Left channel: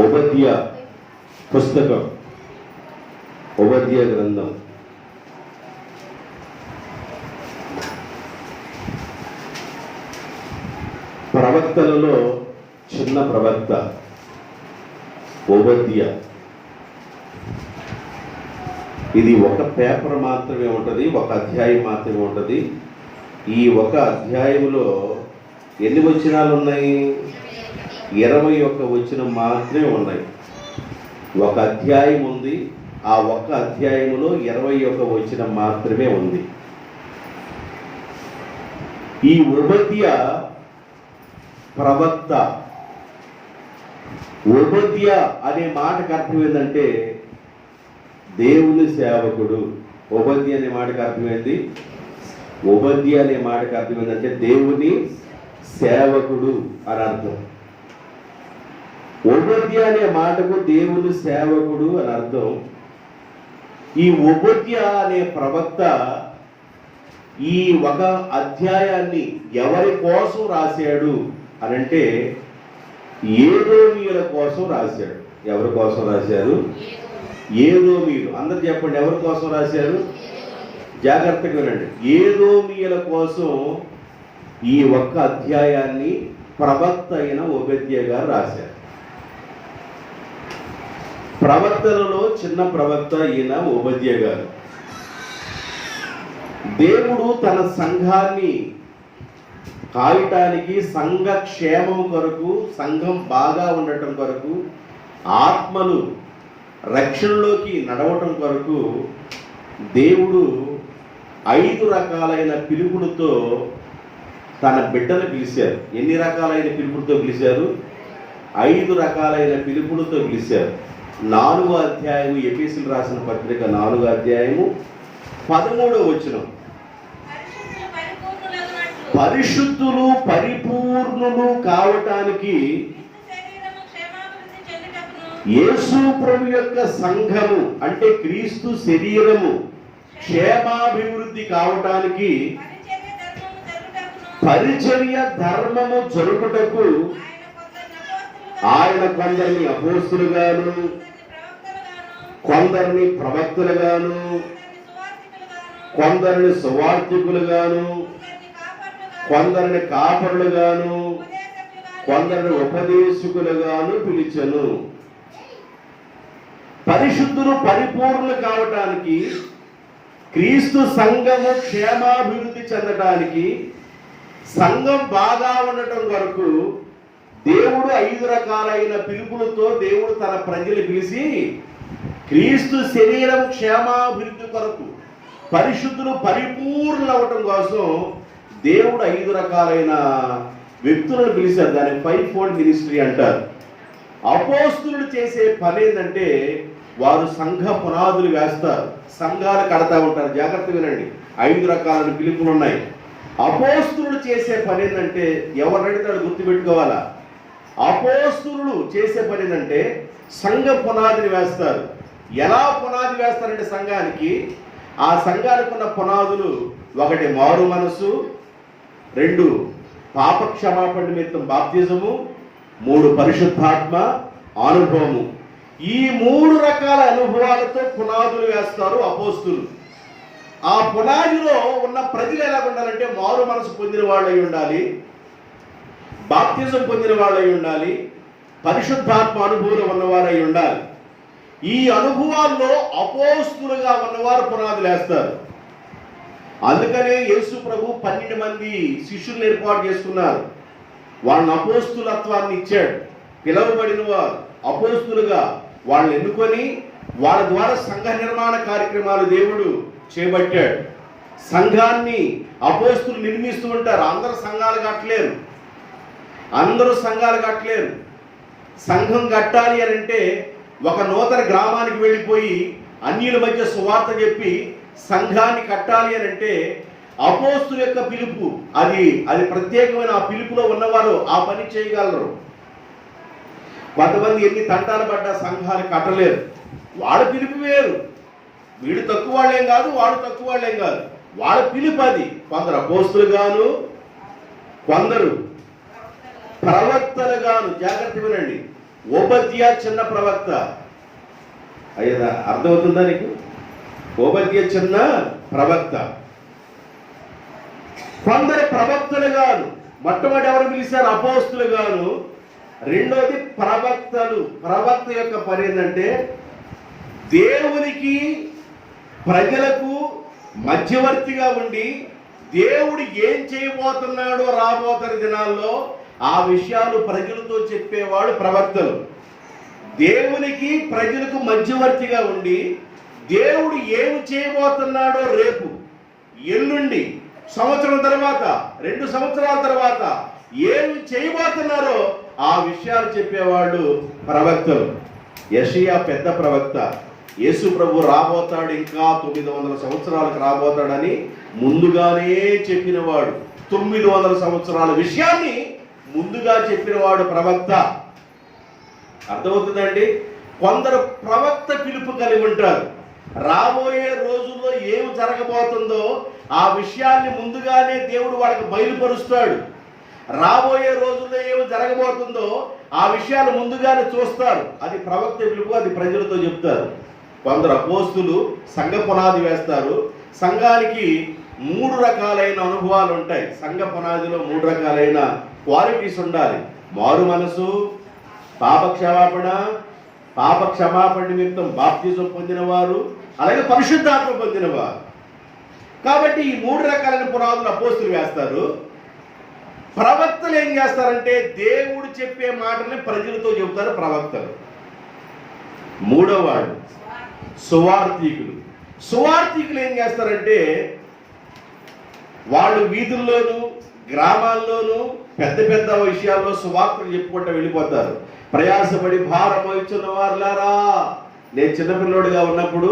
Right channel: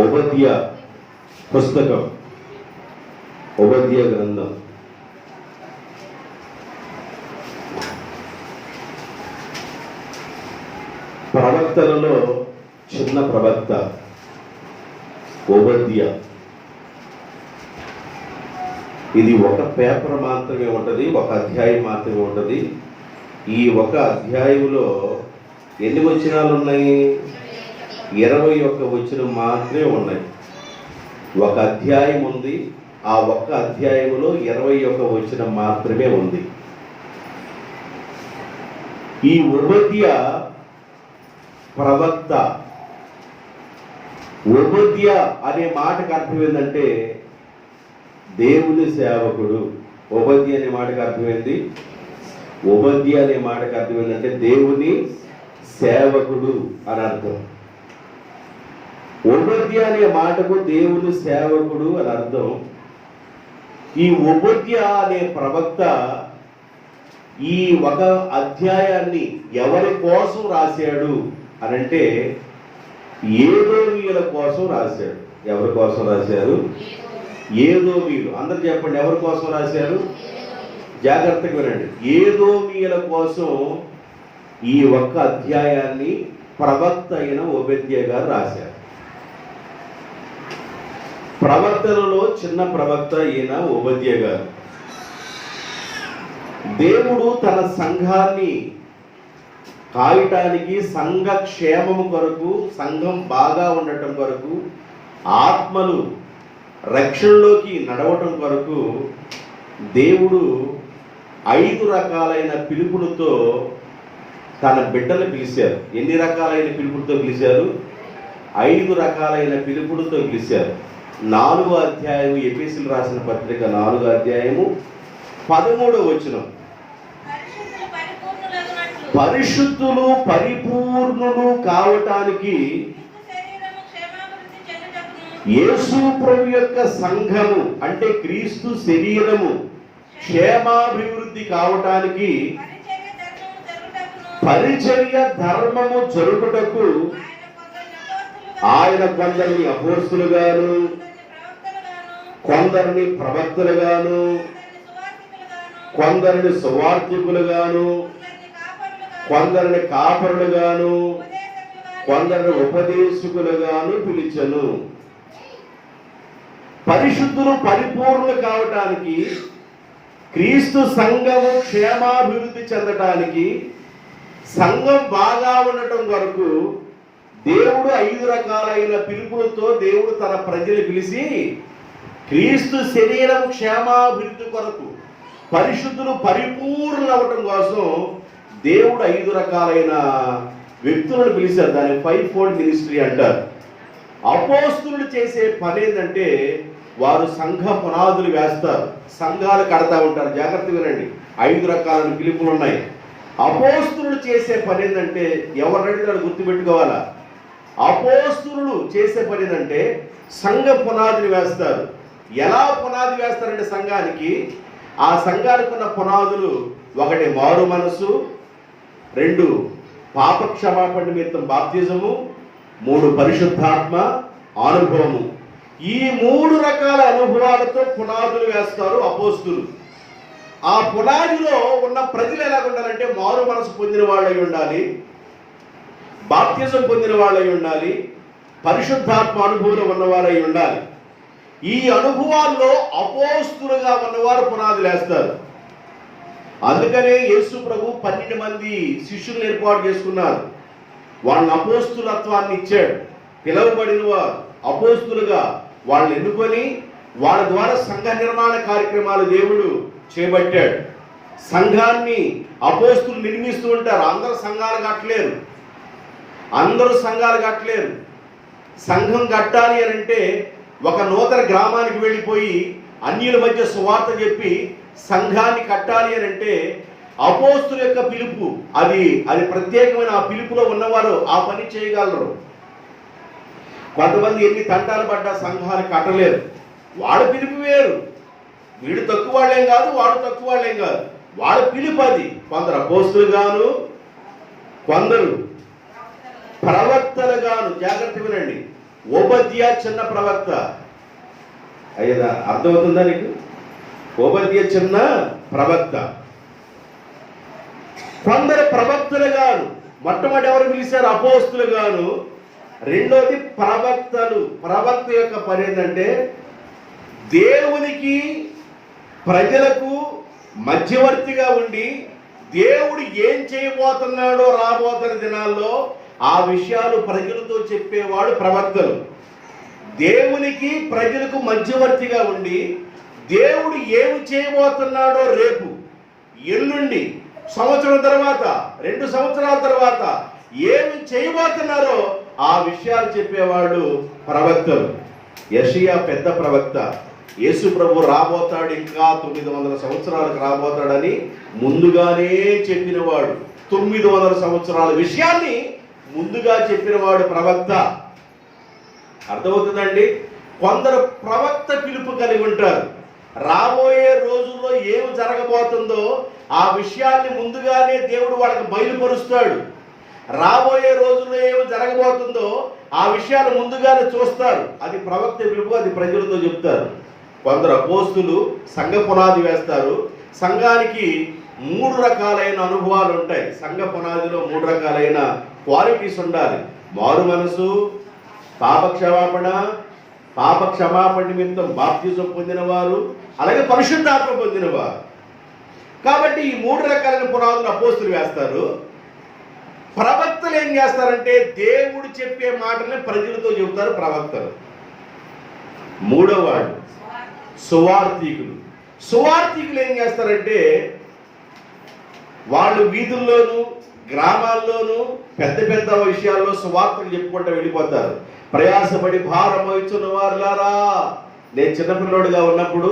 ఓబద్య పుస్తకం, ఓబద్య గ్రంథం. ప్రవక్తలలో చిన్న ప్రవక్త ఓబద్య. ఇది ఒక పేపర్ మాత్రమే ఉంటుంది, ఒక అధ్యాయం మాత్రమే ఉంటుంది. ఈ ఒక అధ్యాయంలో ఎన్ని వచనాలు ఉన్నాయి? 21 వచనం మాత్రమే ఉన్నాయి. ఒక అధ్యాయం ఉంది, ఆ ఒక్క అధ్యాయంలో 21 వచనం మాత్రమే ఉంది. ఈ ఓబద్య ప్రవక్త. ఓబద్య అనే మాటకు అర్థం ఏంటంటే దేవుని సేవకుడు. ఓబద్య అనే మాటకు అర్థమైంది. ఓబద్య అనే మాటకు అర్థం ఏంటంటే దేవుని సేవకుడు అని అర్థం. ఓబద్య అనే మాటకు దేవుని సేవకుడు అని అర్థం. ఈ ఓబద్య అనే ప్రవక్త ఈ ఒక అధ్యాయాన్ని ఎవరి కోసం రాశాడు అనంటే ఏదోమీయుల కోసం రాశాడు. ఎవరి కోసం రాశారు? ఏదోమీయులు. అందరు చెప్పండి, ఎవరి కోసం రాశారు? జాగ్రత్తగా వినండి. ఏదోమీయుల కోసం ఈ ఒక్క అధ్యాయాన్ని ప్రవక్త అయిన ఓబద్య గారు రాశారు. ప్రవక్తలలో చిన్న ప్రవక్త ఈయన ఓబద్య గారు. దేవుడు తన సంఘాన్ని కాయటానికి, సంఘ క్షేమము కొరకు, సంఘం బాగా ఉండటం కొరకు, ఆత్మలు రక్షణలోకి నడవటం కొరకు దేవుడు 5 రకాలైన పిలుపులతో తన బిడ్డను పిలిచారు. ఎన్ని రకాలైన పిలుపులతో పిలిచారు? 5 రకాలైన పిలుపులతో పిలిచారు. 4వ అధ్యాయము, ఎఫెసీయులకు రాసిన పత్రిక 4వ అధ్యాయము 13వ వచనం. పరిశుద్ధులు పరిపూర్ణులు కావటానికి యేసు ప్రభు యొక్క సంఘము అంటే క్రీస్తు శరీరము క్షేమాభివృద్ధి కావటానికి, పరిచర్య ధర్మము జరుగుటకు ఆయన కొందరిని అపోస్తులుగాను, కొందరిని ప్రవక్తలుగాను, కొందరిని సువార్తికులుగాను, కొందరిని కాపరులుగాను, కొందరిని ఉపదేశకులుగాను పిలిచెను. పరిశుద్ధులు పరిపూర్ణులు కావటానికి, క్రీస్తు సంఘము క్షేమాభివృద్ధి చెందటానికి, సంఘం బాగా ఉండటం కొరకు దేవుడు 5 రకాలైన పిలుపులతో దేవుడు తన ప్రజలు పిలిచి క్రీస్తు శరీరం క్షేమాభివృద్ధి కొరకు, పరిశుద్ధులు పరిపూర్ణులు అవ్వటం కోసం దేవుడు 5 రకాలైన వ్యక్తులను పిలిచారు. దాన్ని 5-fold మినిస్ట్రీ అంటారు. అపోస్తులు చేసే పని ఏంటంటే వారు సంఘ పునాదులు వేస్తారు, సంఘాలు కడతా ఉంటారు. జాగ్రత్తగా రండి, 5 రకాల పిలుపులు ఉన్నాయి. అపోస్తులు చేసే పని ఏంటంటే ఎవరైతే గుర్తుపెట్టుకోవాలా. అపోస్తులు చేసే పని ఏంటంటే సంఘ పునాదిని వేస్తారు. ఎలా పునాది వేస్తారంటే సంఘానికి, ఆ సంఘానికి ఉన్న పునాదులు 1 మారు మనసు, 2 పాప క్షమాపణ నిమిత్తం బాప్తిజము, 3 పరిశుద్ధాత్మ అనుభవము. ఈ 3 రకాల అనుభవాలతో పునాదులు వేస్తారు అపోస్తులు. ఆ పునాదిలో ఉన్న ప్రజలు ఎలా ఉండాలంటే మారు మనసు పొందిన వాళ్ళు అయి ఉండాలి, బాప్తిజం పొందిన వాళ్ళు అయి ఉండాలి, పరిశుద్ధాత్మ అనుభవంలో ఉన్నవారై ఉండాలి. ఈ అనుభవాల్లో అపోస్తులుగా ఉన్నవారు పునాదులు వేస్తారు. అందుకనే యేసు ప్రభు 12 మంది శిష్యులను ఏర్పాటు చేసుకున్నారు. వాళ్ళని అపోస్తులత్వాన్ని ఇచ్చాడు. పిలువబడిన వారు అపోస్తులుగా వాళ్ళని ఎన్నుకొని వాళ్ళ ద్వారా సంఘ నిర్మాణ కార్యక్రమాలు దేవుడు చేపట్టాడు. సంఘాన్ని అపోస్తులు నిర్మిస్తూ ఉంటారు. అందరూ సంఘాలు కట్టలేరు. సంఘం కట్టాలి అని అంటే ఒక నూతన గ్రామానికి వెళ్ళిపోయి అన్యుల మధ్య సువార్త చెప్పి సంఘాన్ని కట్టాలి అని అంటే అపోస్తుల యొక్క పిలుపు అది ప్రత్యేకమైన ఆ పిలుపులో ఉన్నవారు ఆ పని చేయగలరు. కొంతమంది ఎన్ని తంటాలు పడ్డా సంఘాలు కట్టలేరు. వాళ్ళ పిలుపు వేరు. వీడు తక్కువ వాళ్ళేం కాదు, వాడు తక్కువ వాళ్ళేం కాదు. వాళ్ళ పిలుపు అది. కొందరు అపోస్తులుగాను, కొందరు ప్రవక్తలుగాను. జాగ్రత్త వినండి, ఓబద్యా చిన్న ప్రవక్త. అయ్యదా అర్థమవుతుందా నీకు? ఓబద్యా చిన్న ప్రవక్త. కొందరు ప్రవక్తలుగాను, మొట్టమొదటి ఎవరు పిలిచారు? అపోస్తులుగాను. రెండోది ప్రవక్తలు. ప్రవక్త యొక్క పని ఏంటంటే దేవునికి ప్రజలకు మధ్యవర్తిగా ఉండి దేవుడు ఏం చేయబోతున్నాడో రాబోతున్న దినాల్లో ఆ విషయాలు ప్రజలతో చెప్పేవాడు ప్రవక్తలు. దేవునికి ప్రజలకు మధ్యవర్తిగా ఉండి దేవుడు ఏమి చేయబోతున్నాడో రేపు, ఎల్లుండి, సంవత్సరం తర్వాత, 2 సంవత్సరాల తర్వాత ఏమి చేయబోతున్నారో ఆ విషయాలు చెప్పేవాడు ప్రవక్తలు. యెషయా పెద్ద ప్రవక్త. యేసు ప్రభు రాబోతాడు, ఇంకా 900 సంవత్సరాలకు రాబోతాడని ముందుగానే చెప్పినవాడు. 900 సంవత్సరాల విషయాన్ని ముందుగా చెప్పినవాడు ప్రవక్త. అర్థమవుతుందండి? కొందరు ప్రవక్త పిలుపు కలిగి ఉంటారు. రాబోయే రోజుల్లో ఏమి జరగబోతుందో ఆ విషయాల్ని ముందుగానే దేవుడు వాళ్ళకి బయలుపరుస్తాడు. రాబోయే రోజుల్లో ఏమి జరగబోతుందో ఆ విషయాలు ముందుగానే చూస్తారు. అది ప్రవక్త పిలుపు, అది ప్రజలతో చెప్తారు. కొందరు అపోస్తులు సంఘ పునాది వేస్తారు. సంఘానికి 3 రకాలైన అనుభవాలు ఉంటాయి. సంఘ పునాదిలో 3 రకాలైన క్వాలిటీస్ ఉండాలి. మారు మనసు, పాప క్షమాపణ నిమిత్తం బాప్తిజం పొందినవారు, అలాగే పరిశుద్ధాత్మ పొందినవారు. కాబట్టి ఈ 3 రకాలైన పునాదులు అపోస్తులు వేస్తారు. ప్రవక్తలు ఏం చేస్తారంటే దేవుడు చెప్పే మాటల్ని ప్రజలతో చెబుతారు ప్రవక్తలు. మూడోవాడు సువార్థికులు. సువార్థికులు ఏం చేస్తారంటే వాళ్ళు వీధుల్లోనూ గ్రామాల్లోనూ పెద్ద పెద్ద విషయాల్లో సువార్తలు చెప్పుకుంటూ వెళ్ళిపోతారు. ప్రయాసపడి భారం వహించున్న వారులారా. నేను చిన్నపిల్లోడిగా ఉన్నప్పుడు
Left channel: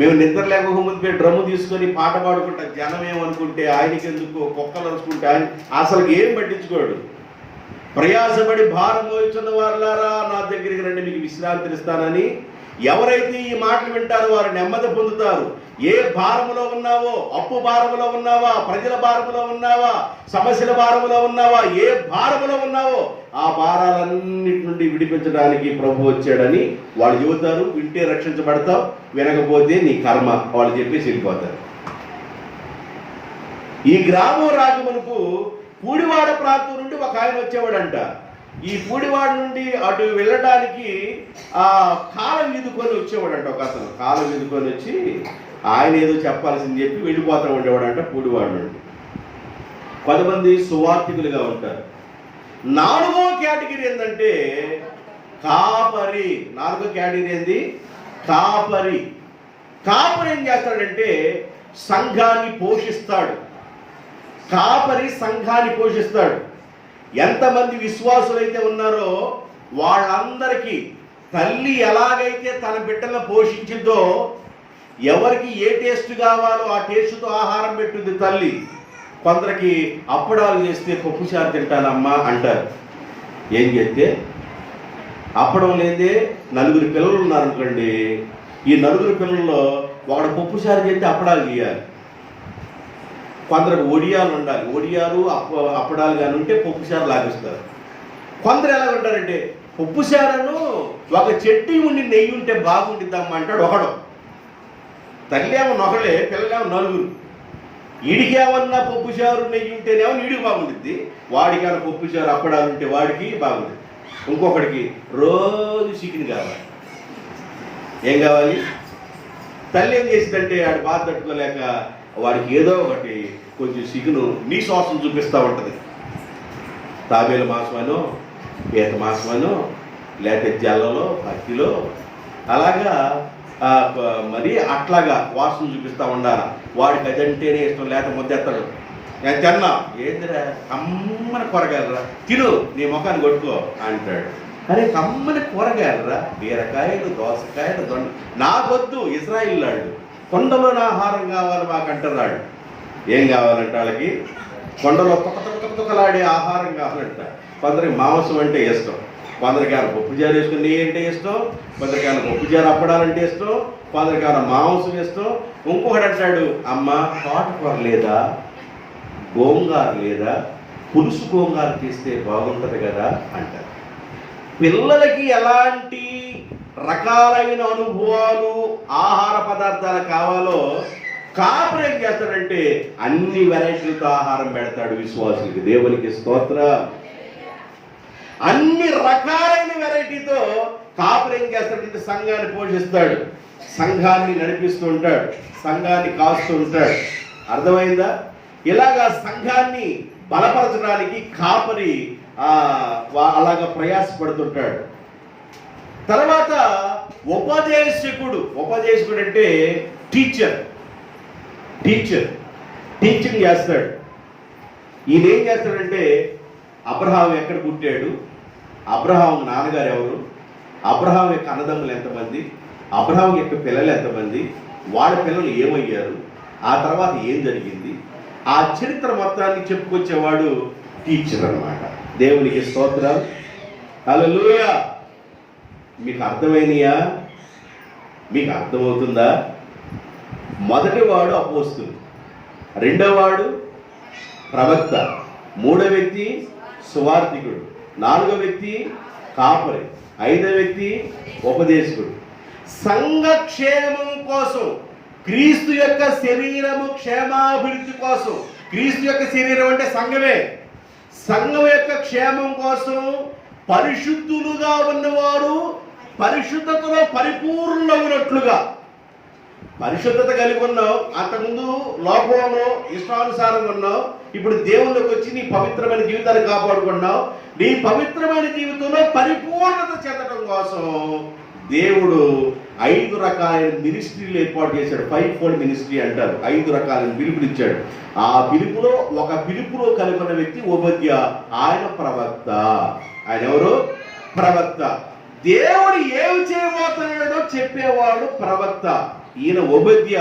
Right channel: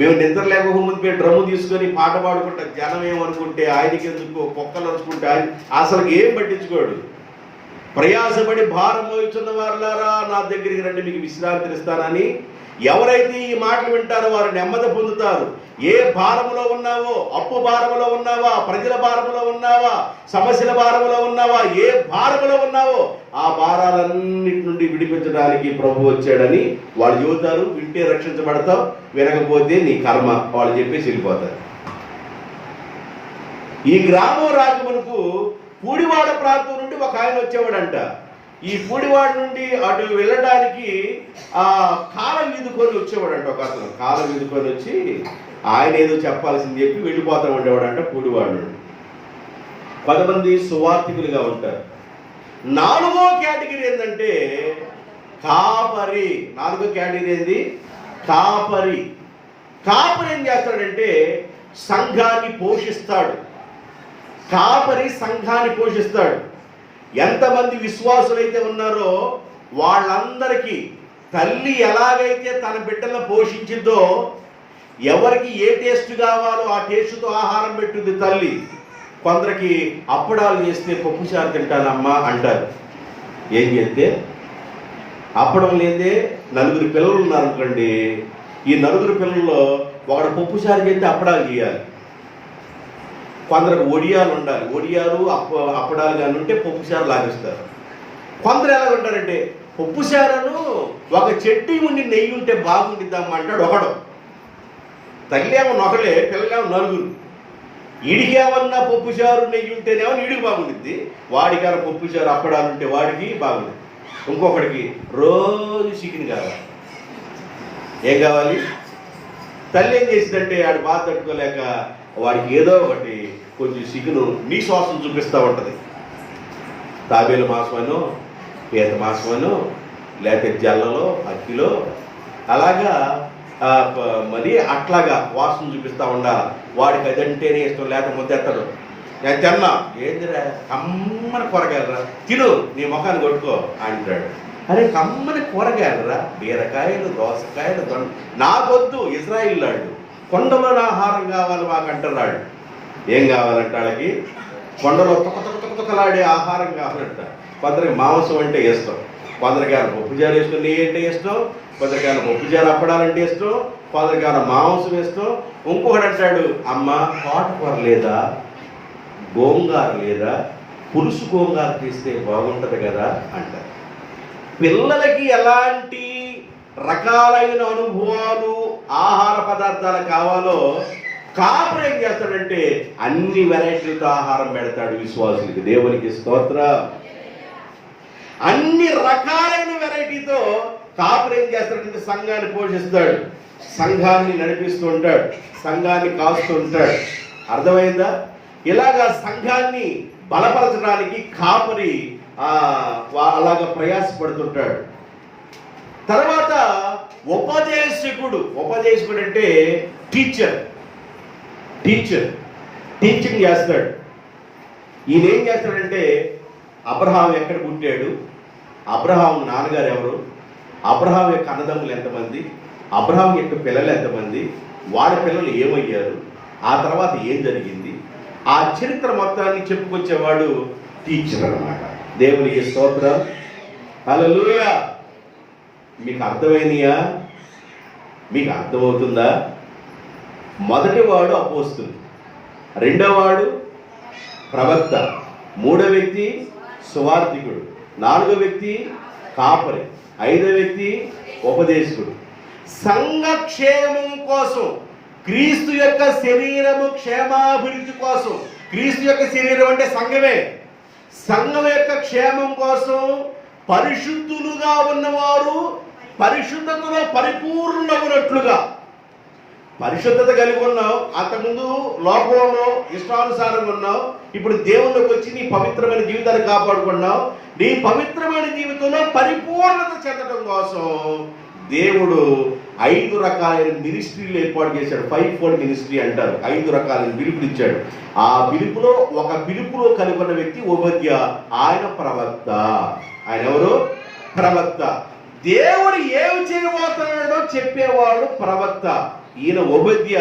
మేము నిద్ర లేకపోతే డ్రమ్ము తీసుకొని పాట పాడుకుంటా. జనం ఏమనుకుంటే ఆయనకి ఎందుకు, కుక్కలు అరుచుకుంటే ఆయన అసలు ఏం పట్టించుకోడు. ప్రయాసపడి భారం వహించున్న వారులారా నా దగ్గరికి రండి, మీకు విశ్రాంతిని ఇస్తానని. ఎవరైతే ఈ మాటలు వింటారో వారు నెమ్మది పొందుతారు. ఏ భారములో ఉన్నావో, అప్పు భారములో ఉన్నావా, ప్రజల భారములో ఉన్నావా, సమస్యల భారములో ఉన్నావా, ఏ భారములో ఉన్నావో ఆ భారాలన్నిటి నుండి విడిపించడానికి ప్రభు వచ్చాడని వాళ్ళు చెబుతారు. వింటే రక్షించబడతావు, వినకపోతే నీ కర్మ వాళ్ళు చెప్పేసి వెళ్ళిపోతారు. ఈ గ్రామం రాకమునుపు పూడివాడ ప్రాంతం నుండి ఒక ఆయన వచ్చేవాడంట. ఈ పూడివాడ నుండి అటు వెళ్ళడానికి ఆ కాలం ఈదుకొని వచ్చేవాడంట. ఒక అతను కాలం ఈదుకొని వచ్చి ఆయన ఏదో చెప్పాల్సింది చెప్పి వెళ్ళిపోతూ ఉండేవాడంట పూడివాడ నుండి. కొంతమంది సువార్థికులుగా ఉంటారు. 4వ కేటగిరీ ఏంటంటే కాపరి. 4వ కేటగిరీ ఏంది? కాపరి. కాపరి ఏం చేస్తాడంటే సంఘాన్ని పోషిస్తాడు. కాపరి సంఘాన్ని పోషిస్తాడు. ఎంతమంది విశ్వాసులైతే ఉన్నారో వాళ్ళందరికీ తల్లి ఎలాగైతే తన బిడ్డలను పోషించిందో, ఎవరికి ఏ టేస్ట్ కావాలో ఆ టేస్ట్తో ఆహారం పెట్టుద్ది తల్లి. కొందరికి అప్పడాలు చేస్తే పప్పుచారు తింటానమ్మా అంటారు. ఏం చేస్తే అప్పడం లేదే 4 పిల్లలు ఉన్నారనుకోండి. ఈ 4 పిల్లల్లో ఒకడు పప్పుచారు చేస్తే అప్పడాలు చేయాలి. కొందరికి ఒడియాలు ఉండాలి. ఒడియాలు అప్పడాలు కానీ ఉంటే పప్పుచారు లాగిస్తారు. కొందరు ఎలా ఉంటారంటే పప్పుచారను ఒక చెట్టు ఉండి నెయ్యి ఉంటే బాగుండిద్దామా అంటాడు ఒకడు. తల్లి ఏమో ఒకడే, పిల్లలేమో 4. ఈడికి ఏమన్నా పప్పుచారు నెయ్యి ఉంటేనేమో ఈడికి బాగుండిద్ది. వాడికి పప్పుచారు అప్పడాలు ఉంటే వాడికి బాగుంటుంది. ఇంకొకడికి రోజు చికెన్ కావాలి. ఏం కావాలి? తల్లి ఏం చేసిందంటే వాడి బాధ తట్టుకోలేక వాడికి ఏదో ఒకటి కొంచెం చికెను నీ శ్వాసం చూపిస్తూ ఉంటుంది. తాబేలు మాసమనో, పీత మాసమనో, లేకపోతే జల్లలో, అక్కిలో అలాగా మరి అట్లాగా వాసన చూపిస్తూ ఉండాలి. వాడికి అదంటేనే ఇష్టం, లేకపోతే ముద్దెత్తడు. నేను తిన్నా, ఏందిరా కమ్మని కూరగాయలరా, తిను నీ ముఖాన్ని కొట్టుకో అంటాడు. అరే కమ్మని కూరగాయలరా, బీరకాయలు, దోసకాయలు, దొండ నాకొద్దు. ఇజ్రాయిల్ లాంటి కొండలోని ఆహారం కావాలి మాకంటున్నాడు. ఏం కావాలంటే వాళ్ళకి కొండలో తుకలాడే ఆహారం కావాలంట. కొందరికి మాంసం అంటే ఇష్టం, కొందరికి పప్పుచారు వేసుకుని నెయ్యి అంటే ఇష్టం, కొందరికి పప్పుచారు అప్పడాలంటే ఇష్టం, కొందరికి మాంసం ఇష్టం. ఇంకొకటి అంటాడు, అమ్మ తోటకూర లేదా, గోంగార లేదా, పులుసు గోంగార తీస్తే బాగుంటుంది కదా అంటారు. పిల్లలకి ఎలాంటి రకాలైన అనుభవాలు ఆహార పదార్థాలు కావాలో కాపురం ఏం చేస్తాడంటే అన్ని వెరైటీలతో ఆహారం పెడతాడు విశ్వాసులకి. దేవునికి స్తోత్రం. అన్ని రకాలైన వెరైటీతో కాపురం ఏం చేస్తాడంటే సంఘాన్ని పోషిస్తాడు, సంఘాన్ని నడిపిస్తూ ఉంటాడు, సంఘాన్ని కాస్తూ ఉంటాడు. అర్థమైందా? ఇలాగా సంఘాన్ని బలపరచడానికి కాపరి అలాగా ప్రయాసపడుతుంటాడు. తర్వాత ఉపదేశకుడు అంటే టీచింగ్ చేస్తాడు. ఈయన ఏం చేస్తాడంటే అబ్రహాం ఎక్కడ పుట్టాడు, అబ్రహాం నాన్నగారు ఎవరు, అబ్రహాం యొక్క అన్నదమ్ములు ఎంతమంది, అబ్రహాం యొక్క పిల్లలు ఎంతమంది, వాళ్ళ పిల్లలు ఏమయ్యారు, ఆ తర్వాత ఏం జరిగింది, ఆ చరిత్ర మొత్తాన్ని చెప్పుకొచ్చేవాడు టీచర్ అన్నమాట. దేవునికి స్తోత్రం. హల్లెలూయా. మీకు అర్థమైనయా? మీకు అర్థమవుతుందా? మొదటి వాడు అపోస్తలుడు, రెండవ వాడు ప్రవక్త, మూడో వ్యక్తి సువార్థికుడు, నాలుగో వ్యక్తి కాపరి, ఐదో వ్యక్తి ఉపదేశకుడు. సంఘక్షేమం కోసం, క్రీస్తు యొక్క శరీరము క్షేమాభివృద్ధి కోసం, క్రీస్తు యొక్క శరీరం అంటే సంఘమే, సంఘం యొక్క క్షేమం కోసం పరిశుద్ధులుగా ఉన్నవారు పరిశుద్ధతలో పరిపూర్ణమైనట్లుగా. పరిశుద్ధత కలిగి ఉన్నావు, అంతకుముందు లోకంలో ఇష్టానుసారంగా ఉన్నావు, ఇప్పుడు దేవుళ్ళకి వచ్చి నీ పవిత్రమైన జీవితాన్ని కాపాడుకున్నావు. నీ పవిత్రమైన జీవితంలో పరిపూర్ణత చెందడం కోసం దేవుడు 5 రకాలైన మినిస్ట్రీలు ఏర్పాటు చేశాడు. 5-fold మినిస్ట్రీ అంటారు. 5 రకాలైన పిలుపులు ఇచ్చాడు. ఆ పిలుపులో ఒక పిలుపులో కలిగి ఉన్న వ్యక్తి ఓబద్య. ఆయన ప్రవక్త. ఆయన ఎవరు? ప్రవక్త. దేవుడు ఏమి చేయబోతున్నాడో చెప్పేవాడు ప్రవక్త. ఈయన ఓబద్య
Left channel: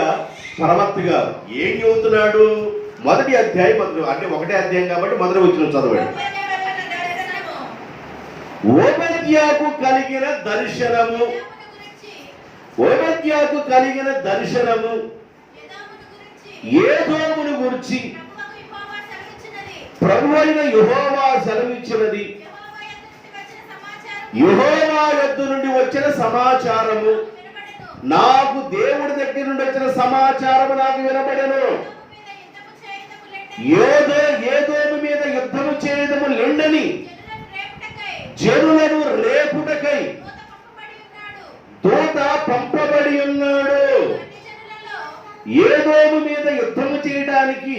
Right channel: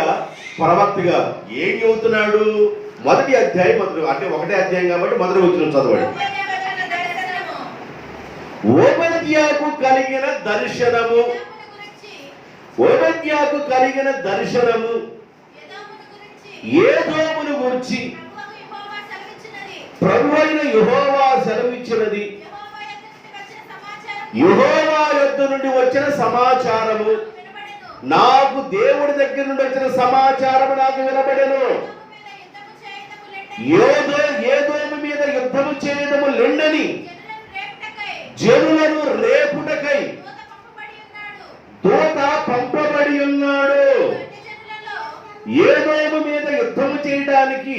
ప్రవక్తగా ఏం చెబుతున్నాడు? మొదటి అధ్యాయం అంటే 1వ అధ్యాయం కాబట్టి మొదటి వచ్చిన చదవండి. ఓబద్యాకు కలిగిన దర్శనము, ఓబద్యాకు కలిగిన దర్శనము ఏదోమును గురించి ప్రభువైన యెహోవా సెలవిచ్చినది. యెహోవా యొద్ద నుండి వచ్చిన సమాచారము, నాకు దేవుడి దగ్గర నుండి వచ్చిన సమాచారము నాకు వినబడెను. ఏదోము మీద యుద్ధము చేయడము లెండని జనులను రేపుటకై దూత పంపబడి ఉన్నాడు. ఏదోము మీద యుద్ధము చేయడానికి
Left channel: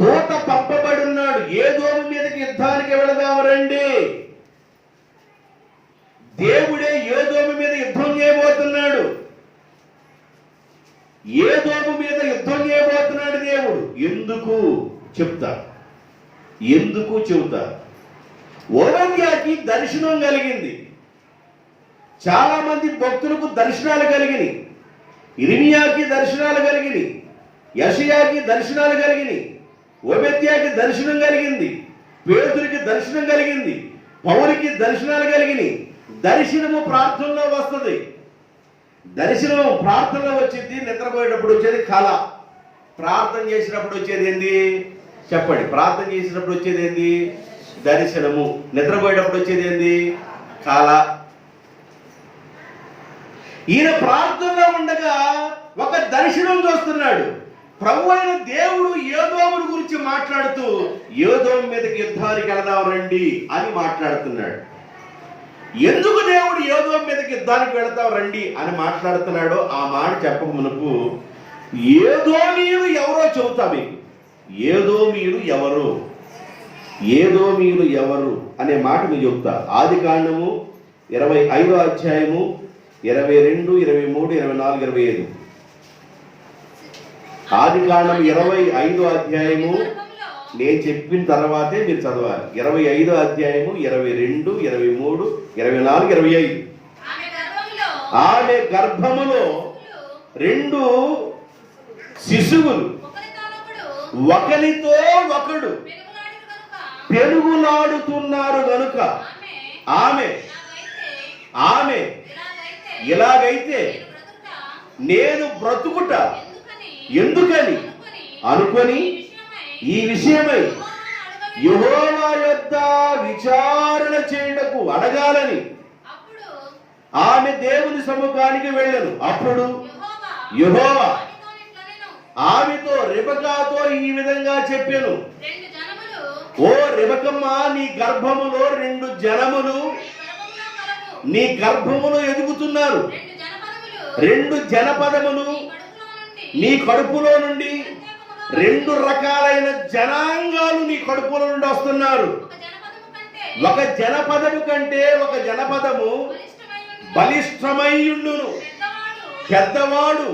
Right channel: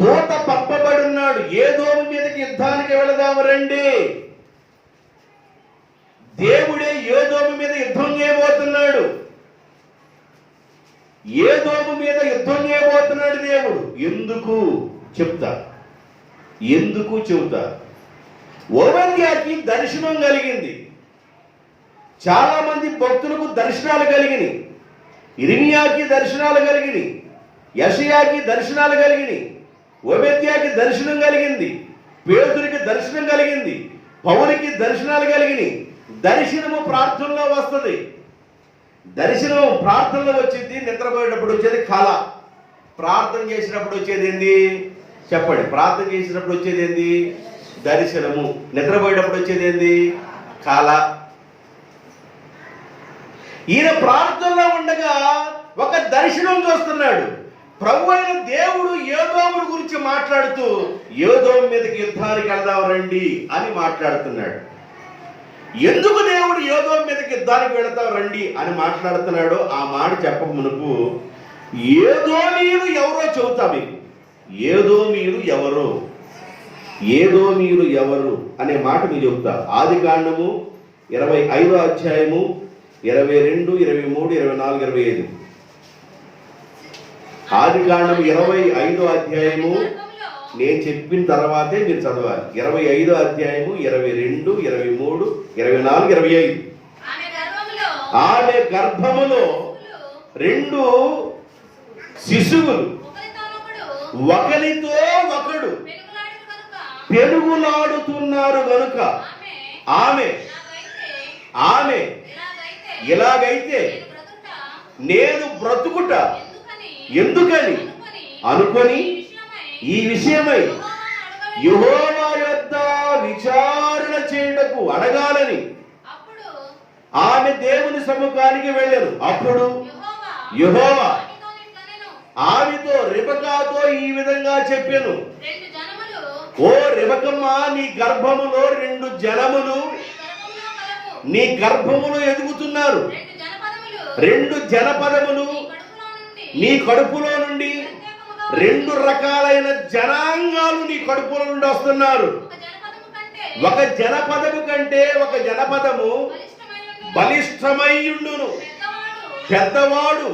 దూత పంపబడి ఉన్నాడు. ఏదోము మీదకి యుద్ధానికి వెళదాము రండి. దేవుడే ఏదోము మీద యుద్ధం చేయబోతున్నాడు. ఏదోము మీద యుద్ధం చేయబోతున్నాడు దేవుడు. ఎందుకు చెప్తా, ఎందుకు చెబుతా. ఓబద్యాకి దర్శనం కలిగింది. చాలా మంది భక్తులకు దర్శనాలు కలిగినాయి. ఇర్మియాకి దర్శనాలు కలిగినాయి, యెషయాకి దర్శనాలు కలిగినాయి, ఓబద్యాకి దర్శనం కలిగింది, పేతురికి దర్శనం కలిగింది, పౌలుకి దర్శనాలు కలిగినాయి. దర్శనము ప్రార్థనలో వస్తుంది. దర్శనం ప్రార్థనలో వచ్చింది. నిద్రపోయేటప్పుడు వచ్చేది కళ. ప్రార్థన చేసినప్పుడు వచ్చేది ఏంది చెప్పండి? ప్రార్థన చేసినప్పుడు వచ్చేది ఏంది? దర్శనము. నిద్రపోయేటప్పుడు వచ్చేది ఏంది? కళ. ఈయన ప్రార్థనలో ఉండగా ఒక దర్శనం చూస్తున్నాడు. ప్రభు అయిన దేవుడు ఏదోముల గురించి మాట్లాడుతూ ఏదోము మీదకి యుద్ధానికి వెళదాం రండి అని మాట్లాడుతున్నాడు. ఎందుకు దేవుడు ఏదోము మీదకి యుద్ధానికి వెళదాం రండి అని మాట్లాడుతున్నాడో ఆ మాట చెప్పక మునుపు ఏదోమీయులు ఎవరో చెబుతా మీకు. ఏదోమీయులు ఎవరు, ఏదోమీయులు ఎవరు అనే మాట మీకు చెబుతా. ఆదికాండము 25వ అధ్యాయము 22, 23, 24, 25. ఆదికాండము 25వ అధ్యాయము నేను చెప్పిన తర్వాతే మీరు చదవాలి. 25వ అధ్యాయము 22, 23, 24, 25. ఆమె గర్భములో 2 శిశువులు ఒకరితో ఒకడు పెనుగులాడుతున్నారు గనుక ఆమె ఇలాగైతే నేను బ్రతుకుట ఎందుకని అనుకొని ఈ విషయమై యెహోవా యొద్ద విచారణ చేయుటకు అడగాలని ఆమె దేవుని సముఖానికి వెళ్ళెను. అప్పుడు యెహోవా ఆమెతో రిబకాతో ఈ విధంగా చెప్పెను, ఓ రిబకమ్మ, నీ గర్భములో 2 జనములు నీ గర్భములో ఎదుగుతున్నారు. 2 జనపదములు నీ కడుపులో నుండి 2 రకాలైన జనాంగాలు నీ కడుపులో నుండి వస్తున్నారు. ఒక జనపదము కంటే ఒక జనపదము బలిష్టమైయుండును. పెద్దవాడు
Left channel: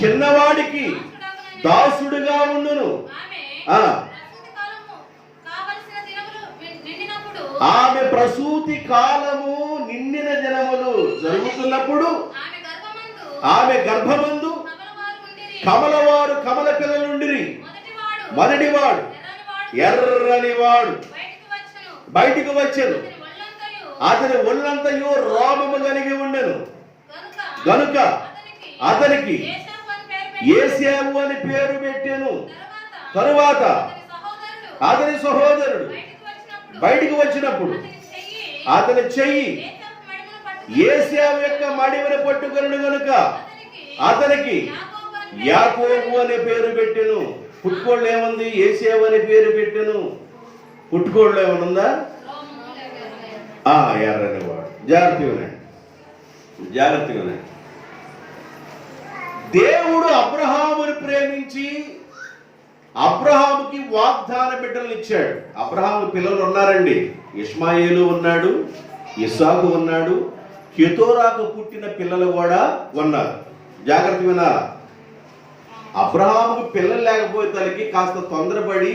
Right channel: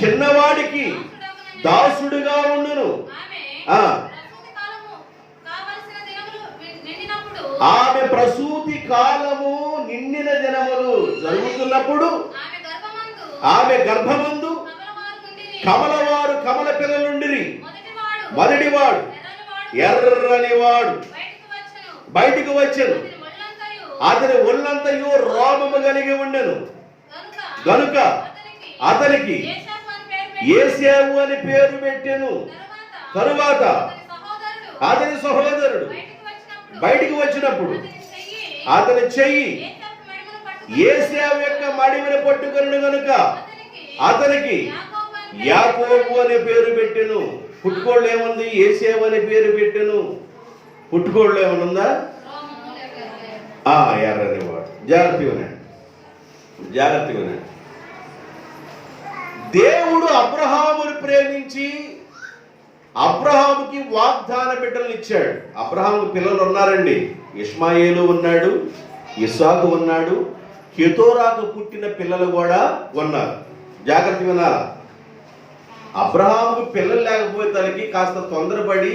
చిన్నవాడికి దాసుడుగా ఉండును. ఆమె ప్రసూతి కాలము నిండిన దినములు జరుగుతున్నప్పుడు ఆమె గర్భమందు కమలవారు కమల పిల్లలుండిరి. మొదటివాడు ఎర్రనివాడు బయటికి వచ్చెను. అతని ఒళ్ళంతయు రోమము కలిగి ఉండెను గనుక అతనికి యేసేవు అని పేరు పెట్టెను. తరువాత అతని సహోదరుడు బయటికి వచ్చినప్పుడు అతని చెయ్యి యేసేవు యొక్క మడిమను పట్టుకొనెను గనుక అతనికి యాకోబు అనే పేరు పెట్టెను. పుట్టుకోళ్ళు ఏముంది? యేసేవు అనే పేరు పెట్టెను. పుట్టుకోళ్ళు ఏమనుందా? ఎర్రని వాడు. జాగ్రత్తగా ఉన్నాడు. దేవుడు అబ్రహామును ప్రేమించి అబ్రహాముకి వాగ్దాన బిడ్డలను ఇచ్చాడు. అబ్రహాము పిల్లలు ఉన్నారండి. ఇష్మాయేలు ఉన్నాడు, ఇస్సాకు ఉన్నాడు, కెతోరాకు పుట్టిన పిల్లలు కూడా ఉన్నారు. జాగ్రత్తగా వినాలా. అబ్రహాముకు పిల్లలు లేకపోతే తనకి కాస్త తొందరపడి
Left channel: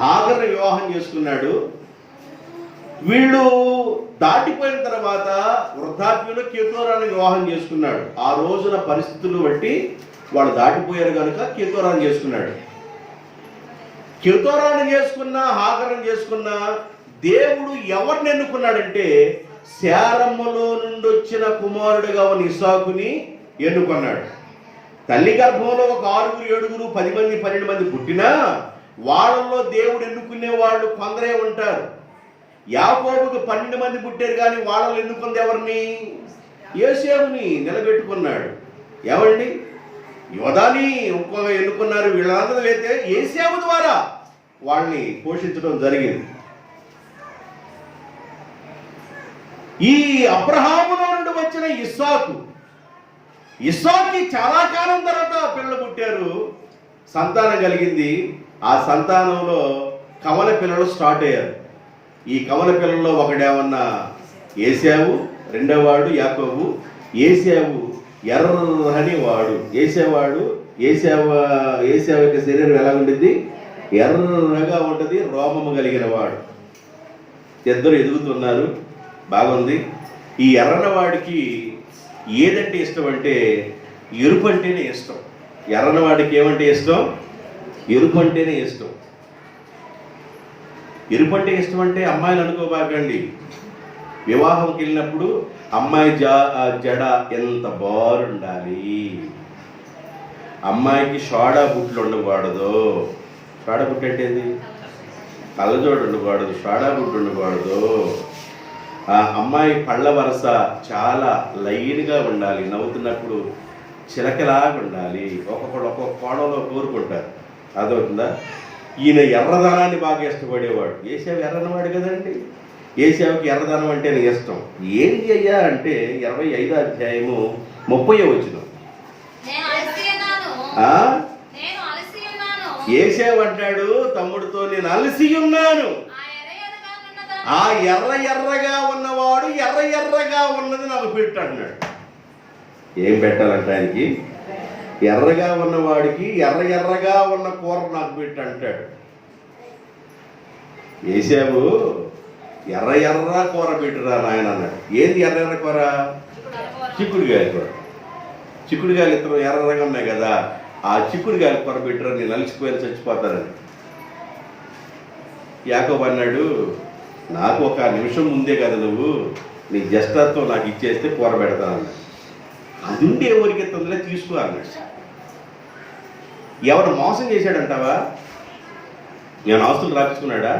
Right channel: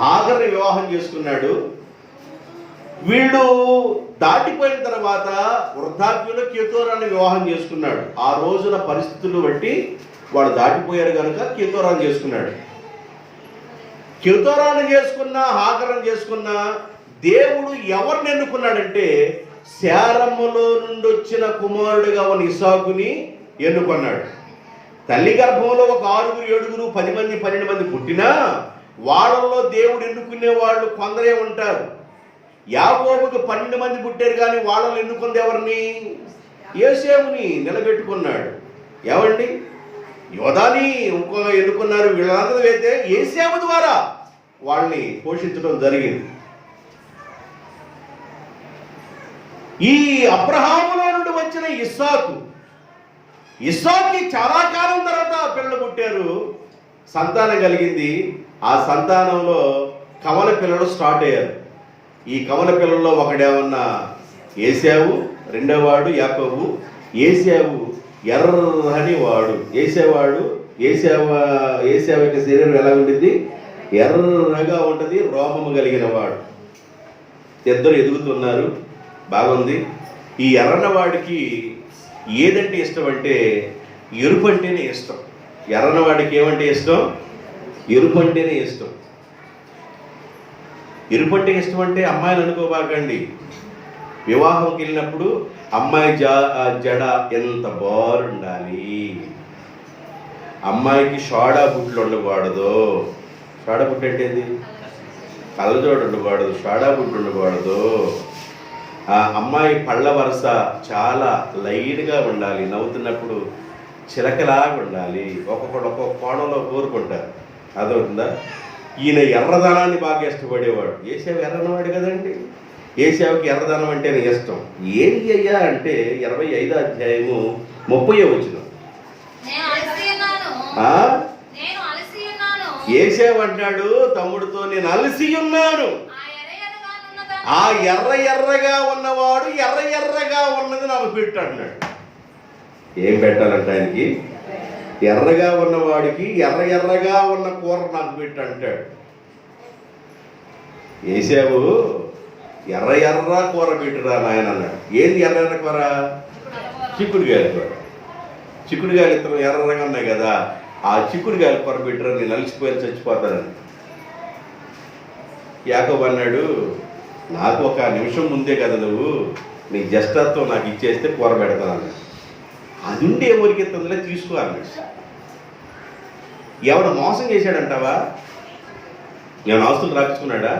హాగర్ని వివాహం చేసుకున్నాడు. వీళ్ళు దాటిపోయిన తర్వాత వృద్ధాప్యంలో కెతోరాన్ని వివాహం చేసుకున్నాడు. ఆ రోజున పరిస్థితులు బట్టి వాళ్ళు దాటిపోయారు కనుక కెతోరాన్ని చేసుకున్నాడు. కెతోరాన్ని చేసుకున్న హాగర్ని చేసుకున్న దేవుడు ఎవరిని ఎన్నుకున్నాడంటే శారమ్మలో నుండి వచ్చిన కుమారుడుగా ఉన్న ఇస్సాకుని ఎన్నుకున్నాడు. తల్లి గర్భంలో ఒక 6, 7, 10 మంది 12 మంది పుట్టినా వాళ్ళల్లో దేవుడు ఎన్నుకునే వాళ్ళు కొందరే ఉంటారు. యాకోబుకు 12 మంది పుట్టారు, కానీ వాళ్ళలో ఎన్నుకుంది ఎవరిని? యేసేవుని నిలబెట్టుకున్నాడు. ఏమండి, యోధాని ఇంకొక ఎన్నుకున్నారు. వీళ్ళందరూ అయితే యేసేవు ద్వారా వాళ్ళని పోషించడం జరిగింది. ఈ అబ్రహాములో నుండి వచ్చిన ఇస్సాకుకి చాలా కాలం తర్వాత పిల్లలు పుట్టారు, సంతానం కలిగింది. ఆ సంతానంలో కమల పిల్లలు స్టార్ట్ అయ్యారు. ఈ కమల పిల్లల్లో ఒకడేమన్నా యేసేవు, రెండోవాడు యాకోబు. యేసేవు ఎర్రని వాడు. యేసేవు యొక్క శరీరం ఎలా ఉంటుంది? ఎర్రగా ఉంటుంది, రోమము కలిగిన వాడు. ఇద్దరు ఎదుగుతున్నారు, బాగుంది. ఈ ఎర్రన వాడికి ఏదంటే ఇష్టం అంటే ఎరుపు అంటేనే ఇష్టం. ఎర్రన వాడికి ఏమంటే ఇష్టం? ఎరుపు అంటేనే ఇష్టం. ఎరుపు అంటే ఇష్టం అంటే అమ్మాయిలు అనుకోబాకండి. వివాహంకి వెళ్ళినప్పుడు అమ్మాయి జడ ఎంత బారుండాలి, అమ్మాయికి షాడా బుట్లు ఉండకూడదు. షాడా బుట్టు అంటే ఏంది? కళ్ళజోడు ఉండకూడదు, షాడా బుట్టు ఉండకూడదు. అమ్మాయి పళ్ళ వరుస చాలా లైట్గా ఉండాలి, నవ్వుతున్నప్పుడు చిలకలాగా ఉండాలి. ఒక్కొక్కడు ఒక్కొక్క కోణంలో కోరుకుంటారు. అదవుతుందా? ఈయన ఎర్రదనాన్ని బాగా ఇష్టపడేవాడు. యేసేవు ఎర్రనవాడు కదండి. యేసేవుకి ఎర్రదనం అంటేనే ఇష్టం. ఏంటి అయ్యా అంటే 25వ అధ్యాయము 30వ వచనం. యేసేవు అంటాడు తమ్ముడితో, నేను అలసి ఉన్నాను. ఆ ఎర్రగా ఉన్నవాడు ఎర్రగా ఉన్నది నాకు పెట్టు అంటున్నాడు. ఏం పెట్టాలంటే ఆయనకి? ఎర్రగా ఉన్నవాడికి ఎర్రగా ఉన్న కూర నాకు పెట్టు అంటాడు. యేసేవు ఎర్ర కూర పెట్టురా నాయన అన్నాడు. ఏంది ఎర్ర కూర? చిక్కుడుగాయల కూర. చిక్కుడుగాయలు ఇతరు ఎర్రగా ఉన్నాయి కదా, ఆ చిక్కుడుగాయల కూర పెట్టురా, నేను అలసిపోయిన చచ్చిపోతానని. యాకోబు అన్నాడు, నాకు ఒక నిమిషం ముందే కదా నువ్వు నీ జ్యేష్ఠత్వం నాకు ఇచ్చేస్తే కూర పెడతానన్నాడు. అది ఉంటే ఎవరికి తొందరగా తీసుకో అన్నాడు. ఎవడు మోసం చేశాడంటావా? ఏమైనా ఆస్తులు రాపించుకున్నాడా?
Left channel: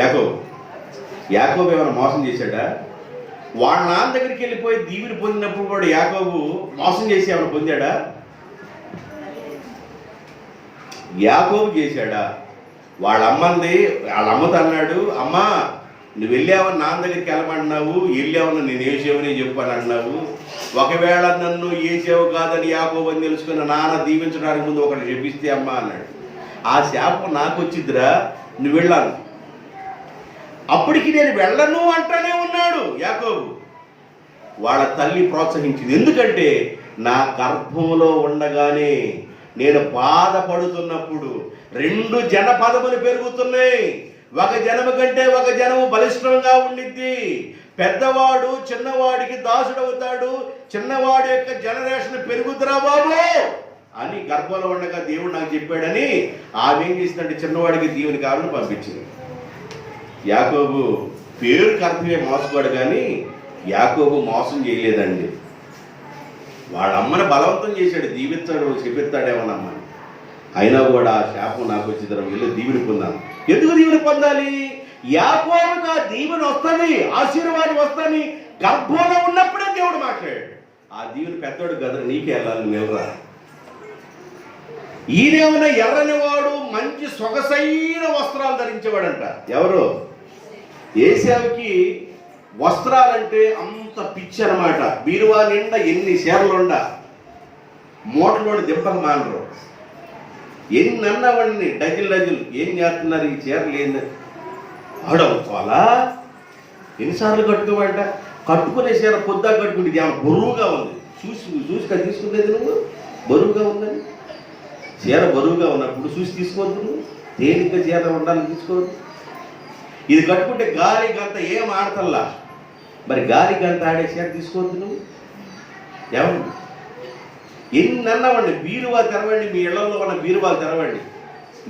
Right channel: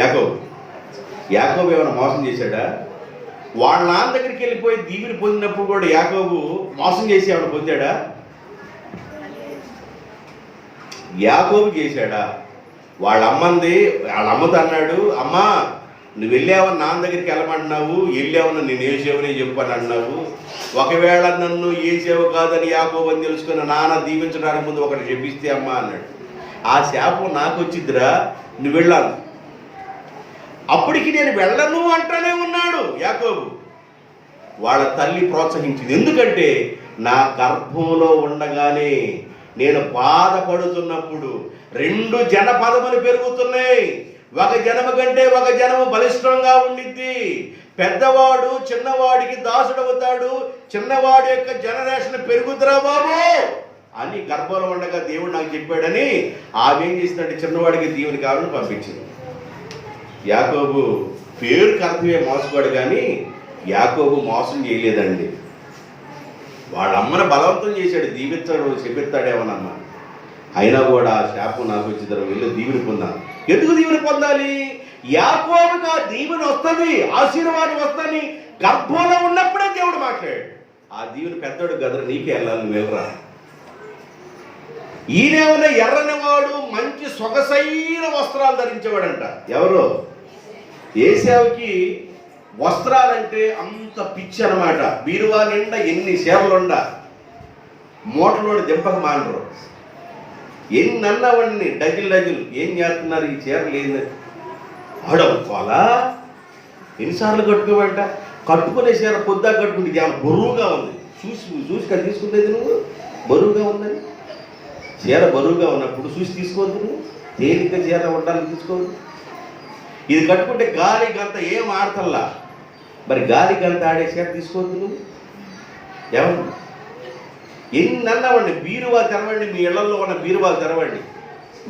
యాకోబు ఏమైనా మోసం చేశాడా? వాళ్ళ నాన్న దగ్గరికి వెళ్ళిపోయి దీవిని పొందినప్పుడు కూడా యాకోబు మోసం చేసి ఏమైనా పొందాడా? యాకోబు చేశాడా? వాళ్ళ అమ్మతో అన్నాడు, అమ్మా నువ్వు వెళ్ళావని నాన్న దగ్గరికి వెళ్ళమంటున్నావు, వెళ్ళావని నేను ఏసేవని చెప్పని అన్నావు, ఒకవేళ నన్ను ఏసేవ కాదని యాకోబు అని తెలుసుకుని నాన్న దీవించడానికి ముందు ఒకటి చెప్పిస్తే అమ్మా అన్నాడు. ఆ శాపం నాకు వచ్చిద్దిరా, నువ్వు వెళ్ళాను. అప్పటికి నేను వెళ్ళను అంటానే ఉన్నాడు యాకోబు. వాళ్ళ తల్లి ప్రోత్సహించింది. ఎందుకంటే నా గర్భంలో ఉండగానే నేను బాధపడుతున్నప్పుడు 2 జనపదములు పెరుగుతున్నాయి. ఒక జనము కంటే ఒక జనము బలిష్టంగా ఉండిద్ది. పెద్దవాడు చిన్నవాడికి దాసుడవుతాడు, చిన్నవాడి యొక్క జనరేషన్ పెరుగుతురా బాబు అని గర్భంలో ఉండగా దేవుడు నాకు చెప్పాడని ఆమె ఏం చేసిందంటే చిన్నవాడికి దేవుని కావాలని పంపించింది. యాకోబు పేరుకి అర్థమే మోసగాడు, కానీ యాకోబు మోసం చేయలేదండి. వాళ్ళ అమ్మని బలవంతం చేశాడు, దీవిస్తాడు చెప్పిస్తాడేమోనమ్మా. అయినా కూడా ఆ శాపం నాకు వచ్చిన వీళ్ళు దీవెని పొందాను. ఎందుకు దీవెని పొందాలి? యాకోబుకి ఆ దీవెని వస్తుంది, ఆశీర్వాదం వస్తుంది. గర్భంలో ఉన్నప్పుడే దేవుడు మాట్లాడాడు. ఆ దీవెని పెద్దోడు గదరు నీకే వెళ్ళాలి, నువ్వు వెళ్ళరా. ఈయనేమన్నా ఎర్రని వాడు మంచి సొగసైన వస్త్రాలు ధరించేవాడంట. ఎవరు? ఏశావుకి వస్త్రాలంటే అంత పిచ్చి అనమాట. బీరువా నిండా ఎన్ని చీరలుండ మూటలోని దింపక మానరు. ఎన్ని అన్నవాడిని డజులు ఏం చేస్తున్నారు ఈ చీరలు ఏంది ఆడవుకోవాలా? ఎన్నిసార్లు కట్టుకోమంట? కట్టుకునే చీర పొద్దా కట్టుకుంటే ఏమైనా బరువుగా ఉంది. చూసి కదా తీసుకునేది నువ్వు, బరువుగా ఉందని. చీర బరువుగా ఉన్నప్పుడు చూసి తీసుకోవద్దు, నువ్వు తేలిగ్గా చీర ఉండాలని తీసుకోవద్దు. ఇది కట్టుకుంటే గాలి గంత ఏం ఆడతల్లా, మరి గాలి గంత ఆడే చీర తీసుకోవద్దు నువ్వు. ఏమన్నా ఎన్ని అన్నవండి, బీరువా తెరవండి, మీ ఇళ్లలో ఉన్న బీరువాలు తెరవండి.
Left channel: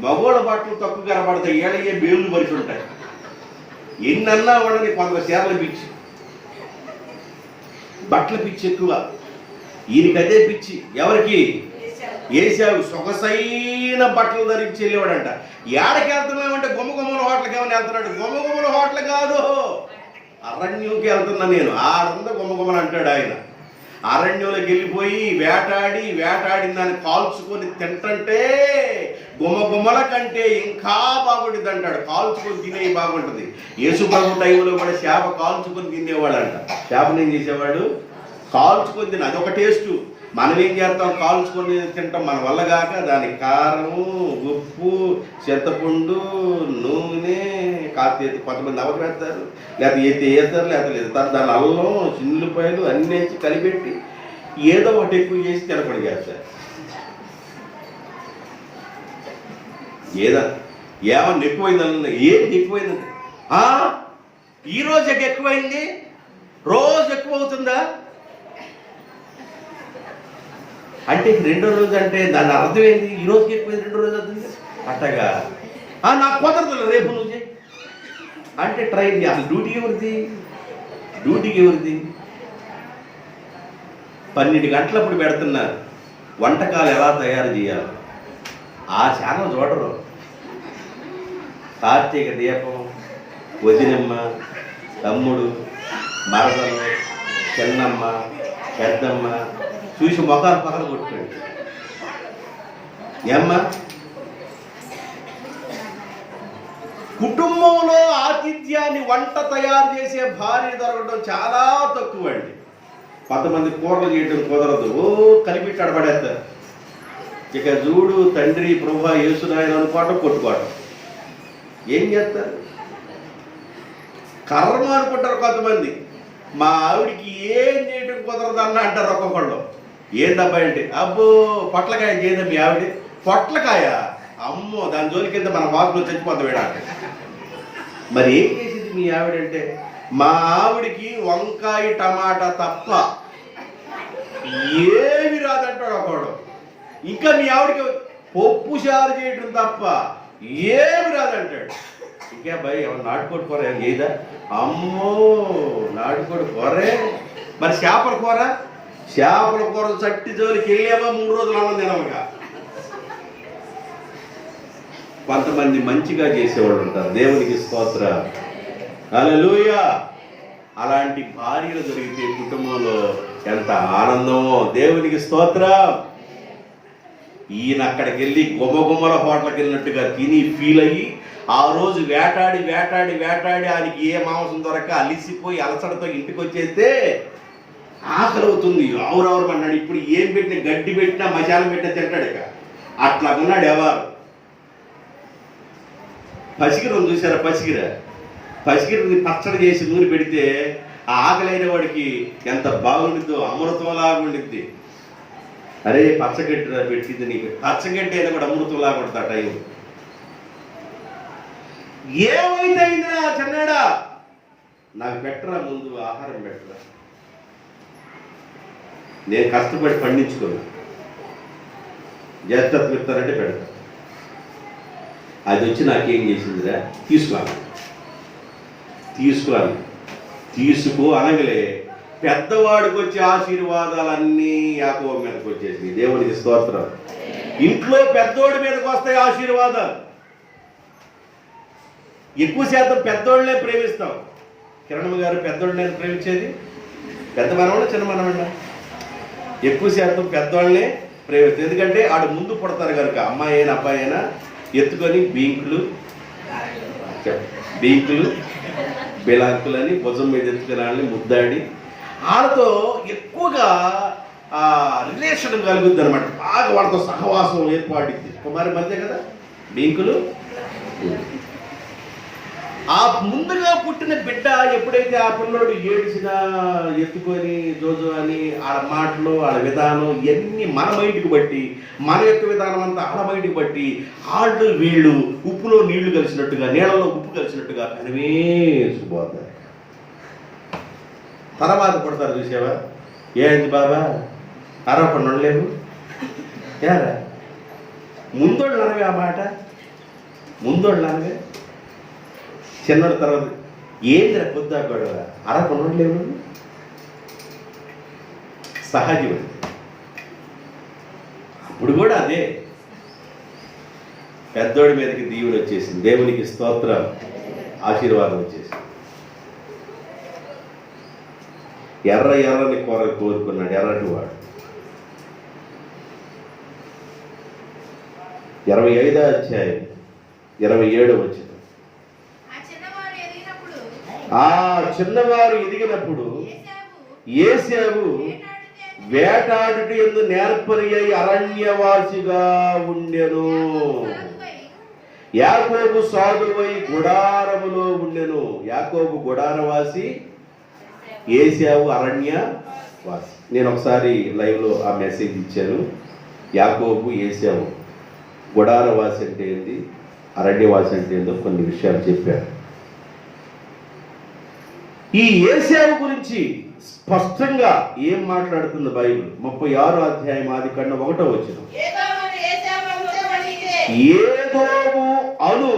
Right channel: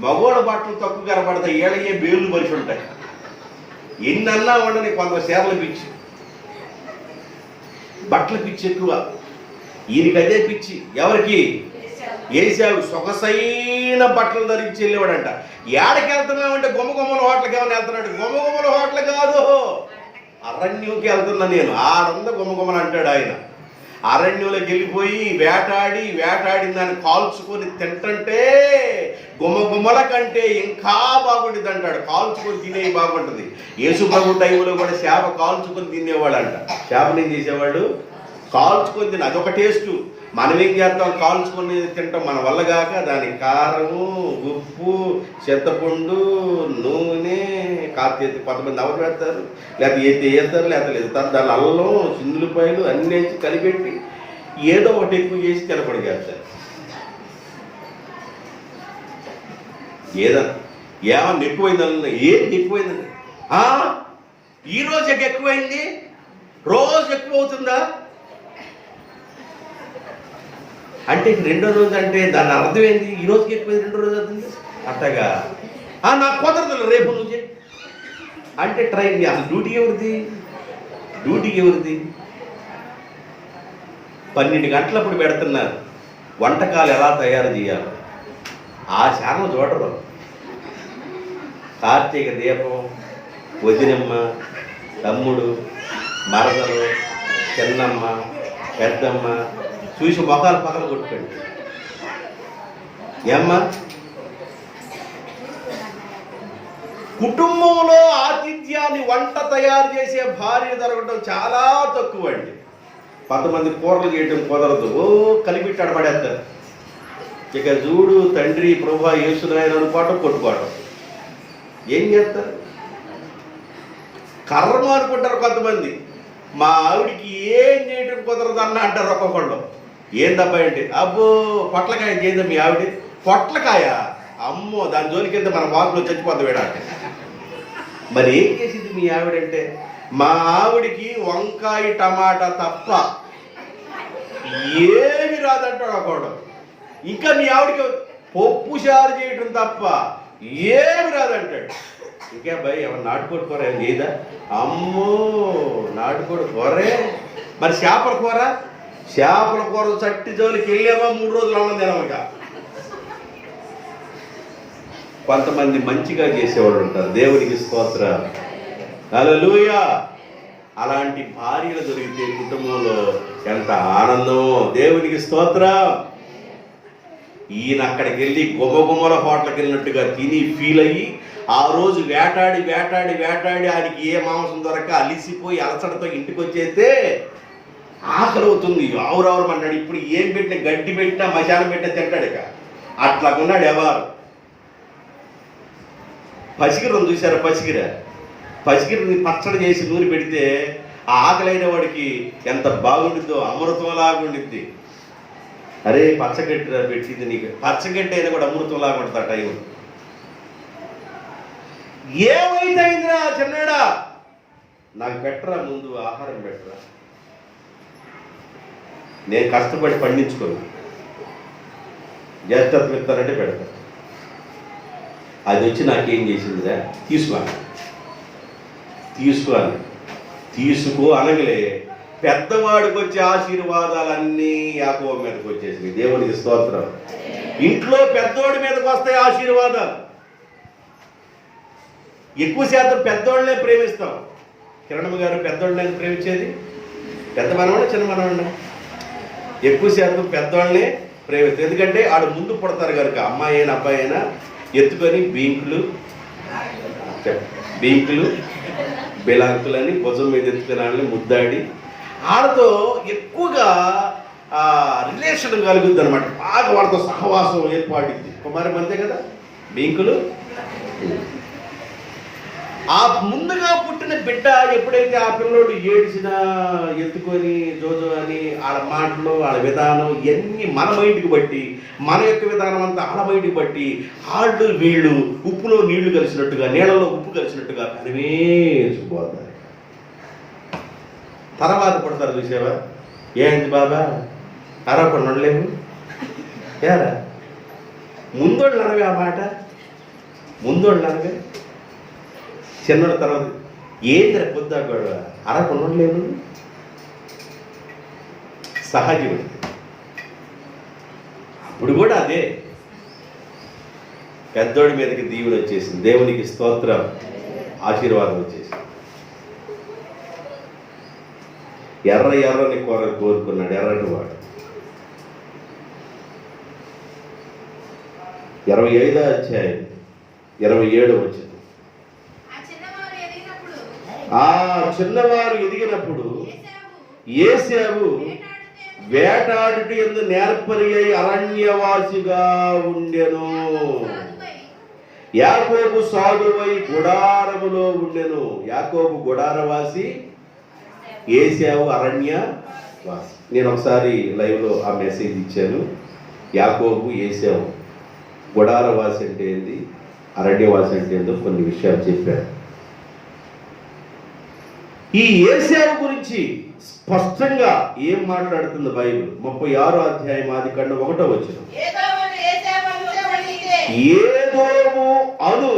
మగోళ్ళ బట్టలు తక్కువ కనబడతాయి, ఏడయ్యే బేళ్ళు మరిచి ఉంటాయి. ఎన్ని అన్నా వండని కొంత చీరల పిచ్చి, బట్టల పిచ్చి ఎక్కువ. ఈయనకి అదే పిచ్చి. ఎవరికి? ఏశావు సొగసైన బట్టలు ధరించి వెళ్ళేవాడంట. ఏడకి వెళ్తున్నామంటే గుమ్మగుమ్మల హోటల్కి ఏమైనా వెళ్తున్నాడు? గుమ్మగుమ్మల హోటల్ కాదు, అరణ్యంకి వెళ్తున్నా నేను. ఆడంద గుమ్మగుమ్మలు అంటాడు ఆయన. అరణ్యంలోకి వెళ్ళిపోయి వేటాడిన దాన్ని కాల్చుకొని తింటంటే గుమ్మగుమ్మల కంటే ఇంకా బాగుంటుంది అంటాడు. కాల్చుకొని తినేవి బాగుంటుంది. యేసుప్రభు టైంలో కూడా చేప కాల్చుకొని తినేవాడంట. చేపను ఏం చేసేవాడు? కాల్చుకొని తిన, అదొక టేస్టు. మనం ఏం చేస్తాం? కాల్చుకొని తింటాం. మన వల్ల కాక దానికి కారము, ఉప్పు, చింతపండు, నూనె కాస్త కొంతమంది నవరు వేస్తారు, లేకపోతే వేస్తారు, లేకపోతే దాని అల్లం, చిన్నులపాయలు అన్నీ వేసి కలిపెట్టి ఏదో ఒకటి ఎక్కువ చేసి తినపడి చేస్తారు. ఏమన్నా ఎక్కువైందన్న, ఏంటి ఎక్కువైందండి? ఈరోజు ఎక్కువైంది, రోజు ఎక్కువ అవుతుందా అంటే రెండో రోజు అంటే దాని అర్థం ఏంటి? ఈ రోజుకి ఎక్కువైంది, రెండో రోజు అవుతుంది అట్టగా. నాకు కుదరదు, రేపు నువ్వు చేయి అంటే ట్రైన్. అసలు డ్యూటీ ఎవరిది? 12 గంటలప్పుడు పెడుతున్నారు వంటకాలు ఎలా తయారు చేయాలి. ఆ ఛానల్ చూడరు. కార్తీక దీపం, వదినమ్మ, తమ్ముడు, మరదలు, చిన్నమ్మ, పెద్దమ్మ చూసి మొఖాలు పక్కన కొట్టుకోండి. ఏమ్మా, కుటుంబంలో ఆతిథ్యాన్ని వంట తయారు చేసే భార్య దొరకడం చాలా తక్కువ అండి. కొంతమంది కూరలు చేయడం కుదరదు, కలిపిట్టాడు పడేస్తారు. ఇక చూడు తండ్రి ప్రభా యేసునాయన అనుకోవటం, కొట్టుకోవటం. ఏం చేస్తారు? కర్మ అనుకుంటారు కొంతమంది. మా ఆవిడికి ఏం చేయడం కుదరదు అన్న అంటారు ఒక్కొక్కళ్ళు. ఏందబ్బా అంటే, అబ్బో పొట్లకాయ చేయదా మీ ఆవిడ? పొట్లకాయ అమ్మో, దాని జోలికి వెళ్తే మన బాబులో చచ్చిపోతాం వేడా. మరి ఏం చేసింది మీ ఆవిడంటే, మా ఆవిడికి వంకాయ టమాటా తప్ప ఏమి రాదంటాడు ఒకడు. ఇంకా మీ ఆవిడికి పప్పు చారు చేయటం తప్ప ఏమి రాదంటాడు. ఇంకా భయ్ ఏమన్నా నాటుకోడి కూర ఏం చేయదా? అమ్మో నాటుకోడి కూరే. మరి చేపల కూర చట్టి జోలికి వెళ్ళామా 3 రోజులు అన్నం తినమక. కొంతమంది మంచిగా చేసేవాళ్ళు ఉంటారు. దేవునికి స్తోత్రం, హల్లెలూయా. అలాంటి భార్యలు దొరికితే కుటుంబంలో ఎంత ఆనందమో. దేవునికి స్తోత్రం. ఈయన అక్కడికి వెళ్ళి గుమగుమల హోటల్కి వెళ్ళినట్టుగా తిని ఫీల్ అయ్యి ఆ రోజు వేటాడి వేటాడి వేటాడి ఆయనకి ఏ మాంసం దొరక అలిసిపోయి అలసడతో ఇంటికి వచ్చేస్తే ఆకలి అవుతుంది. ఆవురవరం అన్నాడు. ఇప్పుడు ఏం పెట్టినా, గడ్డి పెట్టినా, మశానం పెట్టినా తింటాడు. ఇక అట్లా ఉన్నాడు ఎవరు. పసిగిరం చూసారా? పసిగిరిని పచ్చడి చేసి నూనె పెడితే ఆ ఆకలైన వాడికి ఎంత బాగుండిద్దో, అమృతంలాగా ఉండిద్ది. అరే పచ్చగడ్డి పెట్టింది నీకు, పచ్చగడ్డి అయినా కూడా అమృతంలాగా ఉంటుంది ఆ టైం. ఏమైతే అయిందిరా చిన్నాడా, నాకు పెట్టరా, ముందు ఆహారం పెట్టరా. నేను కష్టపడి పండించుకున్నా, జ్యేష్ఠత్వం ఇస్తానంటే పెడతా. అది వచ్చి నాకేం చేసిందిరా, తీసుకో అనగలే పెద్దవాడికి వచ్చే ఆశీర్వాదాలన్నీ యాకోబు మీదకి వచ్చేసింది. దేవునికి స్తోత్రం. ఇంట్లో పెద్దోడి మీదకి వస్తాయి ఆశీర్వాదాలు. ఎక్కువ శాతం పెద్దోళ్ళనే ప్రేమిస్తాం. కిరణమ్మ గారు పెద్దోళ్ళని ప్రేమించేది, పెద్ద మనవాళ్ళ చిన్న మనవాళ్ళ? ఎక్కువ శాతం పెద్దవాళ్ళనే ప్రేమిస్తాం. ఎందుకంటే ఆడు ముందు పుడతారు కనుక. అమ్మాయి అయినా అబ్బాయి అయినా ఎత్తుకొని బీంకులు బిలాంకులని భుజం మీద ఎత్తుకుని ముద్దాడి వాళ్ళతో ఎక్కువగా రిలేషన్ కలుగుద్ది అనమాట. బాగా వాళ్ళతో సహవాసం ఏర్పడింది. కుమారి మందే కదా బీంకులు. ఆ ముందుగా పుట్టిన బిడ్డ ఎప్పుడైతే ఆ పిల్లోడు ఏడిసినా ఎత్తుకొని జోజో అని వాళ్ళ మాటలు, వాళ్ళ విధానం ఇవన్నీ మన మైండ్కి బట్టి, మన యొక్క విధానం అంతా వాళ్ళ మైండ్కి బట్టి వాళ్ళు వీళ్ళు ఉప్పులో నీళ్లు కలిసినట్టుగా, నీళ్ళలో ఉప్పు కలిసినట్టుగా కనివేసిపోతారు. తర్వాత పడతారు. చూసావా? ఏంటి బాబా అరవకుండా లేవు యారా, ముందోళ్ళు అనవే ఆ మాట, ముందోళ్ళు అనవే. చిన్నోళ్ళ తర్వాత ఏంద్ర పొద్దా గొడవ, అరకుండా లేవు. సహజం. ఇప్పుడు కూడా అదే. పెద్దోడి మీదకి దీవెన వచ్చేసింది. దేవునికి స్తోత్రం, ఆశీర్వాదం వచ్చేసింది. ఎర్రని కోరుకున్నాడు. ఎర్రటి వాడు 25వ అధ్యాయం 27వ వచనం. ఆ చిన్నవారు ఎదిగినప్పుడు ఏశావు వేటాడుట యందు నేర్పరి అయి అరణ్యవాసిగా ఉండెను. యాకోబు సాగువై గుడారములో ఉండెను. యాకోబు గుడారవాసి, ఏశావు అరణ్యవాసి. నేను ఒకసారి లైవ్లో ఆ మెసేజ్ ఇచ్చాను. యాకోబు ఏశావు గుడారవాసి అంటే ఏంది, అరణ్యవాసి అంటే ఏందో కొన్ని విషయాలు చెప్పారు. ఈ ఏశావు గురించి స్పష్టంగా ఏం మాట్లాడుతుంది బైబిల్? 36వ అధ్యాయం ఆదికాండం 1వ వచనం. ఏదోము అను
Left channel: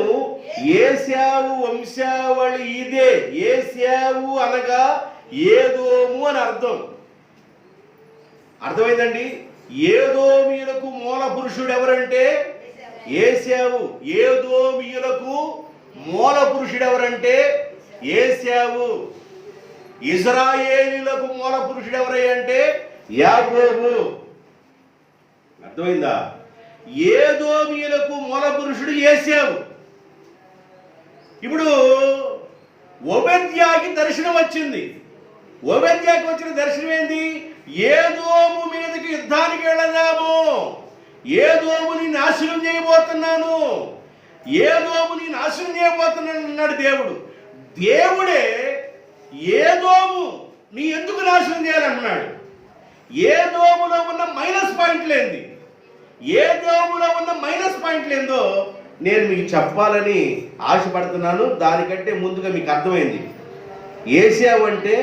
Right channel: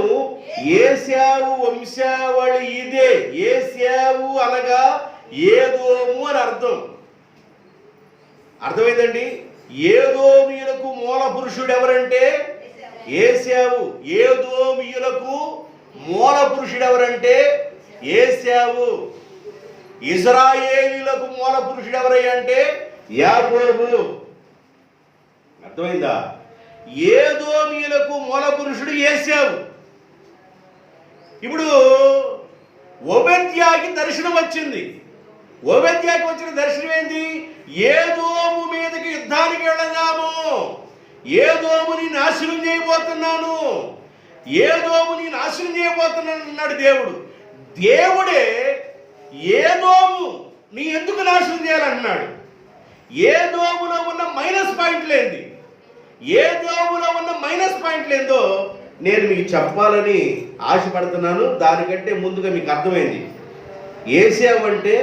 ఏశావు వంశావళి ఇదే. ఏశావు అనగా ఏదోము అని అర్థం. అర్థమైందండి? ఏదోమీయులకు మూల పురుషుడు ఎవరంటే ఏశావు. ఏదోమీయులకు మూల పురుషుడు ఎవరంటే ఏశావు. ఇజ్రాయేలీలకు మూల పురుషుడు ఎవరంటే యాకోబు. అర్థమైందా? ఏదోమీయులకు మూల పురుషుడు ఏశావు. ఇప్పుడు ఓబేద్యాకి దర్శనం వచ్చింది. ఓబేద్యాకి వచ్చిన దర్శనం ఏంది? ఏదోము మీదకి యుద్ధానికి వెళ్ళదాము, ఏదోముని నాశనం చేయబోతున్నాను, ఏదోముని నాశనం చేయబోతున్నాను అన్నాడు దేవుడు. దేవుడే ఏదోము నీ ఎందుకు నాశనం చేయాలంటున్నాడు. ఏదోములో ఉన్న మైనస్ పాయింట్లు ఏంది, ఏదోములో ఉన్న మైనస్ పాయింట్లు ఏందో నేను మీకు చెప్పాలని ఆశపడుతున్నాను. దానికంటే ముందుగా మీకు అర్థమైంది ఏశావు అంటే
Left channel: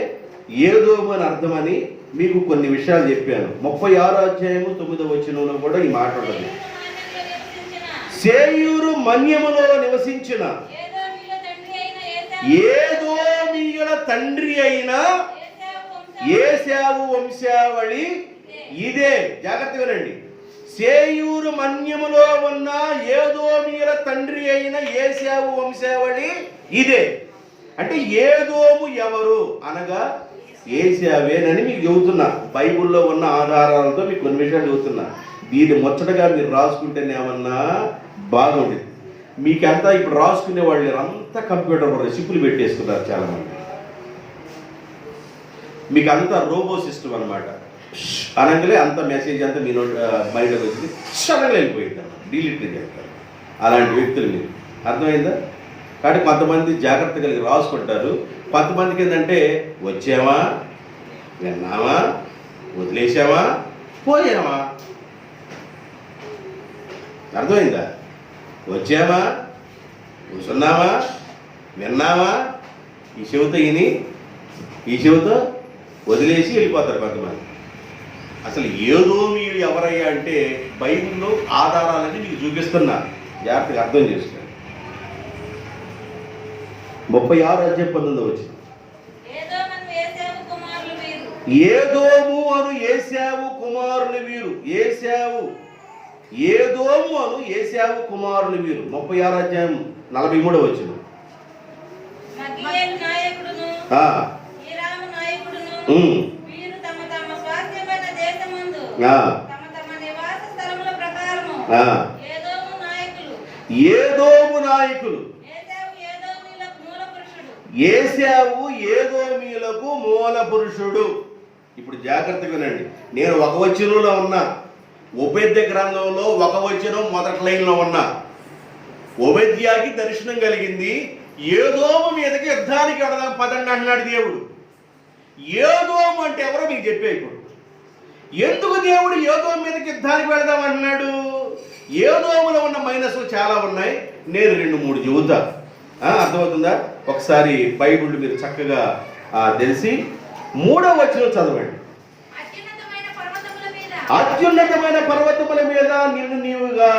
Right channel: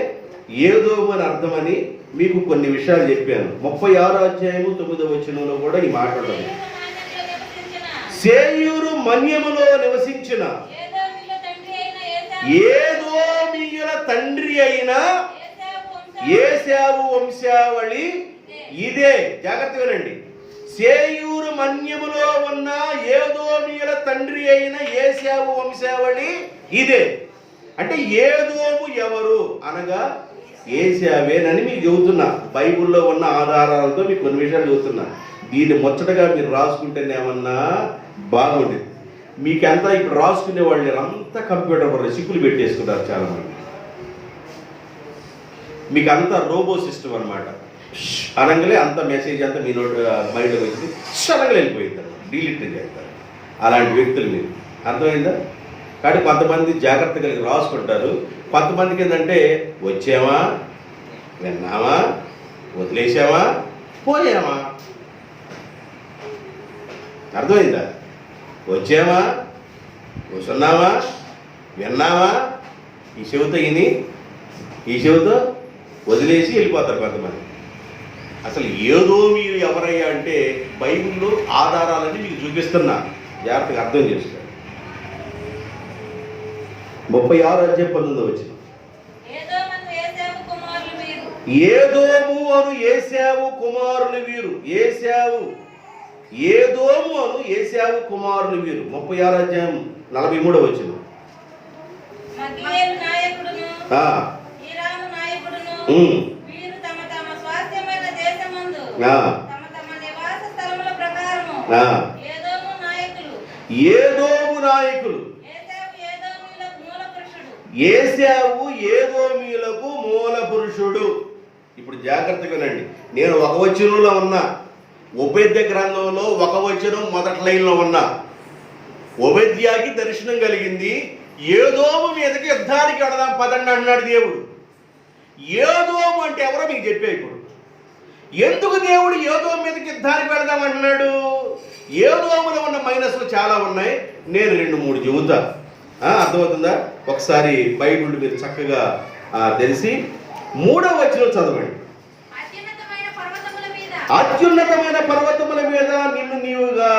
ఏదోము అని అర్థమని మీకు కొన్ని విషయాలు చెప్పాను. 36వ అధ్యాయము 9వ వచనంలో కూడా ఈ మాట ఉంటుంది. సేయూరు మన్యములో నివసించిన ఏదోమీయుల తండ్రి అయిన ఏశావు వంశావళి ఇదే. జాగ్రత్త వినండి. సేయూరు మన్యములో ఉన్న ఏదోమీయుల తండ్రి అయిన ఏశావు వంశావళి ఇదే. అంటే ఏదోము ఎవరు అనగా ఏశావేనని మీకు చెబుతున్నా. బైబిల్లో ఉన్న ఆధారాలతో మీకు కొన్ని విషయాలు చెబుతున్నా. దీన్ని ముచ్చటగా మీరు రాసుకుంటేనేమన్నా బాగుండేది. మీకంతా ఇప్పుడు రాసుకునే వాళ్ళు అంతా కంప్యూటర్ వల్ల సిప్పులు పెట్టేసుకున్నారు చాలామంది. మీకు అంతా రోబో సిస్టమ్ అనమాట. అనగానే అంత మెసేజ్ అంతా మీ మైండ్లోకి వచ్చింది, అనగా వెళ్ళిపోయింది అనమాట, డిలీట్ చేస్తారు. అలాంటి వ్యక్తులు మీరు, అర్థమైందా? కాబట్టి కొంతమంది జాగ్రత్త కలిగి రాసుకుంటారు. కొంతమందికి ఏంటంటే వచ్చామా, విన్నామా, వదిలేసామా, పోయామా. అర్థమైందా? వచ్చామా, కూర్చున్నామా, విన్నామా, ఈ చెవితో విని ఈ చెవితో వదిలేసి వెళ్ళిపోతారు కొంతమంది. అసలు ఏదోమీయులు ఎవరయ్యా అంటే బైబిల్లో ఆధారాలన్నీ మీకు చూపిస్తున్నా, జాగ్రత్తగా అర్థం చేసుకోండి. 36:19 వచ్చింది. ఏదోము అను ఏశావు కుమారులు వీరు. ఏదోము అను ఏశావు కుమారులు వీరు. 36:43 వచ్చింది. ఏదోము నాయకులు. ఏశావు ఏదోమీయులకు మూల పురుషుడు. ఇప్పుడు జాగ్రత్తగా వినండి. నేను ఒక వచనంలో ఉన్నా, ఉపేద్య గ్రంథంలో ఒక వచనం మొదటి లైన్లో ఉన్నా. ఉపేద్యాకి దర్శనం కలిగింది, ఏదోము మీదకి యుద్ధానికి వెడదాం పదండి అన్నాడు దేవుడు. ఏదోము అంటే ఎవరో మీకు చెప్పే. ఇప్పుడు ఎందుకు దేవుడు ఏదోము మీదకి యుద్ధానికి వెళదాం అంటున్నాడు? ఏదోములో ఉన్న మైనస్లు చాలా ఉన్నాయి, నేను 2-3 చెబుతా. అర్థమవుతుందా? ఒకసారి బైబిల్ మీరు చక్కగా తెలిసి 3వ వచనం చదవండి. అత్యున్నతమైన పర్వతముల మీద నిన్ను నీవుగా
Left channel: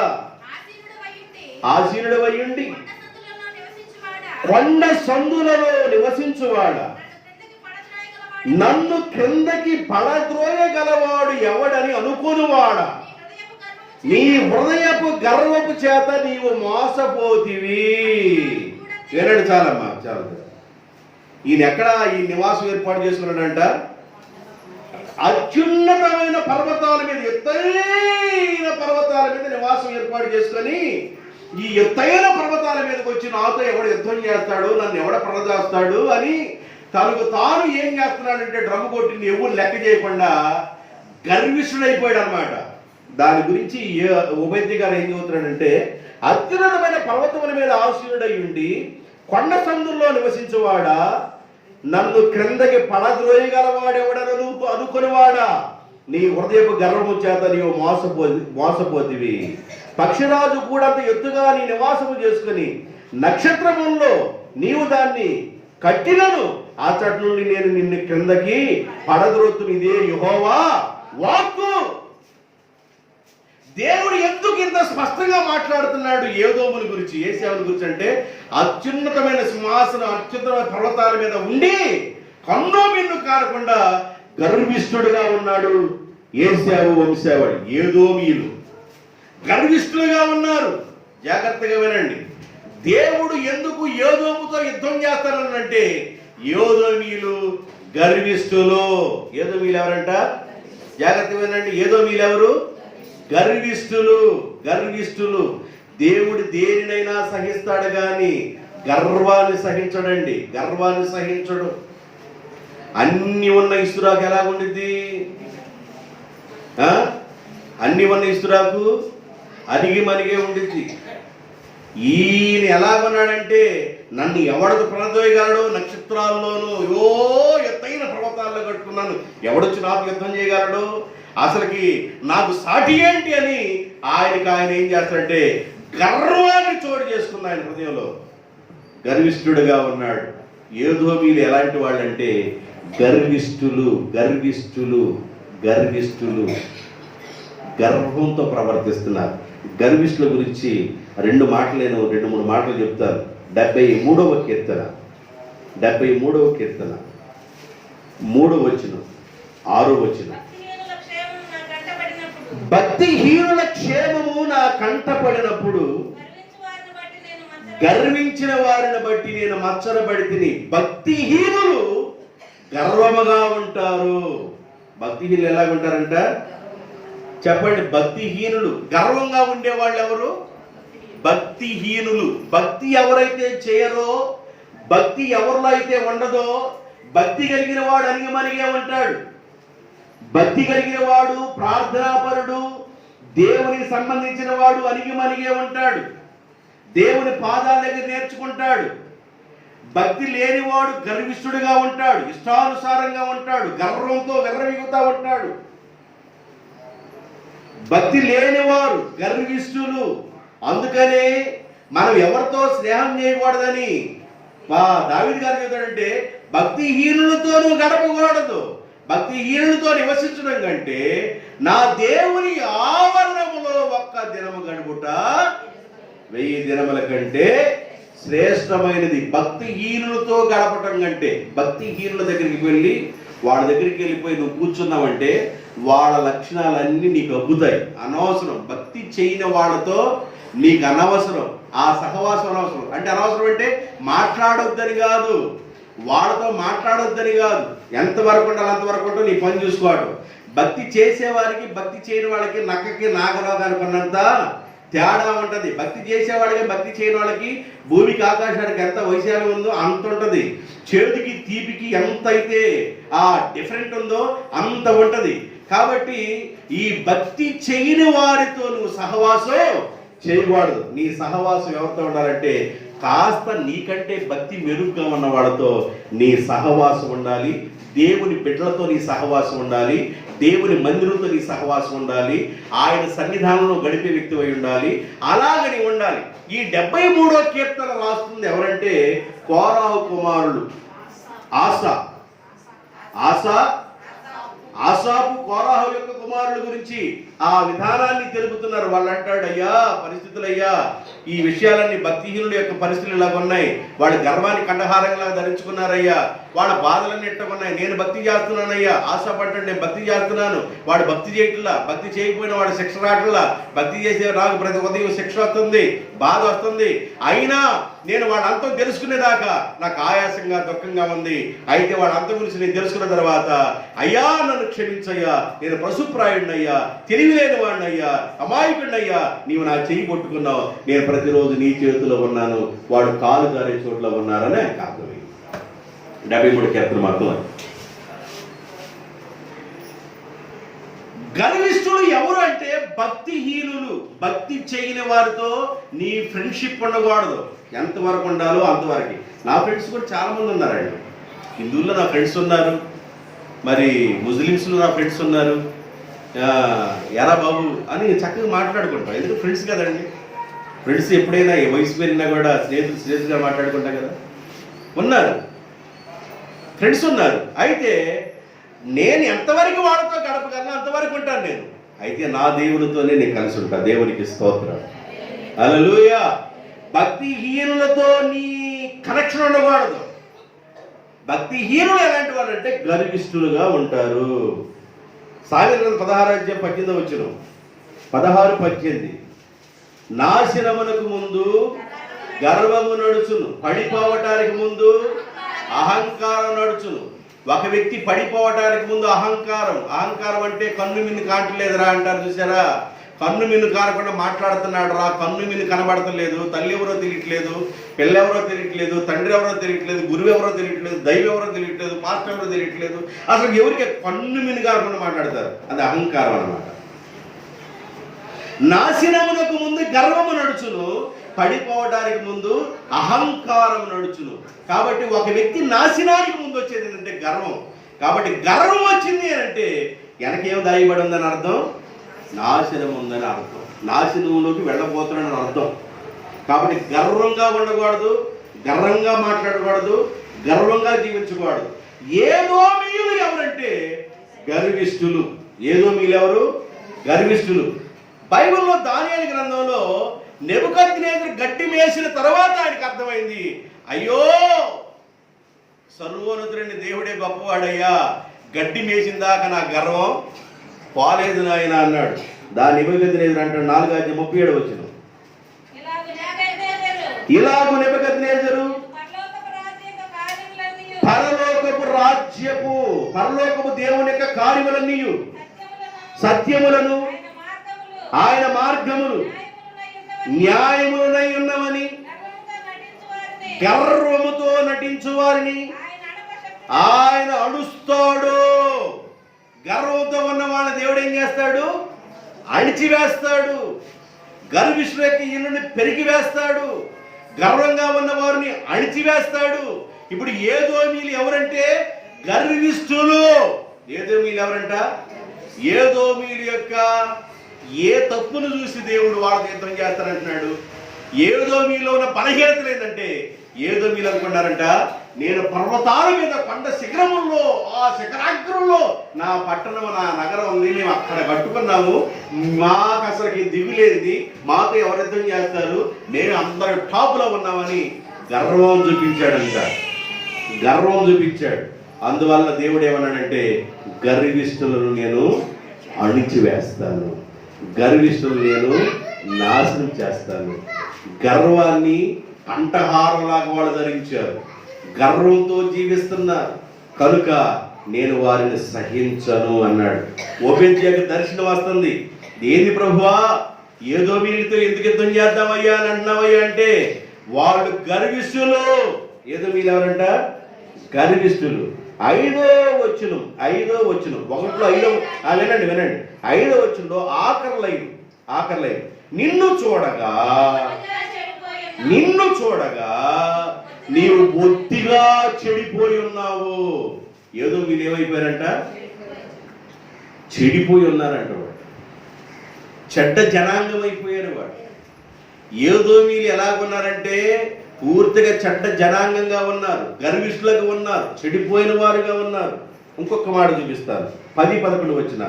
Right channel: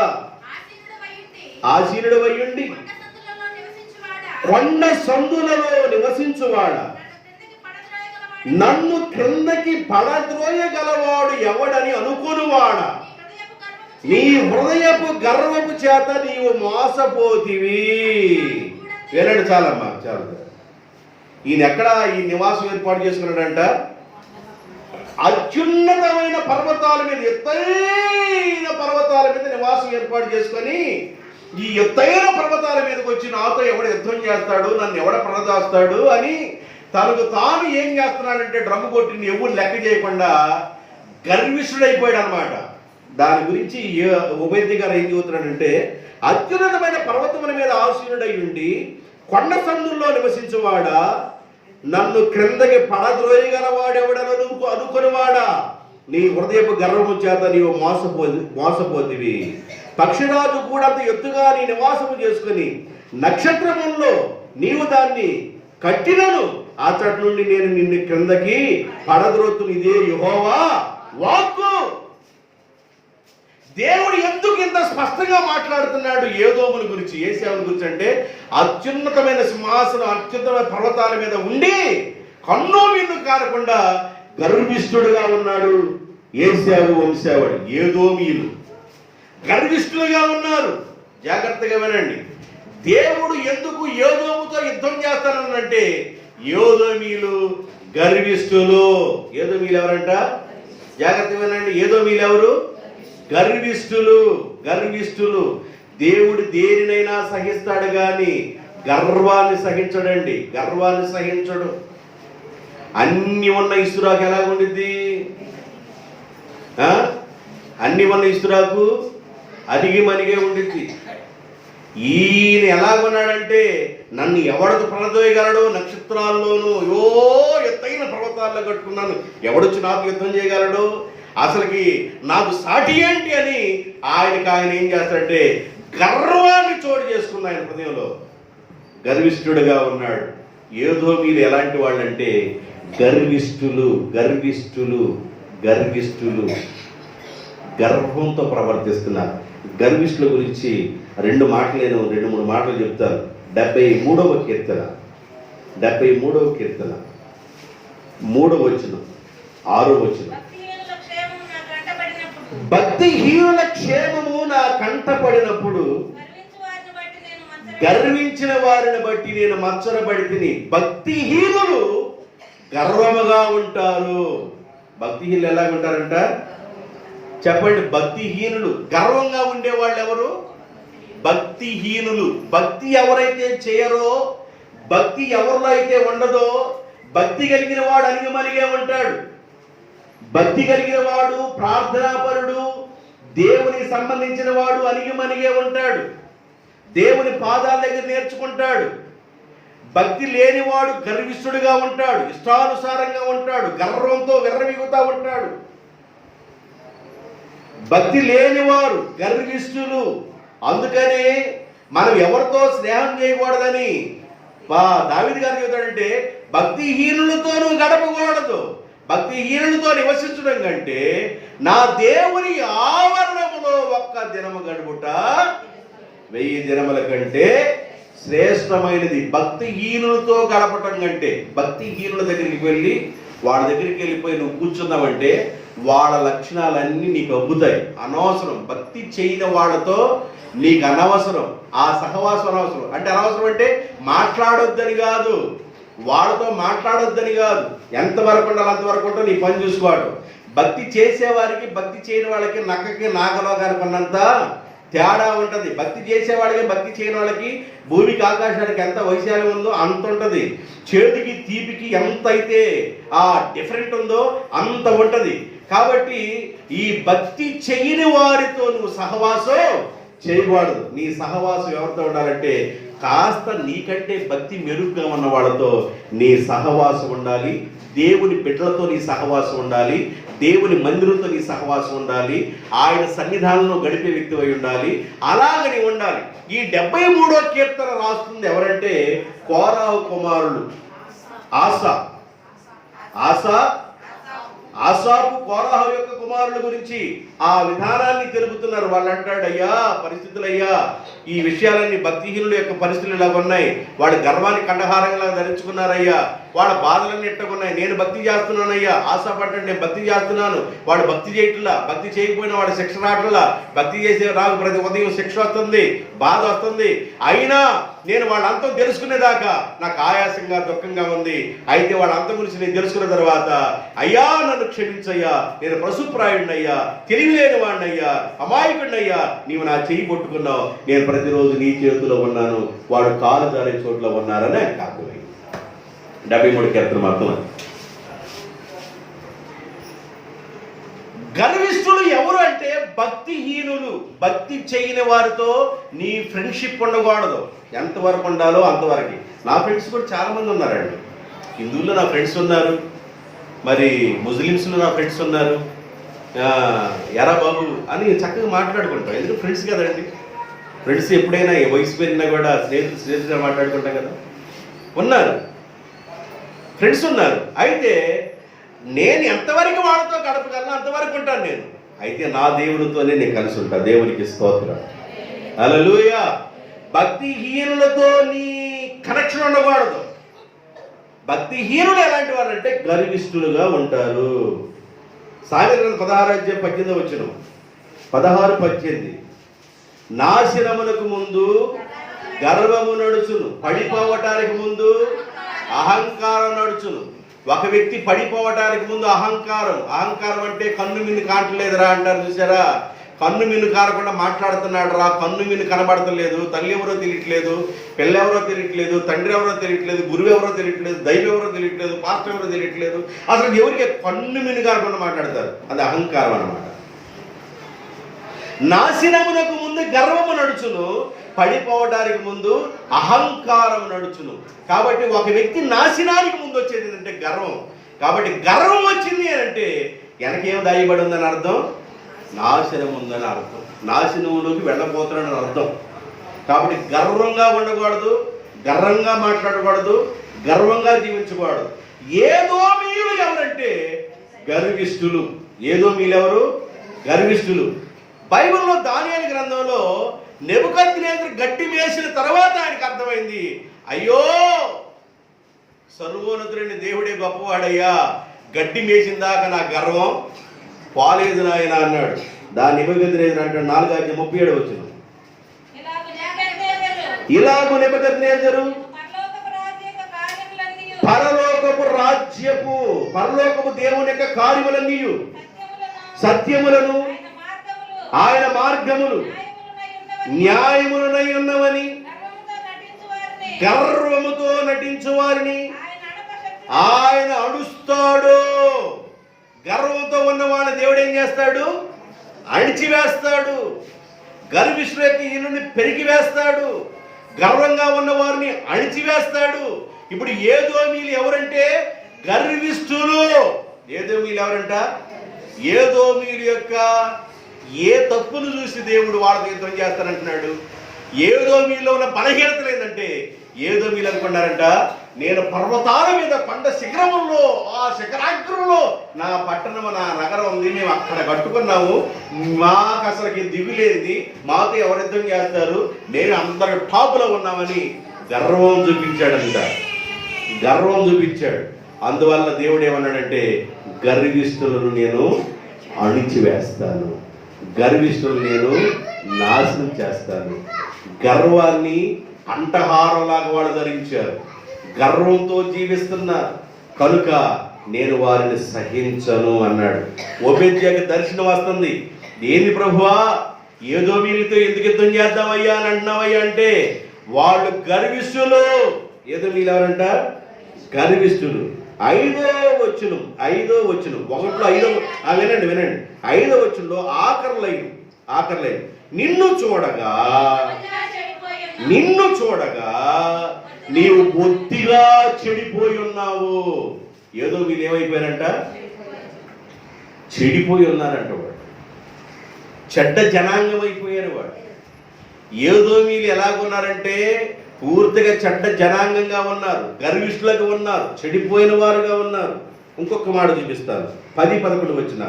ఆసీనుడవయ్యుండి కొండ సందులలో నివసించువాడ, నన్ను క్రిందకి పడద్రోయగలవాడు ఎవడని అనుకునివాడ, నీ హృదయపు గర్వపు చేత నీవు మోసపోతివి. వినండి, చాలమ్మా, చాలు. ఈయన ఎక్కడ ఈ నివాసం ఏర్పాటు చేసుకున్నాడంట? అత్యున్నతమైన పర్వతాల మీద, ఎత్తైన పర్వతాల మీద నివాసం ఏర్పాటు చేసుకొని, ఈ ఎత్తైన పర్వతాల మీదకి వచ్చి నాతో ఎవడు యుద్ధం చేస్తాడు, నన్ను ఎవడ ప్రదజేస్తాడు అని తనకు తాను ఏం చేస్తున్నాడంటే డ్రమ్ము కొట్టిని ఎవరు లెక్క చేయకుండా గర్విష్ఠుడైపోయాడు అనమాట. దాని గురించి ఉపేద్య గారు ఏం చెబుతున్నాడంటే, అత్యున్నతమైన పర్వతముల మీద ఆసీనుడై ఉండి కొండ సందుల్లో నివసించువాడా, నన్ను క్రిందకి పడద్రోయగలవాడెవడను అనుకునివాడా, నీ హృదయపు గర్వము చేత నీవు మోసపోతివి. పక్షిరాజు కూడా అంత ఎత్తుగా నీ నివాసము చేసుకుని నక్షత్రములో నీవు దాన్ని కట్టినను, అతడి నుండి నేను నిన్ను క్రిందకి పడద్రోతును. ఇదే యెహోవా వాక్కు. దేవుడు ఎందుకు ఇంత స్పష్టంగా మాట్లాడుతున్నాడు ఏదోముల గురించి, ఏశావుల గురించి అంటే, అత్యున్నతమైన సింహాసనం, అత్యున్నతమైన పర్వతాల మీద ఉండి కన్ను మిన్ను కారకుండా గర్విష్ఠుడుగా ఉన్నాడు ఏశావు వంశావళి. ఏదోమీయులు గర్విష్ఠులుగా ఉన్నారు. జాగ్రత్తగా వినండి. దేవుడు ఎందుకు ఏదోముతో యుద్ధం చేస్తానంటే, ఏదోమీయులు గర్విష్ఠులు. ఏదోమీయులు ఎవరంట? జాగ్రత్తగా వినండి. ఏదోమీయులు ఎవరు? గర్విష్ఠులు. దేవుడు దేనినైనా సహిస్తాడు కానీ గర్వాన్ని సహించడండి. గర్వాన్ని సహించడు. అన్ని ఉన్న ఇస్తురాకు ఎలాగుండిద్ది? అన్ని ఉన్న ఇస్తురాకు అడిగి మనిగే ఉండిద్ది. ఈయన ఎలాగున్నాడంటే, నన్ను ఎవడకు ప్రదోయగలడు? నక్షత్రాల్లోనూ ఎత్తైన పర్వతాల్లో కట్టుకున్నాను, ఎవడొచ్చి నాకు యుద్ధం చేయగలడు? అసలుకి నాకు సాటి ఏంటి అని ఆయన ఏం చేస్తాడంటే గర్వాన్ని చోటు చేసుకున్న ఆయన హృదయంలో గర్విష్ఠుడుగా ఉన్నాడు. ఏదోమీయులు ఎలాంటి వాళ్ళంటే గర్విష్ఠులు. గర్వంతో ప్రవర్తిస్తున్నారు. గర్విష్ఠుల గురించి 2 మాటలు, నేను 2-3 మాటలు చెప్తాను. 73వ కీర్తన 3వ వచనం, 6వ వచనం. భక్తిహీనుల క్షేమము నా కంటపడినప్పుడు గర్వించిన వారిని బట్టి నేను మత్సరపడి తిని. భక్తిహీనులు గర్వముగా ఉంటారు. భక్తిహీనులు ఎలా ఉంటారంట చెప్పండి? భక్తిహీనులు గర్వంగా ఉండేవాళ్ళు ఎవరు? భక్తిహీనులు. భక్తి ఎవరైతే చేయరో, భక్తి ఎవరిలో అయితే ఉండదో, భక్తి కలిగిన వాడు అణిగిమణిగే ఉంటాడు. భక్తి కలిగిన వాడు, ప్రార్థనాపరుడు, దేవునికి సంబంధించిన వాడు అణిగిమణిగే ఉంటాడు. దేవుని పాదాల దగ్గర నేర్చుకుంటాడు. భక్తి లేనివాడు గర్విష్ఠుడిగా ఉంటాడు, ఇష్టానుసారంగా ఉంటాడు, గర్వంతో విర్రవీగుతా ఉంటాడు. భక్తి లేనివారు గర్విష్ఠులు. అందుకనే మనం ఎవరితో స్నేహం చేయకూడదని దావీదు గారు చెబుతాడంటే, భక్తిహీనులతో నువ్వు గడపకూడదు. భక్తిహీనులతో నివసించడం కంటే నా దేవుని ఆవరణములో ఒక్క దినము గడుపుట 1000 దినముల కంటే శ్రేష్టమైనది. భక్తిహీనులతో గడపటం కంటే, భక్తిహీనుల దగ్గరికి వెళ్ళి వాళ్ళ దగ్గరికి వెళ్ళిపోయి నువ్వు కూర్చున్నావంటే వాళ్ళ లక్షణాలన్నీ నీకు అబ్బుతాయి. అనవసరం. భక్తి చేయని వాళ్ళతో నీకు అనవసరం. ఆ సహవాసం అనవసరం. అంటే అనవసరం అంటే మాట్లాడొద్దని కాదు, వాళ్ళతో మాట్లాడొద్దని కాదు. ఎంతవరకు ఉండాలి అంతవరకు ఉంటూ నీ పని చూసుకోవడం. భక్తి చేసేవారికి భక్తి చేయని వాళ్ళకి నక్కకి నాగలోకానికి ఉన్నంత తేడా ఉంటుంది. భక్తి చేసేవాళ్ళకి భక్తి చేయని వాళ్ళకి భూమికి ఆకాశానికి ఎంత వైశాల్యం ఉందో అంత ఉంటుంది. చేతికి తీపికి ఎంత అయితే ఆ డిఫరెంట్ ఉందో అంత ఉంటుంది. కాబట్టి ఈ భక్తి చేయని వారితో నువ్వు సహవాసం చేయకూడదు. నీ సహవాసం ఎవరితో ఉండాలంటే కాస్త నీకంటే భక్తి మెరుగ్గా ఉన్న వాళ్ళతో నీ సహవాసం ఉండాలి. దేవుని బిడ్డలతో నీ సహవాసం ఉండాలి. దేవుని మందిరంతో నీ సహవాసం ఉండాలి. ఆయన సన్నిధానంలో గడిపే వ్యక్తి అయి ఉండాలి. అలాగని ఉండాలి. ఈ 73వ కీర్తన రాస్తుంది ఎవరంటే కోరాహు కుమారులు ఆసాపు కోరాహు యొక్క కుమారుల గురించి ఆ విధానాన్ని తెలుపుతున్నారు. వాళ్ళు అంటాడు, అయ్యా పరిస్థితులయ్యా, ఈ విషయాలన్నీ భక్తిహీనుల యొక్క పరిస్థితులు ఇలా ఉన్నాయి. వాళ్ళ గర్వాన్ని కండహారంగా ధరించుకున్నారయ్యా. వాళ్ళ బాధలన్నీ ఎట్టుకున్నాయి. నేను భక్తి చేస్తున్నానయ్యా. ఆశపడ్డాడు, నేను భక్తి చేస్తున్నాను. వాడు భక్తి చేయట్లా. భక్తి చేయకపోయినా వాడు శిక్ష రావట్లా. భక్తి చేసే నాకు ప్రతి ఉదయం శిక్ష వస్తుంది, బాధ వస్తుంది. అయినా నేను వాళ్ళంతా తెలుసుకునేదాకా నాకు ఆయాసంగా దుఃఖంగా ఉంది. అయితే వాళ్ళంతా గురించి నేను తెలుసుకున్న తర్వాత, అయ్యా నన్ను క్షమించయ్యా, నేను పశుప్రాయుడినయ్యా, తెలివిలేని వాడినయ్యా, అమాయకుడినయ్యా, నీవు నా చెయ్యి పట్టుకున్నావు, నేను ప్రతిరోజు నీ చేతిలో ఉన్నాను, వాడు కాలు జారే చోట్ల ఉన్నారనే కాదు. 73 కీర్తన మాత్రం. గర్విష్ఠులు ఎవరు అంటే భక్తిహీనులు. భక్తి చేయని వారితో నీ ఫ్రెండ్షిప్ ఉండకూడదు. ఎంతవరకు ఉండాలో అంతవరకు. నా ఫ్రెండ్స్ కూడా చాలా మంది ఉన్నారండి. హిందువుల్లో నా ఫ్రెండ్స్ ఉన్నారు, మరి ముస్లిమ్స్లో నా ఫ్రెండ్స్ ఉన్నారు. ఎరా బాబు అని చక్కగా మాట్లాడుకుంటాం. ఎందుకంటే ఫ్రెండ్స్ కదండి. ఫ్రెండ్స్ ఎప్పుడైనా వయసు పెరిగినా కూడా స్నేహితులుగా మాట్లాడుకుంటాం కదా. ఉన్నారు ఫ్రెండ్స్ ఉన్నారు. అయితే నేను ఎంతవరకు వాళ్ళతో గడపగలను అంతవరకు ఉంటాను నేను. అయితే నా దేవునితోనే నేను కలిసి ఉంటాను. దేవునికి స్తోత్రం, హల్లెలూయా. భక్తిహీనులతో నీ కనెక్షన్ ఉండకూడదు. భక్తిహీనులు ఎలాంటి వారు అంటే గర్విష్ఠులుగా ఉంటారు. సామెతలు 16:18 16-18 నాశనమునకు ముందు గర్వము నడుచును, పడిపోవటానికి ముందు అహంకారం నడుచును. ఒక వ్యక్తి పడిపోవటానికి ముందు అహంకారం అంటే కన్ను మిన్ను కావట్లేదురా అంటారు చూసారా. కన్ను మిన్ను కారకుండా మాట్లాడుతున్నాడు రా. కన్ను మిన్ను కనబడతలేదు. తల్లి ఎవరో తెలియట్లేదు, పిల్ల ఎవరో తెలియట్లేదు, తండ్రి ఎవరో తెలియట్లేదు, గురువు ఎవరో తెలియట్లేదు, దైవం ఎవరో తెలియట్లేదు, పాస్టర్ ఎవరో తెలియట్లేదు. అసలు ఎవరికి కన్ను మిన్ను కారకుండా మాట్లాడతారు. అది అహంకారం అన్నమాట. నాశనమునకు ముందు గర్వము నడుచును, పడిపోవడానికి ముందు అహంకారం నడుచును. కాబట్టి ఒక వ్యక్తి నాశనానికి ముందు వచ్చేది ఏంటంటే గర్వం. కాబట్టి గర్వం వచ్చింది అంటే వెనకేం దాయబడి ఉందని అర్థం, నాశనం ఉందని అర్థం, నాశనంలోకి వెళ్ళబోతున్నాడని అర్థం. కాబట్టి గర్వంగా ఉండకూడదు, గర్వంగా మాట్లాడకూడదు, గర్వంగా జీవించకూడదు. ఏదోమీయులు ఎవరంటే గర్విష్ఠులు. ఏదోమీయులు ఎవరు? గర్విష్ఠులు. బైబిల్లో దానియేలు గ్రంథంలో నెబుకద్నెజరు గడ్డి మేసిన తర్వాత ఆయనకు అర్థమైంది, అయ్యో సర్వోన్నతుడైన దేవుడే గొప్పవాడయ్యా, గడ్డి మేసిన దాకా నా గర్వం పోలేదు నాయన అన్నాడు. దాని నెబుకద్నెజరు అంటాడు 4:37 వచ్చిన, ఇలాగు నెబుకద్నెజరు పరలోకపు దేవుని యొక్క కార్యములన్నీ సత్యములను ఆయన మార్గములు న్యాయములనై ఉన్నవని గర్వముతో నటించు వారిని ఆయన అడుస్తాడు. గర్వంతో ఉన్న వాళ్ళని దేవుడు ఏం చేస్తాడు? అణిచివేస్తాడు. గర్విష్ఠుల యొక్క ఇల్లుని పెరిగి వేస్తాడు. గర్వంగా ఉన్న వారిని అణిచివేస్తాడు. ఇప్పుడు ఏదోమీలు ఎవరంటే గర్విష్ఠులు. ఏదోమీలు ఎవరంట? ఏదోమీలు యొక్క ఏ తప్పును చూసి దేవుడు వాళ్ళతో యుద్ధం చేస్తానంటున్నాడు. ఏదోమీలో ఉన్న బలహీనతలు ఏంటంటే, ఏదోమీలు అనుకున్నారంట, నేను పర్వతాల మీద కొండ శిఖరముల్లో, ఆ శిఖరాగ్రంలో నా పట్టణం, నా నగరం ఉంది, మేము అక్కడ కట్టుకున్నాము, మాకు అసలుకి దిగులేది, మాతో ఎవరు యుద్ధం చేస్తారు, మేము అందరూ టాపులో ఉన్నామని గర్వం చూపించాడంట. గర్వం చూపించాడు. అందువల్ల దేవుడు ఏమన్నాడంటే, గర్విష్ఠులను నేను అణిచివేస్తాను, గర్విష్ఠులను నేను నాశనం చేస్తాను. గర్వాన్ని కంఠహారంలాగా వాళ్ళు ధరించారు, గర్వంతో జీవిస్తున్నారు కనుక నేను వారిని సహించను అన్నాడు. ఓబేద్యాకి దర్శనం వస్తుంది. ఏంది ప్రభువా, ఏదోమీలతో ఎందుకు యుద్ధం చేద్దామయ్యా అని అంటున్నావయ్యా అంటే, వాళ్ళు గర్విష్ఠులు. ఏదోమీలు ఎవరంట? గర్విష్ఠులు. 5వ వచనం 1 వినండి 5వ వచనంలో ఆఖరి లైన్ నిన్ను చూడగా నీవు బొత్తిగా చెడిపోయి ఉన్నావు. ఏదో వీళ్ళు ఏమైపోయారంట? చెడిపోయి ఉన్నారంట. వాడు చెడ్డ జనాంగం అయిపోయారు. వాడు ఏదో వీళ్ళు ఎలాగున్నారంటే పూర్తిగా చెడ్డ జనాంగంగా ఉన్నారు, గర్విష్ఠులుగా ఉన్నారు, చెడిపోయిన వారుగా ఉన్నారు. ఇంకొక మాట చూపిస్తారు. 10-11 వచ్చిన,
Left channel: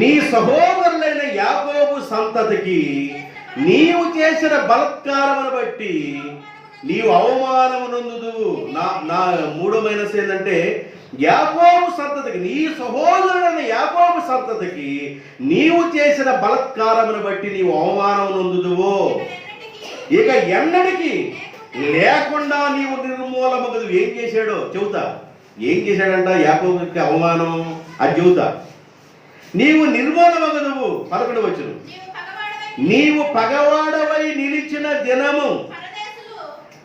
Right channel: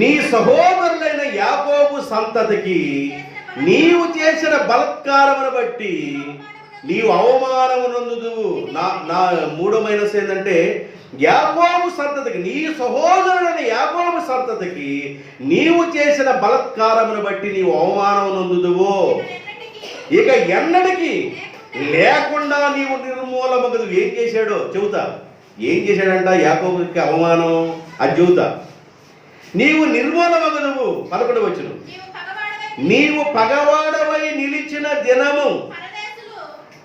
నీ సహోదరులైన యాకోబు సంతతికి నీవు చేసిన బలత్కారమును బట్టి నీవు అవమానము నొందుదువు. నా 3వ మైనస్ ఏంటంటే, యాకోబు సంతతికి, నీ సహోదరుడైన యాకోబు సంతతికి నీవు చేసిన బలత్కారమును బట్టి నీవు అవమానము నొందుదువు. ఇక ఎన్నడికి లేకుండా నీవు నిర్మూలమగదు. ఏం చేశాడో చెబుతా. ఏం చేశాడంట యాకోబుకి అవమానం? అది చెబుతా. నీవు నిర్మూలమగదువు. 11 వచనం, నీవు పగవాడవై నిలిచిన దినము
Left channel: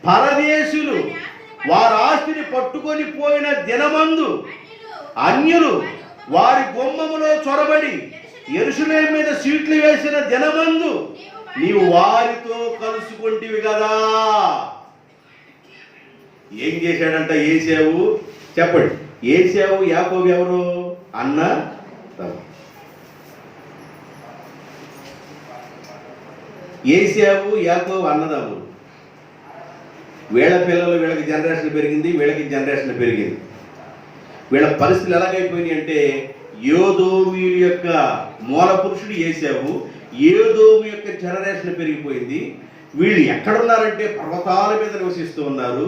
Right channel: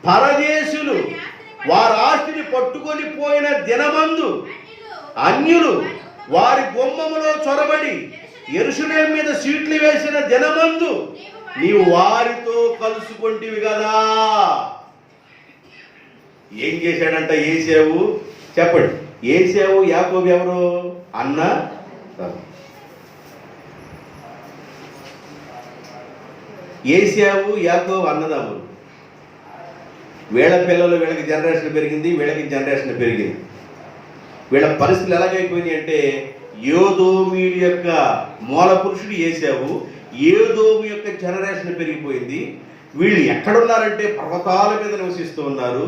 పరదేశులు వారి ఆస్తిని పట్టుకొని పోయిన దినమందు అన్యులు వారి గుమ్మములో చొరబడి యెరూషలేము మీద సీట్లు వేసిన దినమందు నీవు వారితో కలుసుకుంటివి కదా. ఏం చేశాడంట ఏశావు? చెప్పండి. ఏశావు యాకోబు ఎవరు? అన్న. ఏశావు యాకోబు అన్నదమ్ములు. వీళ్ళ పిల్లలు, వీళ్ళకి జనరేషన్ పెరిగింది, వీళ్ళకి జనరేషన్ పెరిగింది. వీళ్ళ పరిస్థితులు ఎలాగైపోయినాయి అంటే, యోదోమీయుల యొక్క మూల పురుషుడు ఏశావు, ఏదోము యొక్క జనరేషన్ పెరిగిపోయింది. వీళ్ళు ఎక్కడున్నారంటే పర్వతాల మీద నివసిస్తూ ఉన్నారు,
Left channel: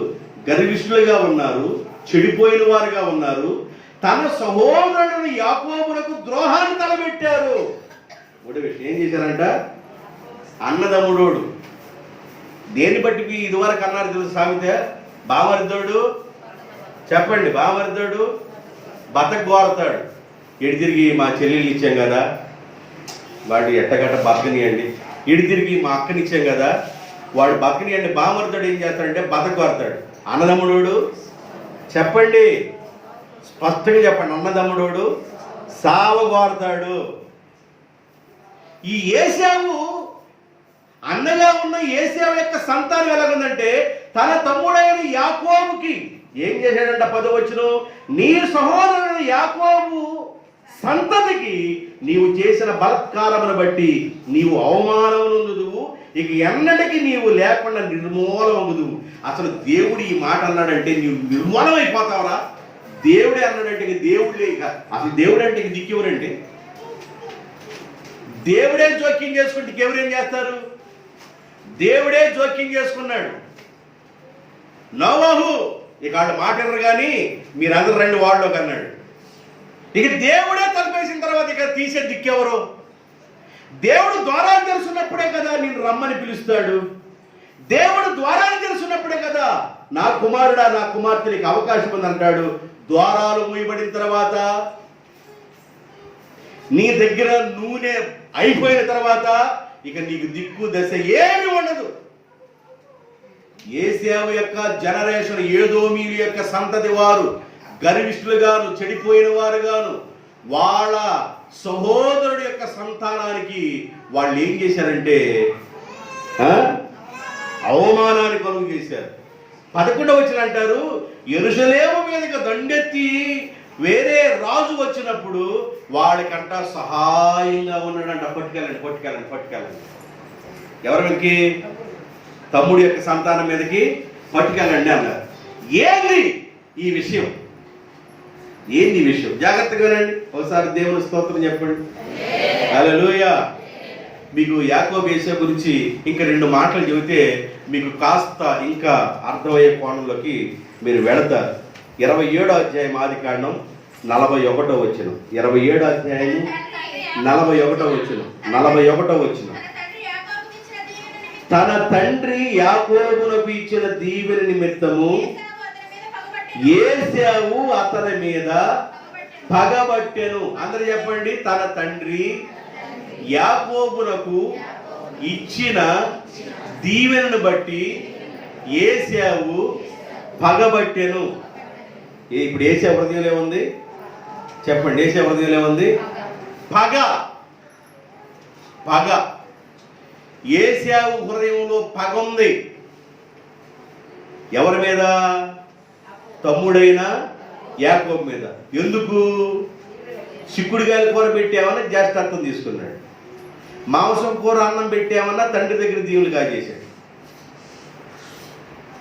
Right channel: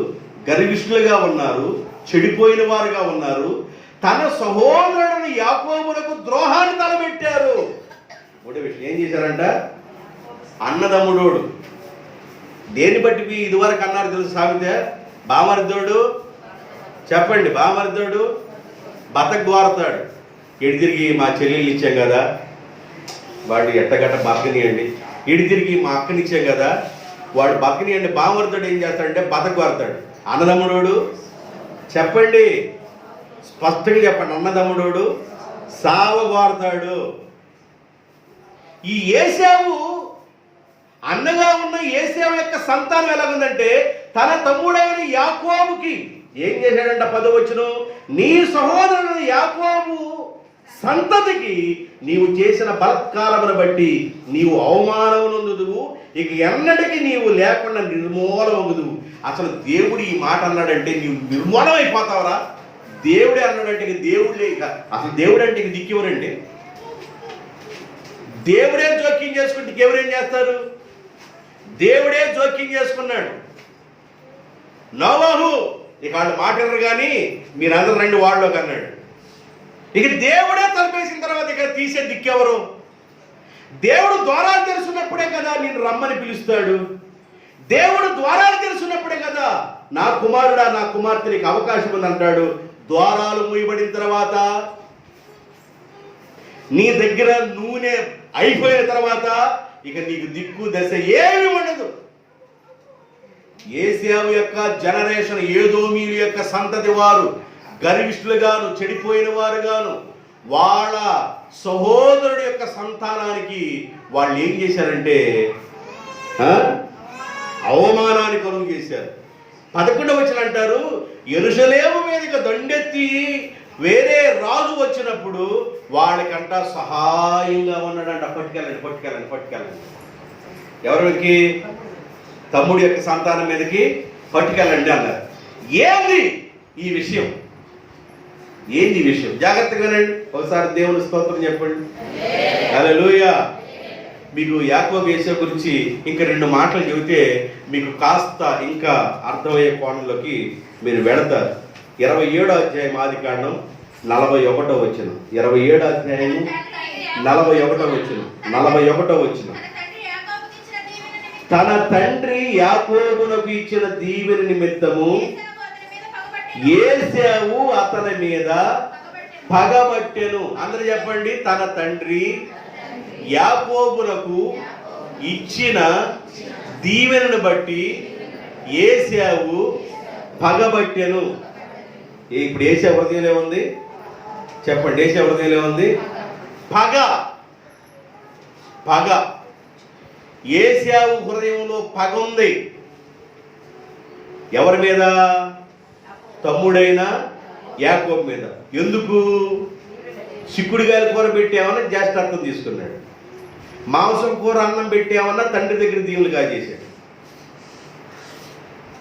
గర్విష్ఠులుగా ఉన్నారు, చెడిపోయిన వారుగా ఉన్నారు. తన సహోదరుని యాకోబులకు ద్రోహాన్ని తలబెట్టారు. ఒకటి విషయం ఏం చేశారంట? అన్నదమ్ముడోడు. దేని బట్టి ఇదివరకు అన్నారు తెలుసు సామెత? బామరిద్దోడు, చెప్పండి, బామరిద్దోడు బతకగోరతాడు. ఎడి తిరిగి మా చెల్లెళ్ళు ఇచ్చాం కదా, వాడు ఎట్టగట్ట బతకనియండి. ఇడి తిరిగి మా అక్కనిచ్చాం కదా, వాడు బతకనియండి. బామరిద్దోడు ఏం చేస్తాడంటే బతకగోరతాడు. అన్నదమ్ముడోడు, చెప్పండి, స్పష్టంగా చెప్పండి, అన్నదమ్ముడోడు సావగోరతాడు. ఈ ఏశావు, అన్నగా ఉన్న ఏశావు యొక్క సంతానం ఎలాగుందంటే, తన తమ్ముడైన యాకోబుకి ఏం చేశాడంట? 10వ వచనం, నీ సహోదరుని యాకోబు సంతతికి నీవు చేసిన బలత్కారమును బట్టి నీవు అవమానమునందుదువు. ఇక ఎన్నటికి నీవు లేకుండా నిర్మూలమగుదువు. అసలు దేవుడు ఈ మాట అన్నాడంటే నీవు నిర్మూలమైపోతావురా. దేవుడే అన్నాడంటే దేవుడే. ఇక అసలు దేవుడు అంటే ఇక దిక్కెవరంటే? దేవుడే జోక్యం చేసుకుంటే ఎవరేం చేస్తారు? దేవుడే జోక్యం చేసుకున్నాడు. నోవహు ఇక వాళ్ళు మాట వినరు కానీ మీరందరూ రండి వాళ్ళలోకి అన్నాడు. ఇక దేవుడే తలుపేసిన తర్వాత ఇక తీసే దిక్కెవరు? దేవుడు ద్వారాలు తెరుచున్నప్పుడే కదా నిన్ను రమ్మని పిలుస్తాడు. దేవుడు ద్వారాలు తెరుచున్నప్పుడే కదా నా కుమారుడా, నా కుమార్తె నీకు అవకాశం ఉంది అంటాడు. ద్వారాలు మూయబడిన తర్వాత, నీ దగ్గర నూనె అయిపోయిన తర్వాత ఇక నీకు దిక్కు దశ ఏమి ఉండదు. ఏశావు యొక్క జనరేషన్, ఏదోమీయుల యొక్క సంతతి వారు గర్విష్ఠులుగాను, చెడిపోయిన వారుగాను, వాళ్ళ సహోదరుడి యొక్క సంతానానికి వాళ్ళు ఏం చేశారంటే అవమానాన్ని కలుగు చేశారు. 11వ వచనం అంటారు, యెరూషలేము మీదకి దండెత్తి వేరే రాజు వచ్చినప్పుడు వాళ్ళకంట సహాయంగా ఉన్నాడంట. పట్టుకెళ్ళండి. ఎవరికి? తమ్ముడి యొక్క సంతానం మీదకి పట్టుకెళ్ళండి అన్నారు. ఏంది ఈ విషయం? జాగ్రత్తగా వినండి. ఒకసారి దేవుని స్తోత్రం చెప్పండి. హల్లెలూయా. మీకు యాకోబు ఏశావు గురించి ఇంకా 2 మాటలు చెబితే మీకు కాస్త ఇంకా అర్థమయ్యే కోణంలోకి మీరు వెళతారు. 27వ అధ్యాయం ఆదికాండం 41వ వచనం. 27వ అధ్యాయం 41వ వచనం. తన తండ్రి యాకోబునకు ఇచ్చిన దీవెన నిమిత్తము ఏశావు అతని మీద పగబట్టెను. అందరూ చెప్పండి. తన తండ్రి యాకోబునకు ఇచ్చిన దీవెనను బట్టి ఏశావు పగబట్టెను. ఇప్పుడు ఏశావు హృదయంలో ఏముంది చెప్పండి? ఏశావు హృదయంలో ఏముంది? పగ. ఏశావు హృదయంలో పగ ఉంది. ఎవరి మీద? తమ్ముడైన యాకోబు మీద. ఎందుకు? చిక్కుడుగాయల కూర పెట్టామన్నా జ్యేష్ఠత్వం తీసుకున్నాడు. మాంసం కూర అన్నం పెట్టామన్నా తండ్రి దగ్గర దీవులు కాజేశాడు.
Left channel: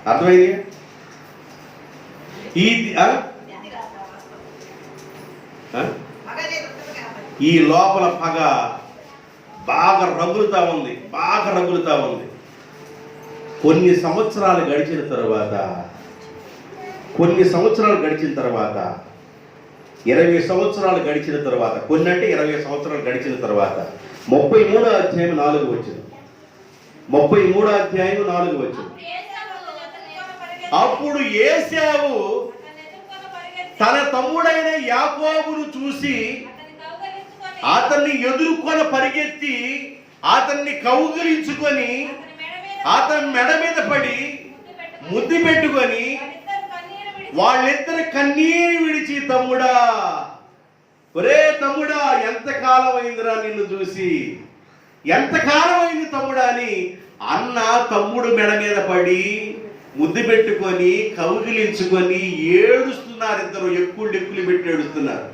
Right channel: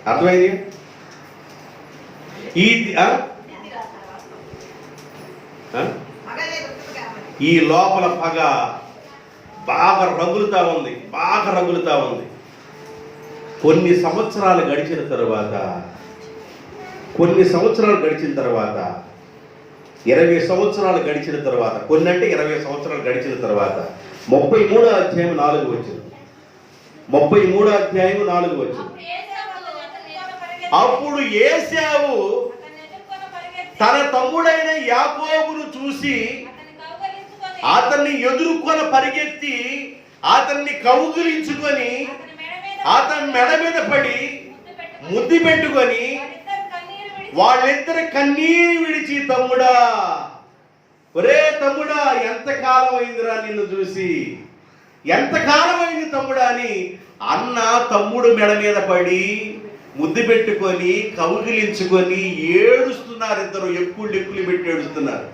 అర్థమైంది? ఈ లోపల పగ బాగా రగులుతా ఉంది. కొన్ని సంవత్సరాలు గడిచిన తర్వాత 20 సంవత్సరాలు గడిచిన తర్వాత కొన్ని అంటే 20 సంవత్సరాలు గడిచిన తర్వాత 33వ అధ్యాయం 4వ వచనం. 33వ అధ్యాయం 4వ వచనం. అప్పుడు ఏశావు తన తమ్ముడైన యాకోబును చూసి అతన్ని ఎదుర్కొన పరిగెత్తి అతన్ని కౌగిలించుకొని అతని మెడ మీద పడి ముద్దు పెట్టుకొని వాళ్ళిద్దరు కన్నీరు విడిచి, తమ్ముడా, ఒరే తమ్ముడా, ఎంతకాలం అయిందిరా నిన్ను చూసి, ఎంతకాలం అయింది తమ్ముడా అని అన్న తమ్ముడు మెడ మీద పడి ముద్దు పెట్టుకొని కౌగిలించుకొని ఏడుస్తున్నారు. ఇద్దరు ఎక్కుళ్ళు పెట్టి ఏడుస్తున్నారు.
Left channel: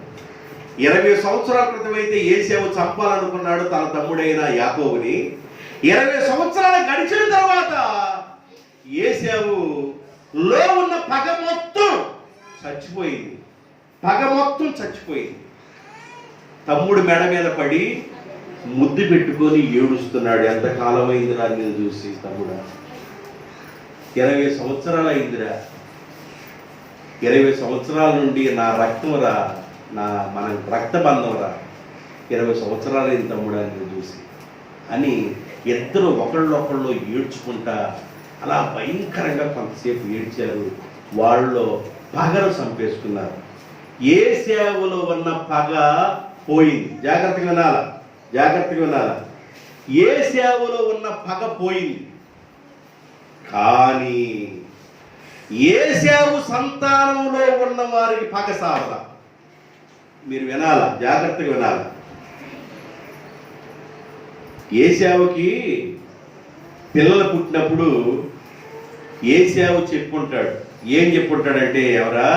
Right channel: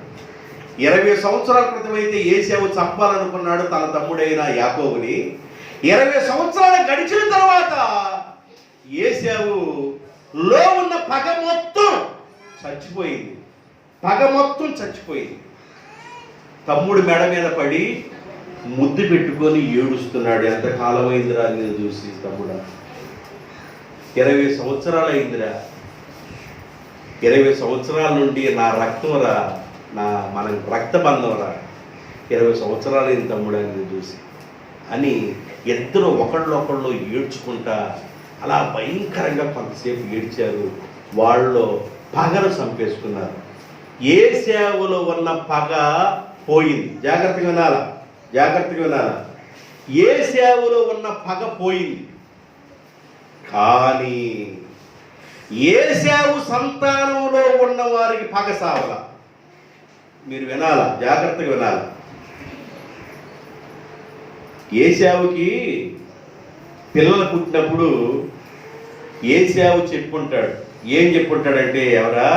20 సంవత్సరాల క్రితం అయితే ఏశావు చంపాలనుకున్నాడు తన తమ్ముడైన యాకోబుని. 20 సంవత్సరాలు గడిచిన తర్వాత ఏశావులో ఉన్న పగ మొత్తం చచ్చిపోయింది. తమ్ముడు మెడ మీద పడి ముద్దు పెట్టుకొని ఏడుస్తున్నాడు. ఎంతకాలం అయిందిరా నేను చూసి, తమ్ముడా, 20 సంవత్సరాలు అయిందిరా. 20 సంవత్సరాల నుండి నా రక్తంరా, మన రక్తబంధం రా. 20 సంవత్సరాలు అయింది తమ్ముడా నేను చూసి అని ఇద్దరు ఒకళ్ళొకళ్ళు ఏడ్చుకుంటా అలా భయంకరంగా కొంతసేపు ఏడ్చారు. వాళ్ళు పగను చంపేసుకున్నారు. ఏశావులో ఉన్న పగ పోయింది. జాగ్రత్తగా వినాలా. ఏశావులో ఉన్న పగ పోయింది. కానీ ఏశావు సంతానంలో ఉన్న వారికి పగ సావల. మీరు వినాలా, జాగ్రత్తగా వినాలా. ఏశావుకి పిల్లలు పుట్టినప్పుడు ఏశావు చెప్పుకుంటాడు. ఏం చెప్పుకుంటాడంటే, ఎవరా,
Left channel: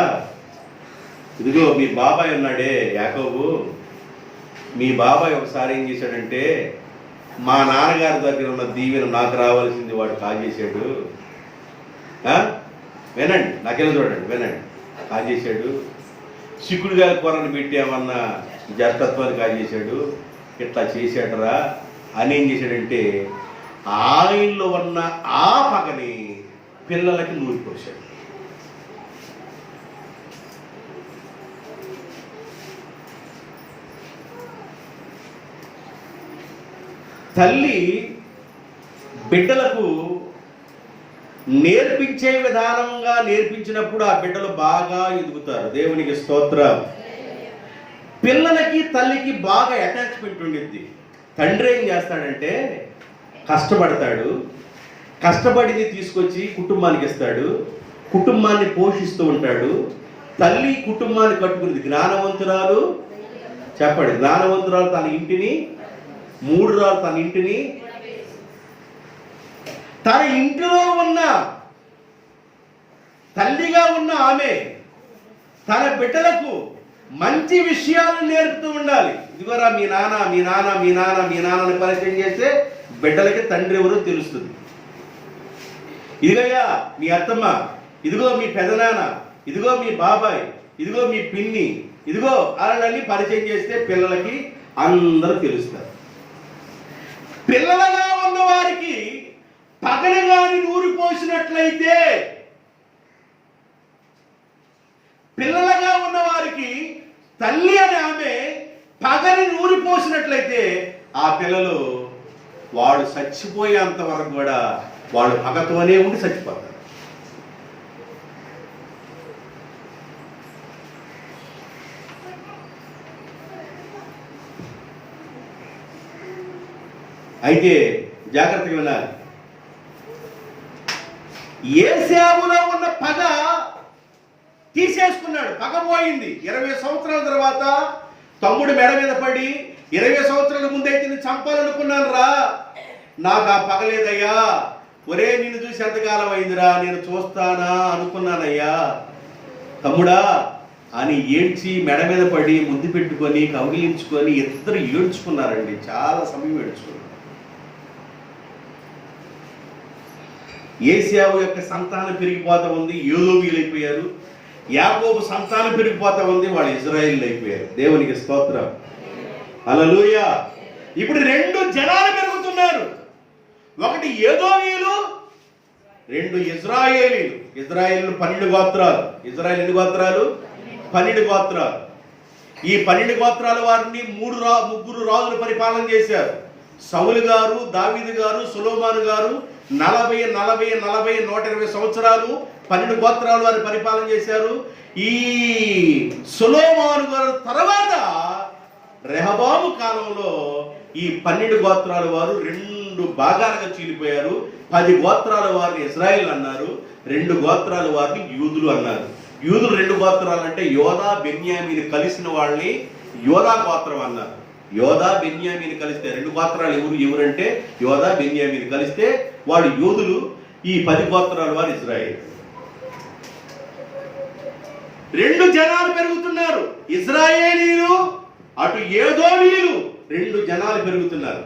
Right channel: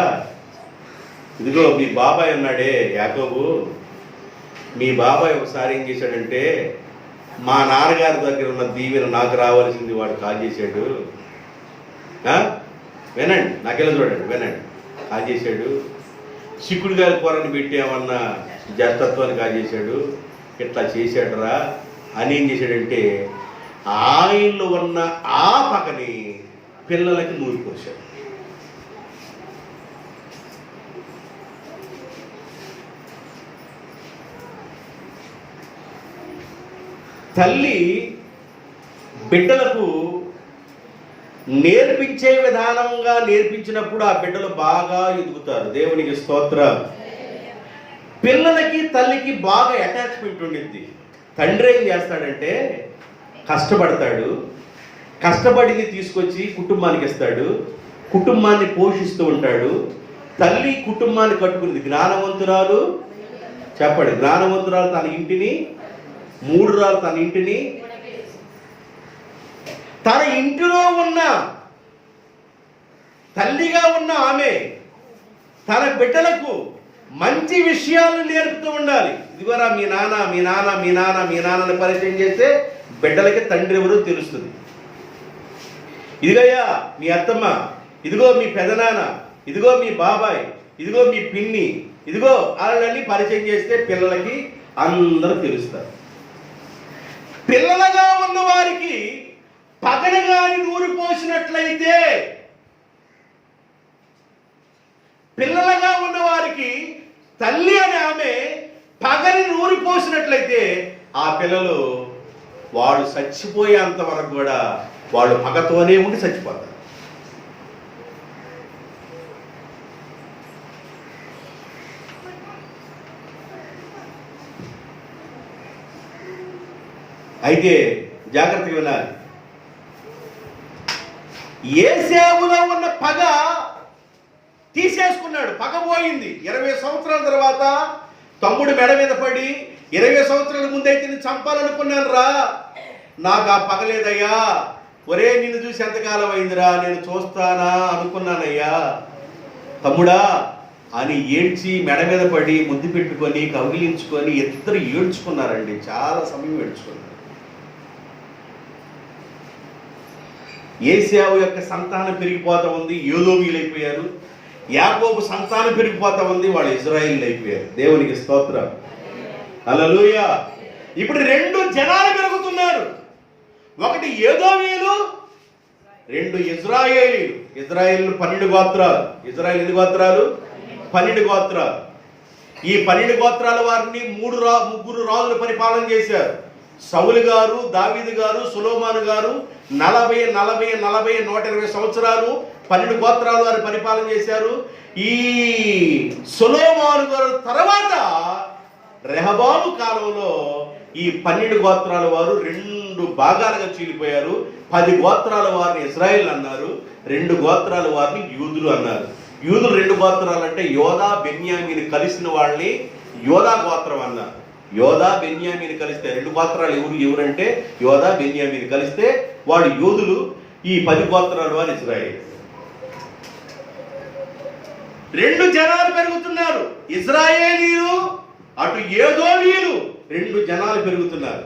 ఇదిగో మీ బాబాయ్ ఉన్నాడే యాకోబు, మీ బాబాయ్ ఒకసారి ఏం చేశాడంటే మా నాన్నగారి దగ్గర ఉన్న దీవెన నాకు రావాల్సింది వాడు కాజేశాడు. వినండి, నాకెలా చూడండి, వినండి. కాజేశాడు. చిక్కుడుగాయల కూరని పెట్టామన్నా జతత్వాన్ని కాజేశాడు. ఇట్లా చేశాడురా అని ఏం చేశాడంటే ఆయనలో ఉన్న ఆ పగని పిల్లలకి నూరిపోశాడు. తల్లి బిడ్డలకు నేర్పించే విధానంగా నేర్పించినప్పుడు ఆ బిడ్డలు బాగా ఎదుగుతారు. దేవునికి స్తోత్రం. పిల్లలకి తల్లికి బాగా అటాచ్మెంట్ ఉండిద్ది. తండ్రి ఏం చేస్తాడంటే కష్టపడతాడు, కష్టపడింది తీసుకొచ్చి కుటుంబానికి ఇస్తాడు, కుటుంబాన్ని పోషిస్తూ ఉంటాడు. తల్లి కుటుంబాన్ని కట్టుకునేది. జ్ఞానవంతురాలు, చెప్పండి, జ్ఞానవంతురాలు తన ఇంటిని, మూఢురాలు తన ఇంటిని, తన ఇంటిలో ఉన్న తల్లిగా ఉన్న ఆమె తన బిడ్డలకు మంచి విషయాలు నేర్పుతూ ఉండాలి. ఇదివరా మీ నాన్న మీ నాన్న మీ నాన్న మీ నాన్నని పరిచయం చేస్తే బిడ్డలకి తండ్రి ఎవరో తెలుస్తుంది. ఇదిగయ్యా మీ అత్తమ్మ, ఇదిగో మీ పెదనాన్న, ఇదిగో మీ బాబాయ్, ఇదిగో మీ పిన్ని, ఇదిగో అలాంటి పరిచయం చేస్తే పిల్లలకి అందరూ తెలుస్తారు. పిల్లలుగా ఉన్న వారికి పగన గాని నూరి పోసినట్లయితే, పిల్లలుగా ఉన్న వారికి తల్లి అని ఆమె పగని నూరి పోసినట్లయితే ఆ పిల్లలు వాడు చచ్చిపోయేంత వరకు కూడా వాడు పగతోనే ఉండి చచ్చిపోతారు. అయితే జాగ్రత్తగా వినాలి. ఏశావులో ఉన్న పగ తీసేసుకున్నాడు. పగ పోయింది. 20 సంవత్సరాల తర్వాత తమ్ముడు మెడ మీద పడి 20 సంవత్సరాల ముందైతే నేను చంపాలనుకున్నాను రా, నాకు ఆ పగ లేదయ్యా, ఒరే నిన్ను చూసి ఎంతకాలం అయిందిరా, నేను చూస్తానా అనుకున్నానయ్యా తమ్ముడా అని ఏడ్చి మెడ మీద పడి ముద్దు పెట్టుకొని కౌగిలించుకొని ఇద్దరు ఏడ్చుకున్నారండి. చాలా సమయం ఏడ్చుకున్నారు. ఏశావు యొక్క సంతానం పెరిగిపోతా ఉంది, యోదోమీయులైపోయారు. యాకోబు సంతానం పెరిగిపోతా ఉంది, వాళ్ళు ఇజ్రాయేలీలు అయిపోయారు. దేవునికి స్తోత్రం, హల్లెలూయా. ఇప్పుడు 2 జనాలు పెరుగుతున్నారు. ఒకటి ఏదోమీయులు, 2 ఇజ్రాయేలీలు. ఇజ్రాయేలు 12 గోత్రాలు. ఇజ్రాయేల్ ఎన్ని గోత్రాలు? 12 గోత్రాలు. ఈ 12 గోత్రాల వారిని ముగ్గురు రాజులు పరిపాలన చేశారు. సౌలు గారు, దావీదు గారు, సొలొమోను గారు 120 సంవత్సరాలు 12 గోత్రాలు వారు పరిపాలన చేశారు. ఈ సొలొమోను గారు తర్వాత రెహబాము కాలంలో ఈ 12 గోత్రాల వారు 2 భాగాలుగా చీలిపోయారు. 10 గోత్రాల వారిని ఇజ్రాయిల్ అన్నారు, 2 గోత్రాల వారిని యూదులు అన్నారు. యూదులు 2 గోత్రాలు అంటే యోదా బెన్యామీని కలిసిన వాళ్ళని యోదా గోత్రం అన్నారు. యోదా బెన్యామీని కలిస్తే 2 గోత్రాలు ఎవరంటే యోదా బెన్యామీని కలిస్తే వాడు యోధులు. ఈ 10 గోత్రాల వారు ఇజ్రాయేల్. 2 జనాలు పెరుగుతున్నారు. ఇజ్రాయేలీలు, అటు ఏదోమీయులు, 2 జనాలు పెరుగుతున్నారు.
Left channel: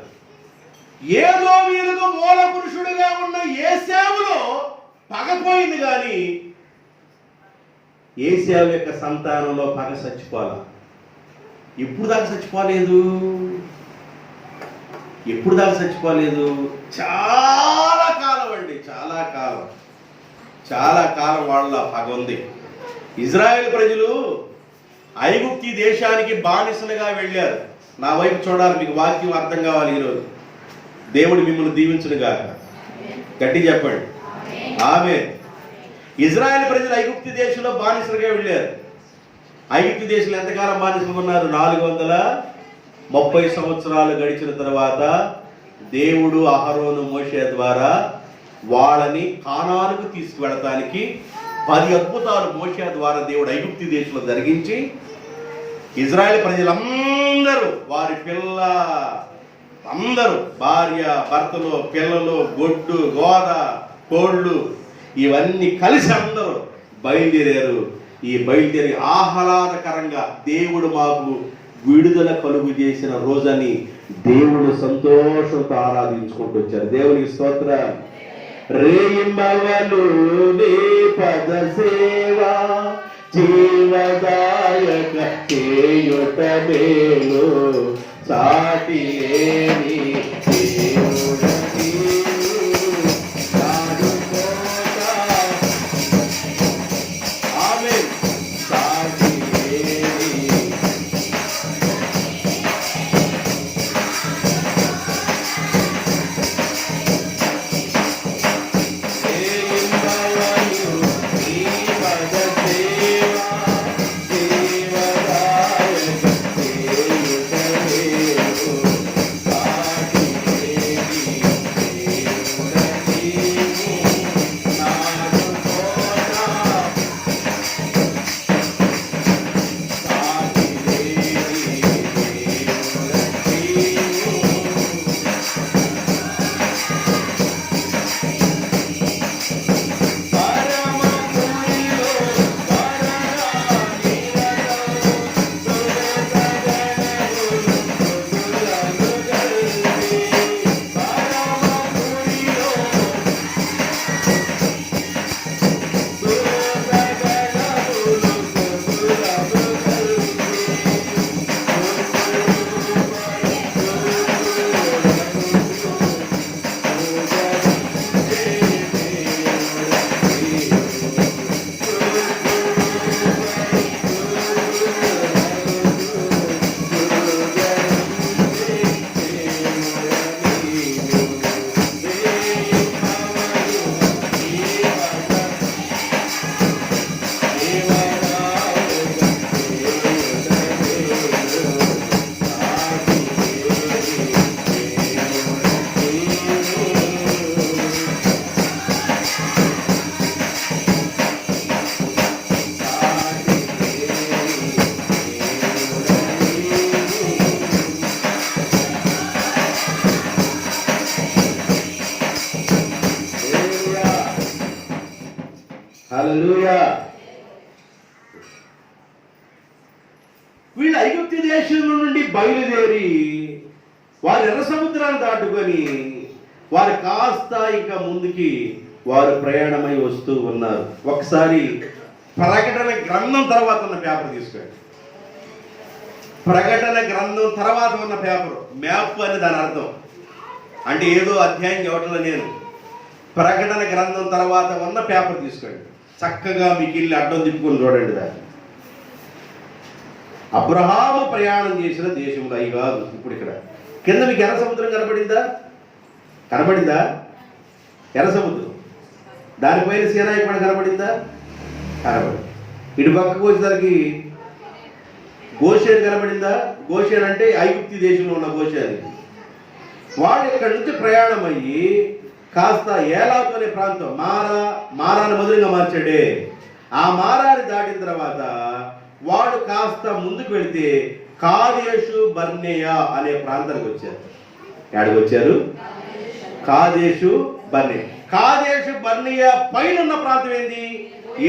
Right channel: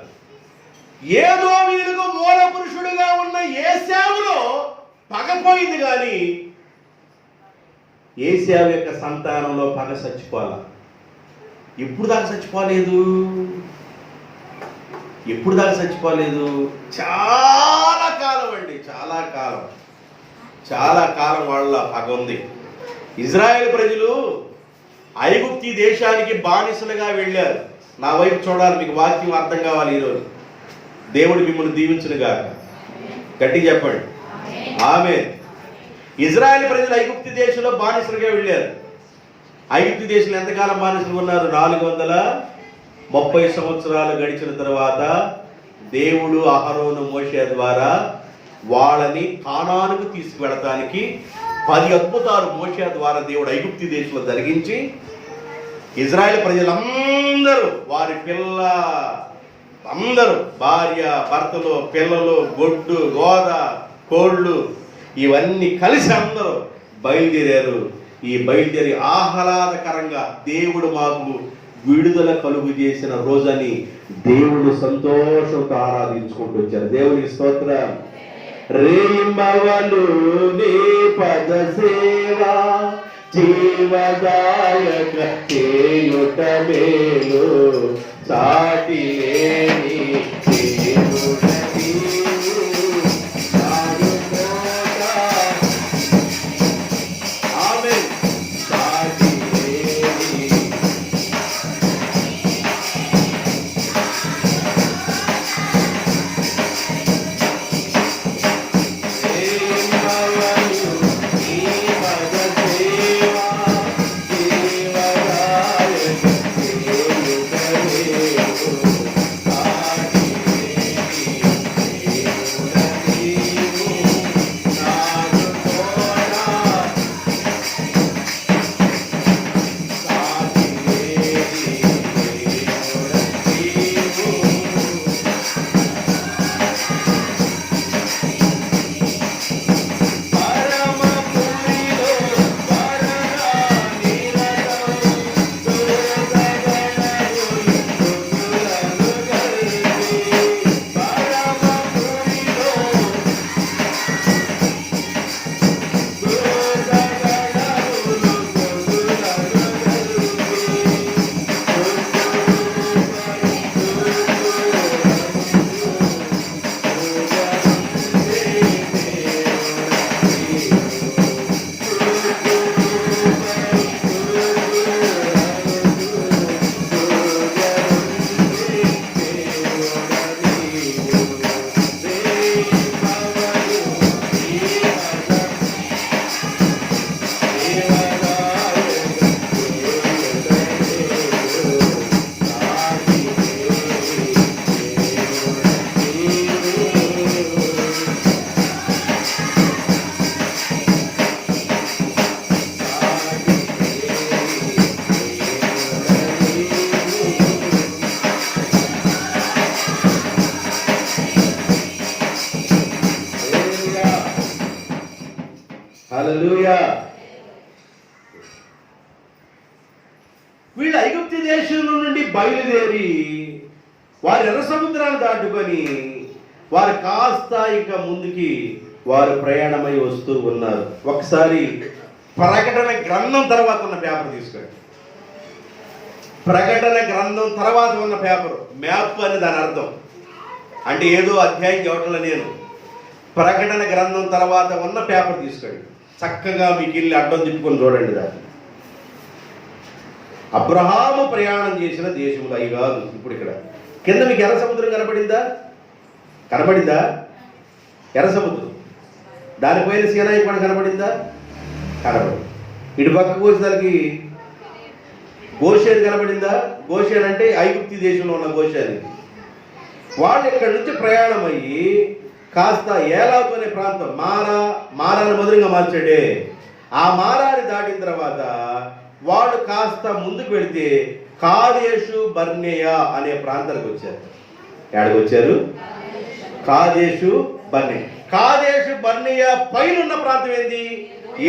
ఏదోమీయులకు మూల పురుషుడుగా ఉన్న ఏశావులో పగపోయింది, కానీ ఏశావు యొక్క సంతానంలో పగ చచ్చిపోవాలి. ఎప్పుడు దాకా చచ్చిపోలేదు? ఎప్పుడు దాకా చచ్చిపోలేదు? చాలా కాలం అండి, చాలా కాలం, చాలా కాలం వాళ్ళ పగ ఉంది. ఇజ్రాయెల్ ప్రజలు ఐగుప్తి దేశానికి బానిసలుగా వెళ్ళారు. నా వైపు చూడాలి, మీకు వాక్యం అర్థం కావాలి. ఈరోజు దేవుడు మిమ్మల్ని దీవించునుగా. గట్టి చెప్పండి ఆమేన్. ఇజ్రాయెల్ ప్రజలు ఐగుప్తి దేశంలో బానిసలుగా వెళ్ళారు. ఐగుప్తి దేశంలో ఎంతకాలం బానిసలు ఉన్నారు? 430 సంవత్సరాలు గడిచిన తర్వాత దేవుడు అహరోను మోషే ద్వారా వాళ్ళని కానానుకు తీసుకువెళ్ళటానికి 10 అద్భుతాలు మోషే ద్వారా దేవుడు ఐగుప్తి దేశంలో జరిగించి ఇజ్రాయెల్ ప్రజలందరూ వారి అందరూ భార్య భర్తలు పిల్లలు గొడ్డు గోద కోళ్ళు ఇవన్నీ కలిసి అందరూ బయలుదేరారు. ఈ బయలుదేరి ఆహ్లాదకరంగా దేవుడు మాకు విడుదల కలుగు చేసిన రోజని దేవుడు సంతోషంతో ఆరాధించుకుంటూ వచ్చారు. దేవునికి స్తోత్రం. రేయింబవలు నీ పద సేవ జీవదాయక చేయుట మేలు సాటి లేని దేవుడ హల్లెలూయా. వీళ్ళు ఐగుప్తు దేశం నుండి బయలుదేరి వారు ఎర్ర సముద్రాన్ని దాటుకొని వారు కాస్త ఇంకా ముందుకి వారు ప్రయాణమై వస్తూ ఉన్నారు. ఒకసారి ప్రకటన గ్రంథం తర్వాత ఉన్న పేపర్ తీసుకోండి. ప్రకటన గ్రంథం తర్వాత ఉన్న పేపర్, మ్యాప్ అని దాని అర్థం. అంటే ఏదో అధ్యాయం చెప్పట్లే నేను. ప్రకటన గ్రంథం తర్వాత ఉన్న పేపర్ తీసుకోండి. చక్కగా మీకు ఇల్లు అడ్డం తిప్పుకొని చూడండి. దాన్ని అబ్రహాము ప్రయాణం చేసిన దేశములు అవి కాదు. ఇప్పుడు ఇక్కడ కింద మీకు ఎర్ర సముద్రం కనబడిందా? కనబడిందా? ఎర్ర సముద్రం. దానిపైన సీనాయి కొండ కనబడిందా? కనబడి. ఇటు పక్కకు వచ్చేసరికి గోషేన్ కనబడిందా? గోషేన్ అంటే ఐగుప్తు దేశంలో ఉన్న గోషేన్. వాళ్ళు ఇక్కడ నుంచి ప్రయాణం అయ్యి కాస్త ఏలాతు అనే ప్రాంతం, మారాను మధురంగా మార్చాడే, ఆ మారాన్ని దాటిన తర్వాత వాడు కాస్త ముందుకు వెళితే కాదేశు బర్నేయ అనే ప్రాంతానికి వచ్చారు. ఎక్కడికి వచ్చారు? కాదేశు బర్నే. కాదేశు బర్నేయ పైన ఉన్న ప్రాంతం ఏంది?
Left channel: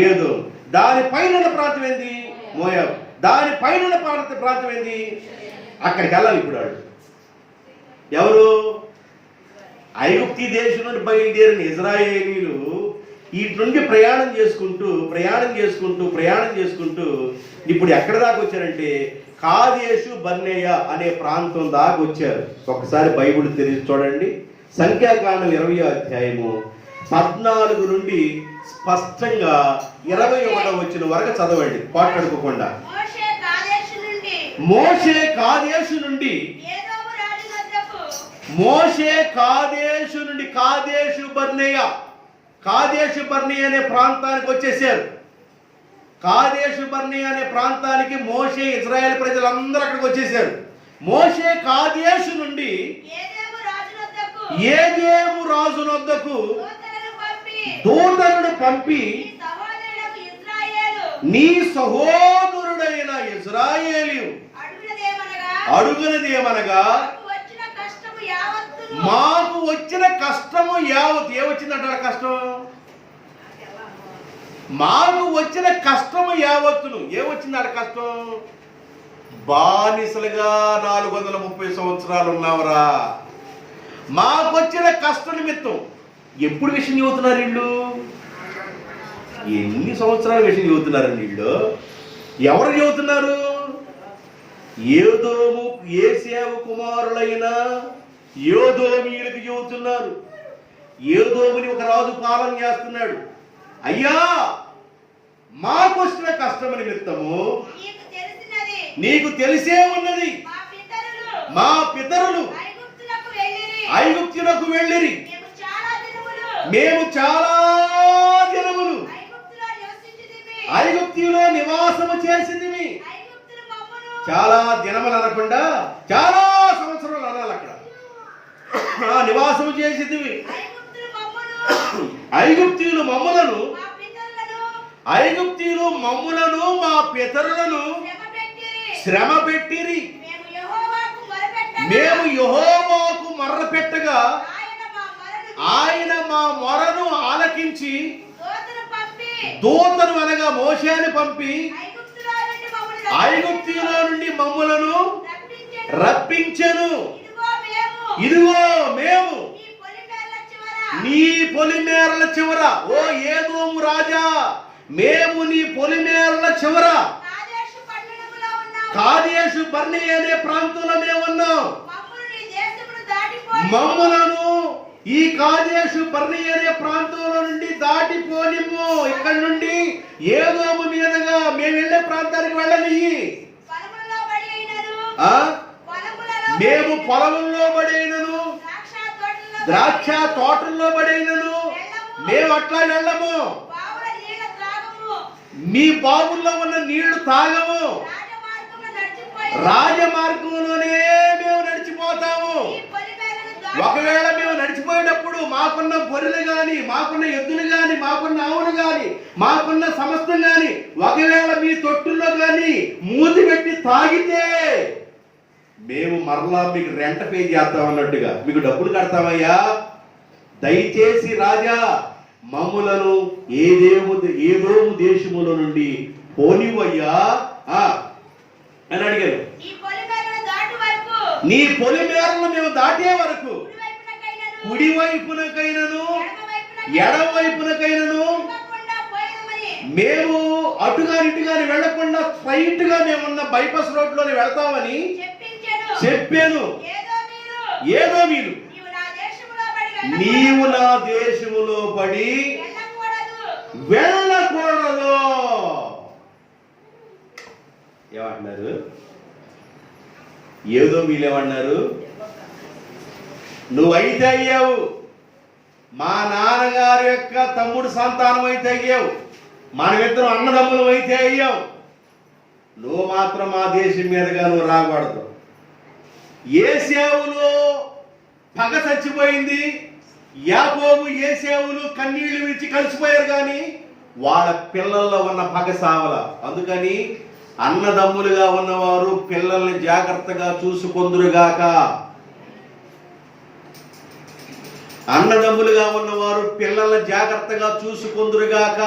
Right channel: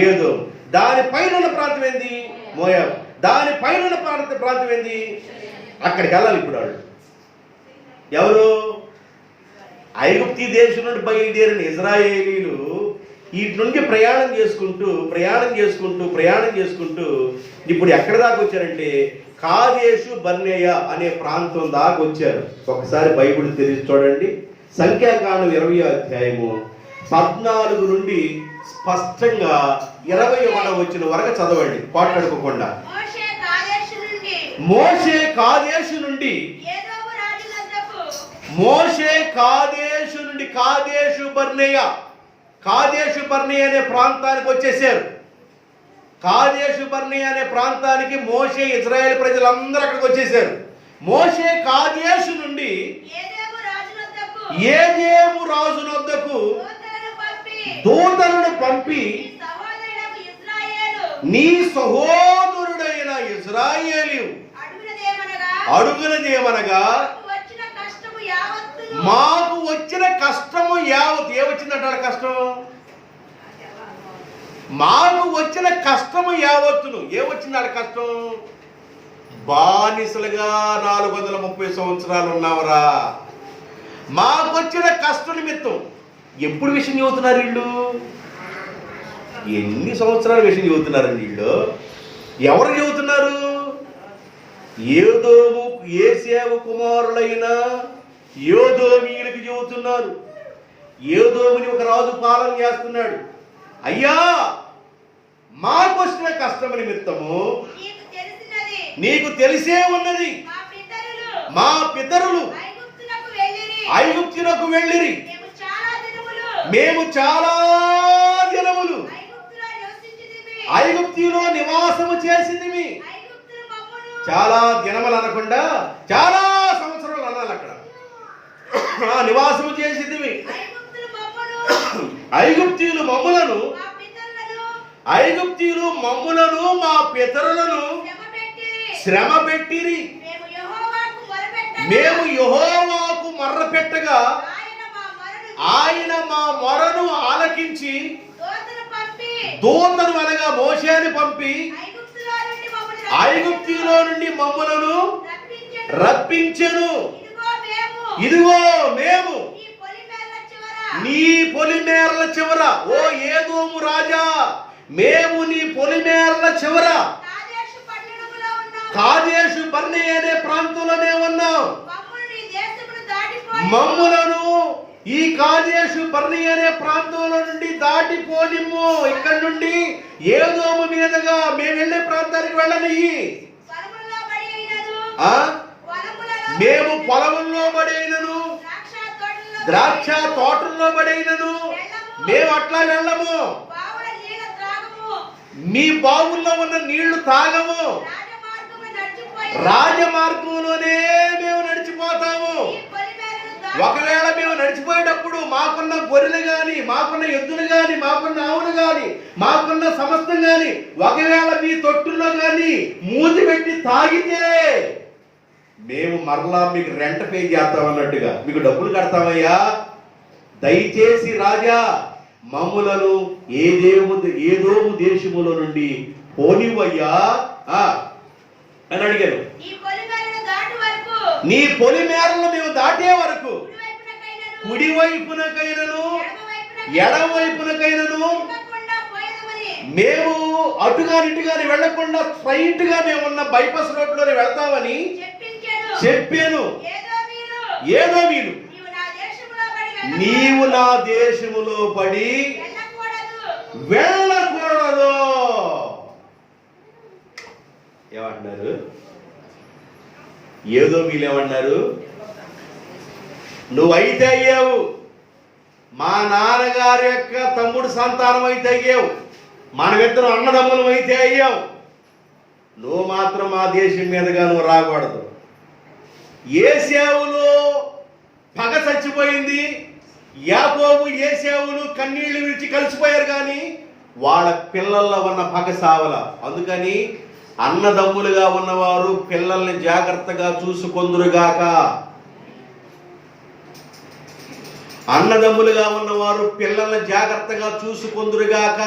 ఏదో. దాని పైన ఉన్న ప్రాంతం ఏంది? మోయాబు. దాని పైన ఉన్న ప్రాంతం ఏంది? అక్కడికి వెళ్ళాలి ఇప్పుడు వాళ్ళు. ఎవరు? ఐగుప్తు దేశం నుండి బయలుదేరిన ఇజ్రాయేలీలు వీటి నుండి ప్రయాణం చేసుకుంటూ ఇప్పుడు ఎక్కడ దాకా వచ్చారంటే కాదేశు బర్నేయ అనే ప్రాంతం దాకా వచ్చారు. ఒకసారి బైబిల్ తెరిచి చూడండి. సంఖ్యాకాండం 20వ అధ్యాయము 14 నుండి స్పష్టంగా 21వ వచనం వరకు చదవండి పాటడుకోకుండా. మోషే కాదేశు నుండి కాదేశు బర్నేయ అనే ప్రాంతానికి వచ్చేసారు. కాదేశు బర్నేయ అనే ప్రాంతానికి మోషే ఇజ్రాయెల్ ప్రజలందరూ అక్కడికి వచ్చేసారు. మోషే కాదేశు నుండి ఏదేము రాజునొద్దకు దూతలను పంపి నీ సహోదరుడైన ఇజ్రాయేలు అడుగునదేమనగా మాకు వచ్చిన కష్టము యావత్. ఏమొచ్చిందంటాడు కష్టం? మాకు వచ్చిన కష్టము యావత్తును. ఏమొచ్చిందాడ కష్టం? బానిసలుగా 430 సంవత్సరాలు ఉన్నావరా. మాకొచ్చిన కష్ట నిమిత్తం. ఎప్పుడు విషయం చెబుతున్నారు వీళ్ళు? ఎన్ని సంవత్సరాల విషయం చెబుతున్నారండి వీళ్ళు? ఎవరు చెబుతున్నారు? ఏదోము ఏసేవు కుమారులైన యోదోమీయులకు చెబుతున్నారు. ఏదోముని ఒక రాజు పాలన చేస్తున్నాడు. అయ్యా, మాకు వచ్చిన కష్టం నిమిత్తము నీకు తెలిసే ఉన్నది. మా పితరులు ఐగుప్తులకు వెళ్ళిరి. మేము చాలా దినములు ఐగుప్తులో నివాసము చేసింది. చాలా దినములు అనకుండా చాలా సంవత్సరాలు అనాలి. అక్కడ నివాసము చేసింది. ఐగుప్తీయులు మమ్ములను మా పితరులను శ్రమ పెట్టిరి. మేము యెహోవాకు మొర్ర పెట్టగా ఆయన మా మొరను ఆలకించి దూతను అనగా మోషేని పంపి ఐగుప్తులో నుండి మమ్ములను రప్పించెను. ఇదిగో మేము నీ పొలిమేరల చివర, ఓ ఏదోము రాజా, మేము నీ పొలిమేరల చివర కాదేశు బర్నేయ అనే ప్రాంతంలోనే ఉన్నాం. మమ్ములను ఈ కాదేశు బర్నేయ అనే ప్రాంతంలో నుండి దాటిపోనిమ్ము. ఇక్కడ నుండి ఏదోము మీదుగా మేము వెళ్ళే ప్రాంతానికి వెళ్ళని. మేము పొలంలో పడైనను ద్రాక్ష తోటల్లో పడైనను మేము అట్లా వెళ్ళము. మీ బావుల్లో ఉన్న నీళ్లు తాగము, రాజమార్గంలోనే మేము నడిచిపోతాము. ఒకవేళ మేము నడిచిపోయేటప్పుడు మాకున్న గొర్రెలు గాని, మాకున్న ఎద్దులు గాని, మాకున్న ఆవులు గాని, మాకున్న సమస్తం గాని ఒకవేళ మీ తొట్టుల్లో గాని మూతి పెట్టి తాగితే మేము మరలా మీకు రెంట్ పే చేస్తాం అన్నట్టుగా మీకు డబ్బులు కడతామయ్యా. దయచేసి రాజా మమ్ములను ఏదోము దేశములో నుండి పోనివయ్యా అని అడిగాను. నీ పొలిమేరలు మేము దాటే వరకు కుడివైపునకైనను ఎడవైపునకైనను మేము అటుగాని ఇటుగాని వెళ్లకుండా స్ట్రైట్ గా మేమున్న బైపాస్ రోడ్ లోనే వెళ్తామని చెప్పాను. ఏదో మీరు నీవు నా దేశములో పడి వెళ్ళకూడదు ఏమంటున్నారు? ఏదో మీరేమన్నారు? నువ్వైతే అయ్యావు, మా నాన్నగారి యొక్క తమ్ముడు సంతానం అయితే అయ్యావు, మనమిద్దరం అన్నదమ్ములు అయితే అయ్యావు. నువ్వు మాత్రం మా దేశం మీదుగా నువ్వు రాకూడదు. ఏసేవులో పగ చచ్చిపోయింది. యాకోబు ఏసేవులు కన్నీళ్లు విడిచి కలిసిపోయారు, కానీ వాళ్ళ పిల్లల్లో ఉన్న పగ సావల. అందుకని అన్నదమ్ములుగా ఉన్నవారు పిల్లల్ని జాగ్రత్తగా చూసుకొందురుగాక. అన్నదమ్ములుగా ఉన్నవారు పిల్లల్ని జాగ్రత్తగా చూసుకొందురుగాక.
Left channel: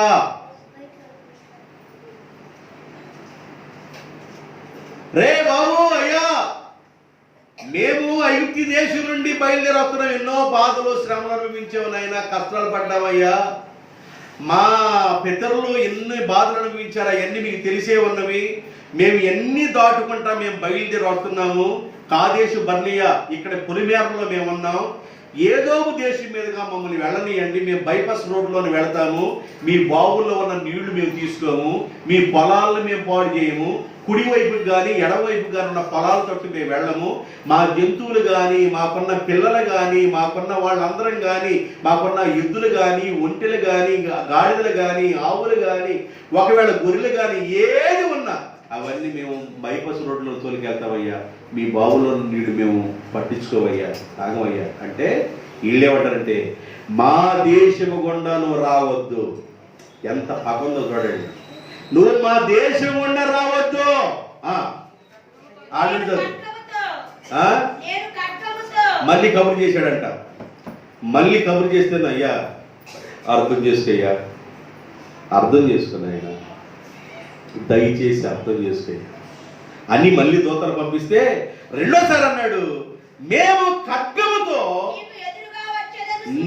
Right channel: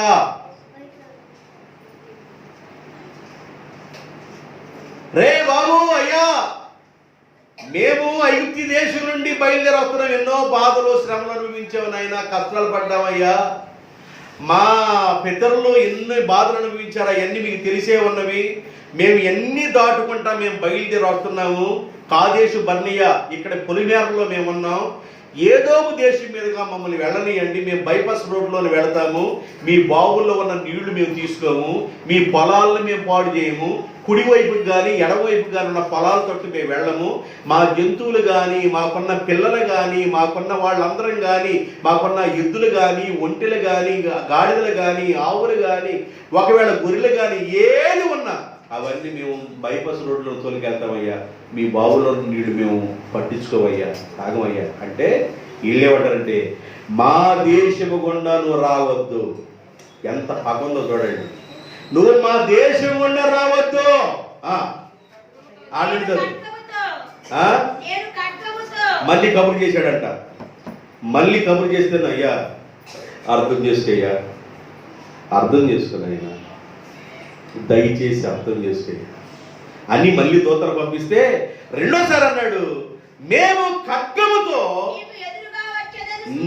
రే బాబు, అయ్యా మేము ఐగుప్తు దేశం నుండి బయలుదేరి వస్తున్నాం. ఎన్నో బాధలు శ్రమలు అనుభవించాము నాయనా, కష్టాలు పడ్డామయ్యా. మా పితరులు ఎన్ని బాధలు అనుభవించారు, అవన్నీ మీకు తెలిసే ఉన్నవి. మేము ఎన్ని దాటుకుంటా మేము బయలుదేరి వస్తున్నాము. కాదేశు బర్నియా ఇక్కడ పొలిమేరలో మేము ఉన్నాం. ఏదో దేశం మీదుగా మమ్మల్ని వెళ్ళనియండి, మేము బైపాస్ రోడ్లోనే వెళతాము. మీ బావుల్లో ఉన్న నీళ్లు మేము తీసుకోము, మీ పొలాలను మేము పాడు చేయము. కుడివైపుకి కానీ ఎడవైపు కానీ ఉన్న పొలాల తట్టు మేము వెళ్ళము. మా జంతువులు కానీ, మాకున్న పిల్లలు కానీ, మాకున్న వాళ్ళందరం కానీ, మాకున్న ఎద్దులు కానీ, ఒంటెలు కానీ, గాడిదలు కానీ, ఆవులు కానీ, ఒకవేళ గొర్రెలు కానీ ఏది ఉన్నా అవన్నీ మేము బైపాస్ రోడ్లో తోలికెళ్తామయ్యా. మీ బావుల్లో నీళ్ళు మేము పట్టించుకోవయ్యా, తాగమయ్యా అంటే వీళ్ళేమంటారంటే మా దేశము గుండా నువ్వు రావద్దు. ఎంత పగందో చూడండి. నువ్వు మా దేశం గుండా రావద్దు. మళ్ళీ కబురు చేశాడంట. మళ్ళీ కబురు చేస్తాను అయ్యా, అర్థం చేసుకయ్యా, అర్థం చేసుకున్నాయ్యా, దయచేసి అర్థం చేసుకోయ్యా అని మళ్ళీ దూతలు పంపిస్తే రెండోసారి అన్నాడు, మేము ఖడ్గముతో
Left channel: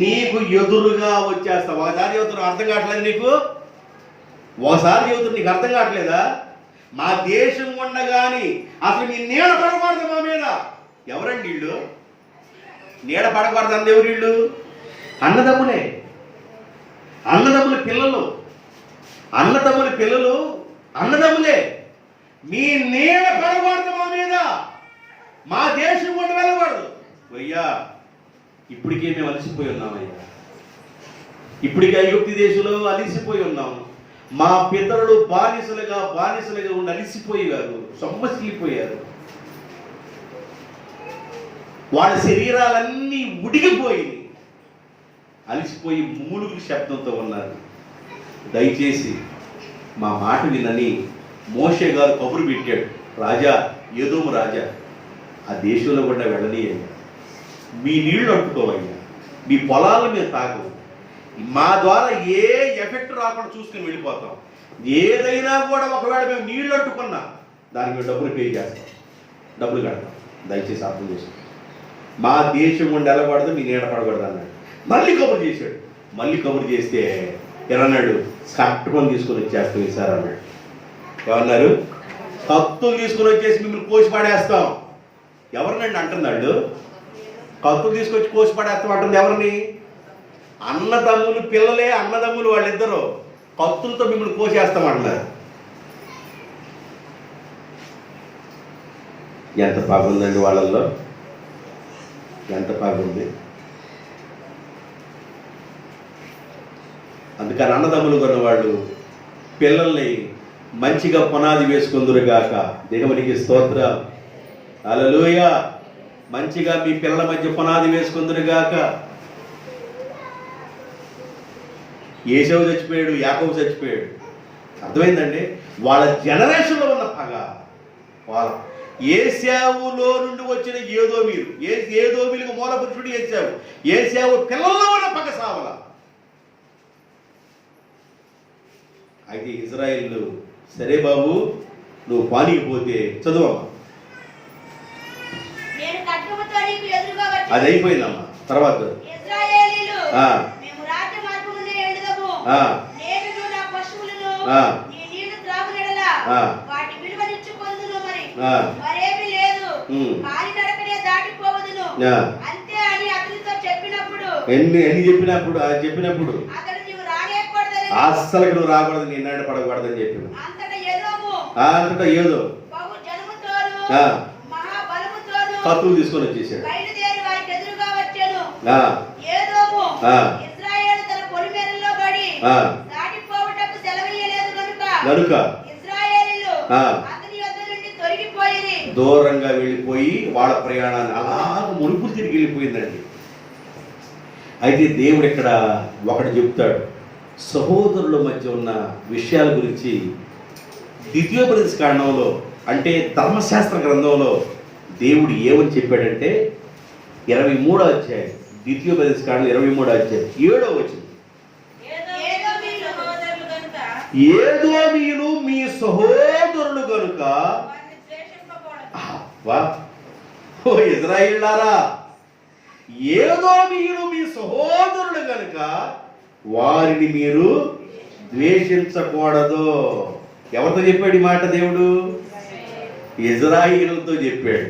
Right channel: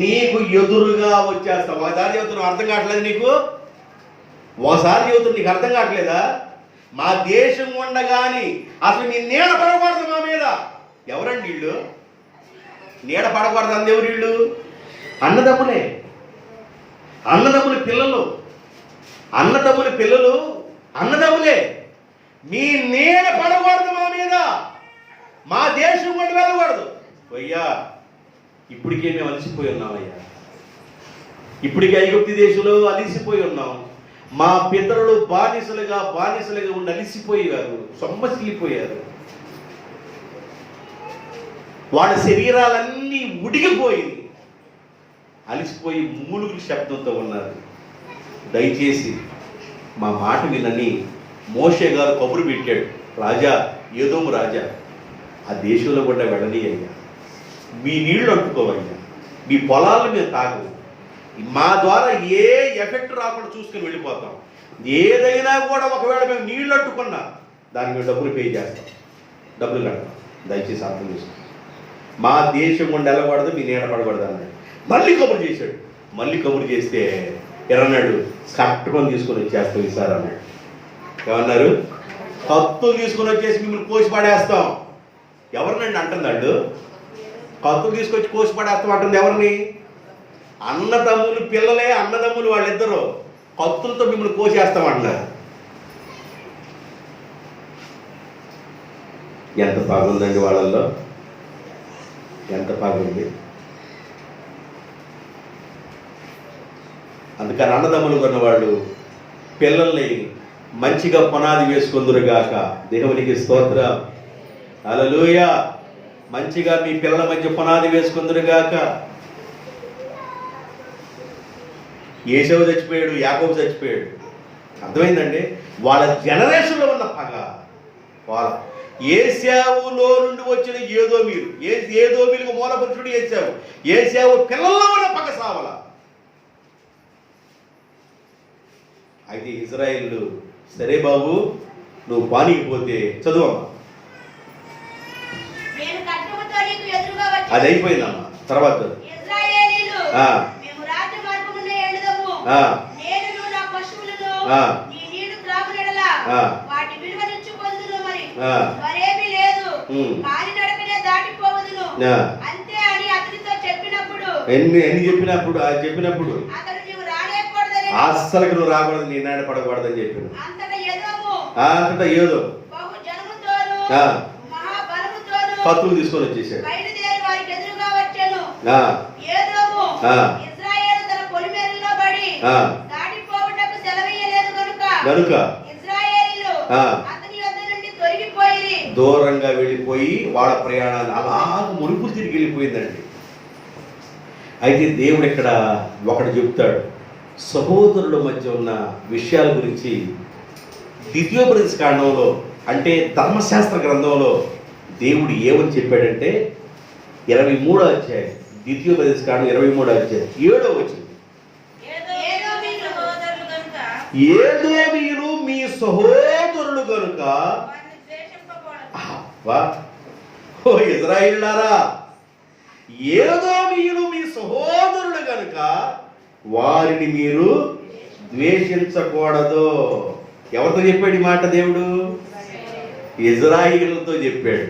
నీకు ఎదురుగా వచ్చేస్తాం. ఒకసారి చెబుతున్నావు అర్థం కావట్లేదు నీకు, ఒకసారి చెబుతున్నా నీకు అర్థం కావట్లేదా? మా దేశం ఉండగాని అసలు మీ నీడ పడకూడదు మా మీద. ఎవరండి వీళ్ళు? నీడ పడకూడదు అంది ఎవరు వీళ్ళు? అన్నదమ్ములే, అన్నదమ్ముల పిల్లలు, అన్నదమ్ముల పిల్లలు అన్నదమ్ములే. మీ నీడ పడకూడదు మా మీద, మా దేశం కూడా వెళ్ళకూడదు. అయ్యా ఇప్పటికే మేము అలసిపోయి ఉన్నామయ్యా, ఇప్పటికే ఐగుప్తు దేశంలో అలసిపోయి ఉన్నాము. మా పితరులు బానిసలుగా ఉండి అలిసిపోయారు, సొమ్మసిల్లిపోయారు. వాళ్ళ శరీరాలన్నీ ఉడిగిపోయి అలిసిపోయి ముమ్ములుగులు శబ్దంతో ఉన్నారు. దయచేసి మా మాట వినని మోషే గారు కబురు పెట్టాడు. రాజా, ఏదోము రాజా, ఆ దేశంలో కూడా వెళ్ళని అయ్యా, మీ నీళ్లు అంటుకోవయ్యా, మీ పొలాలను మేము తాగము, మా ద్వారా ఏ ఎఫెక్ట్ రాకుండా చూసుకుని వెళ్ళిపోతాం. ఏదైనా కూడా ఒకవేళ మేము నీళ్లు అంటుకున్నా దానికి మేము డబ్బులు పే చేస్తాం, డబ్బులు కడతాం. దయచేసి అర్థం చేసుకోండి. మా దేశం గుండా వెళ్ళకూడదు, మీ నీడ పడకూడదు అన్నాడు. మళ్ళీ కబురు చేశాడు. మళ్ళీ కబురు చేస్తే ఎరన్నాడు, కట్టుకొని తీసుకొని వచ్చేస్తాం ఈసారి అన్నాడు. ఏమన్నారు? కత్తులు తీసుకొని వచ్చేసి మిమ్మల్ని కోసి పడేస్తాం. ఎవరినండి అంటున్నాడు? కత్తులు తీసుకొచ్చి కోసి పడేస్తాం అంటుంది ఎవరిని? అన్నదమ్ములు పిల్లలే, అన్నదమ్ములు వాళ్ళిద్దరూ కత్తులతో మిమ్మల్ని కోసేస్తామంటున్నారు. ఎంత బాగుందండి వాళ్ళల్లో, ఎంత బాగుంది. అందుకని అన్నదమ్ములు కొన్నవాళ్ళు పిల్లల్ని మంచిగా పునాది వేసుకుందురుగాక. దేవునికి స్తోత్రం. హల్లెలూయా. మంచిగా మీ పిల్లల మధ్య పునాది వేసుకుందురుగాక. ఏశావు చచ్చిపోయాడు, యాకోబు చచ్చిపోయాడు. అర్థమైందండి? వాళ్ళ జనరేషన్లో ఉన్న పగ. వాళ్ళ ఏశావులో నుండి వచ్చిన ఏదోమీలు, ఏదోమీలకు మూల పురుషుడు ఏశావు. ఏశావు పిల్లల్లో ఉన్న పగ సావల. అయితే ఇజ్రాయిల్, సరే బాబు నువ్వు పానికి పోతే చదువమ్మా. అది అయిపోయిందమ్మా. తర్వాత చెప్పినప్పుడు అస్సలు నువ్వు రాకూడదు, నీ నాట పడకూడదు అని చెప్పిన. అంతటా ఏదో కత్తులు తీసుకొని వచ్చేసాడు. కనుక దూరంగా వెళ్ళిపోయి వాళ్ళ ప్రయాణాన్ని అలాగ మునుపు తిరిగి వెళ్ళిపోయిందండి. అయితే దేవుడు ఇక్కడ ఒకటి చెప్తాడు, సహోదరుల మధ్య ఉన్న విషయాల గురించి. ద్వితీయోపదేశ కాండంలో, అంటే ధర్మశాస్త్ర గ్రంథంలో దేవుడు ఏమని చెప్పాడంటే 23వ అధ్యాయం, ద్వితీయోపదేశ కాండం 23వ అధ్యాయం 7వ వచనం. ఏదోమీయులు మీ సహోదరులు గనుక, ఓ ఇశ్రాయేలులారా, ఏదోమీయులు మీ సహోదరులు గనుక వారిని మీరు ద్వేషించకూడదు. ఎవరితో చెప్పాడు ఈ మాట దేవుడు? ఇశ్రాయేలుతో చెప్పాడు.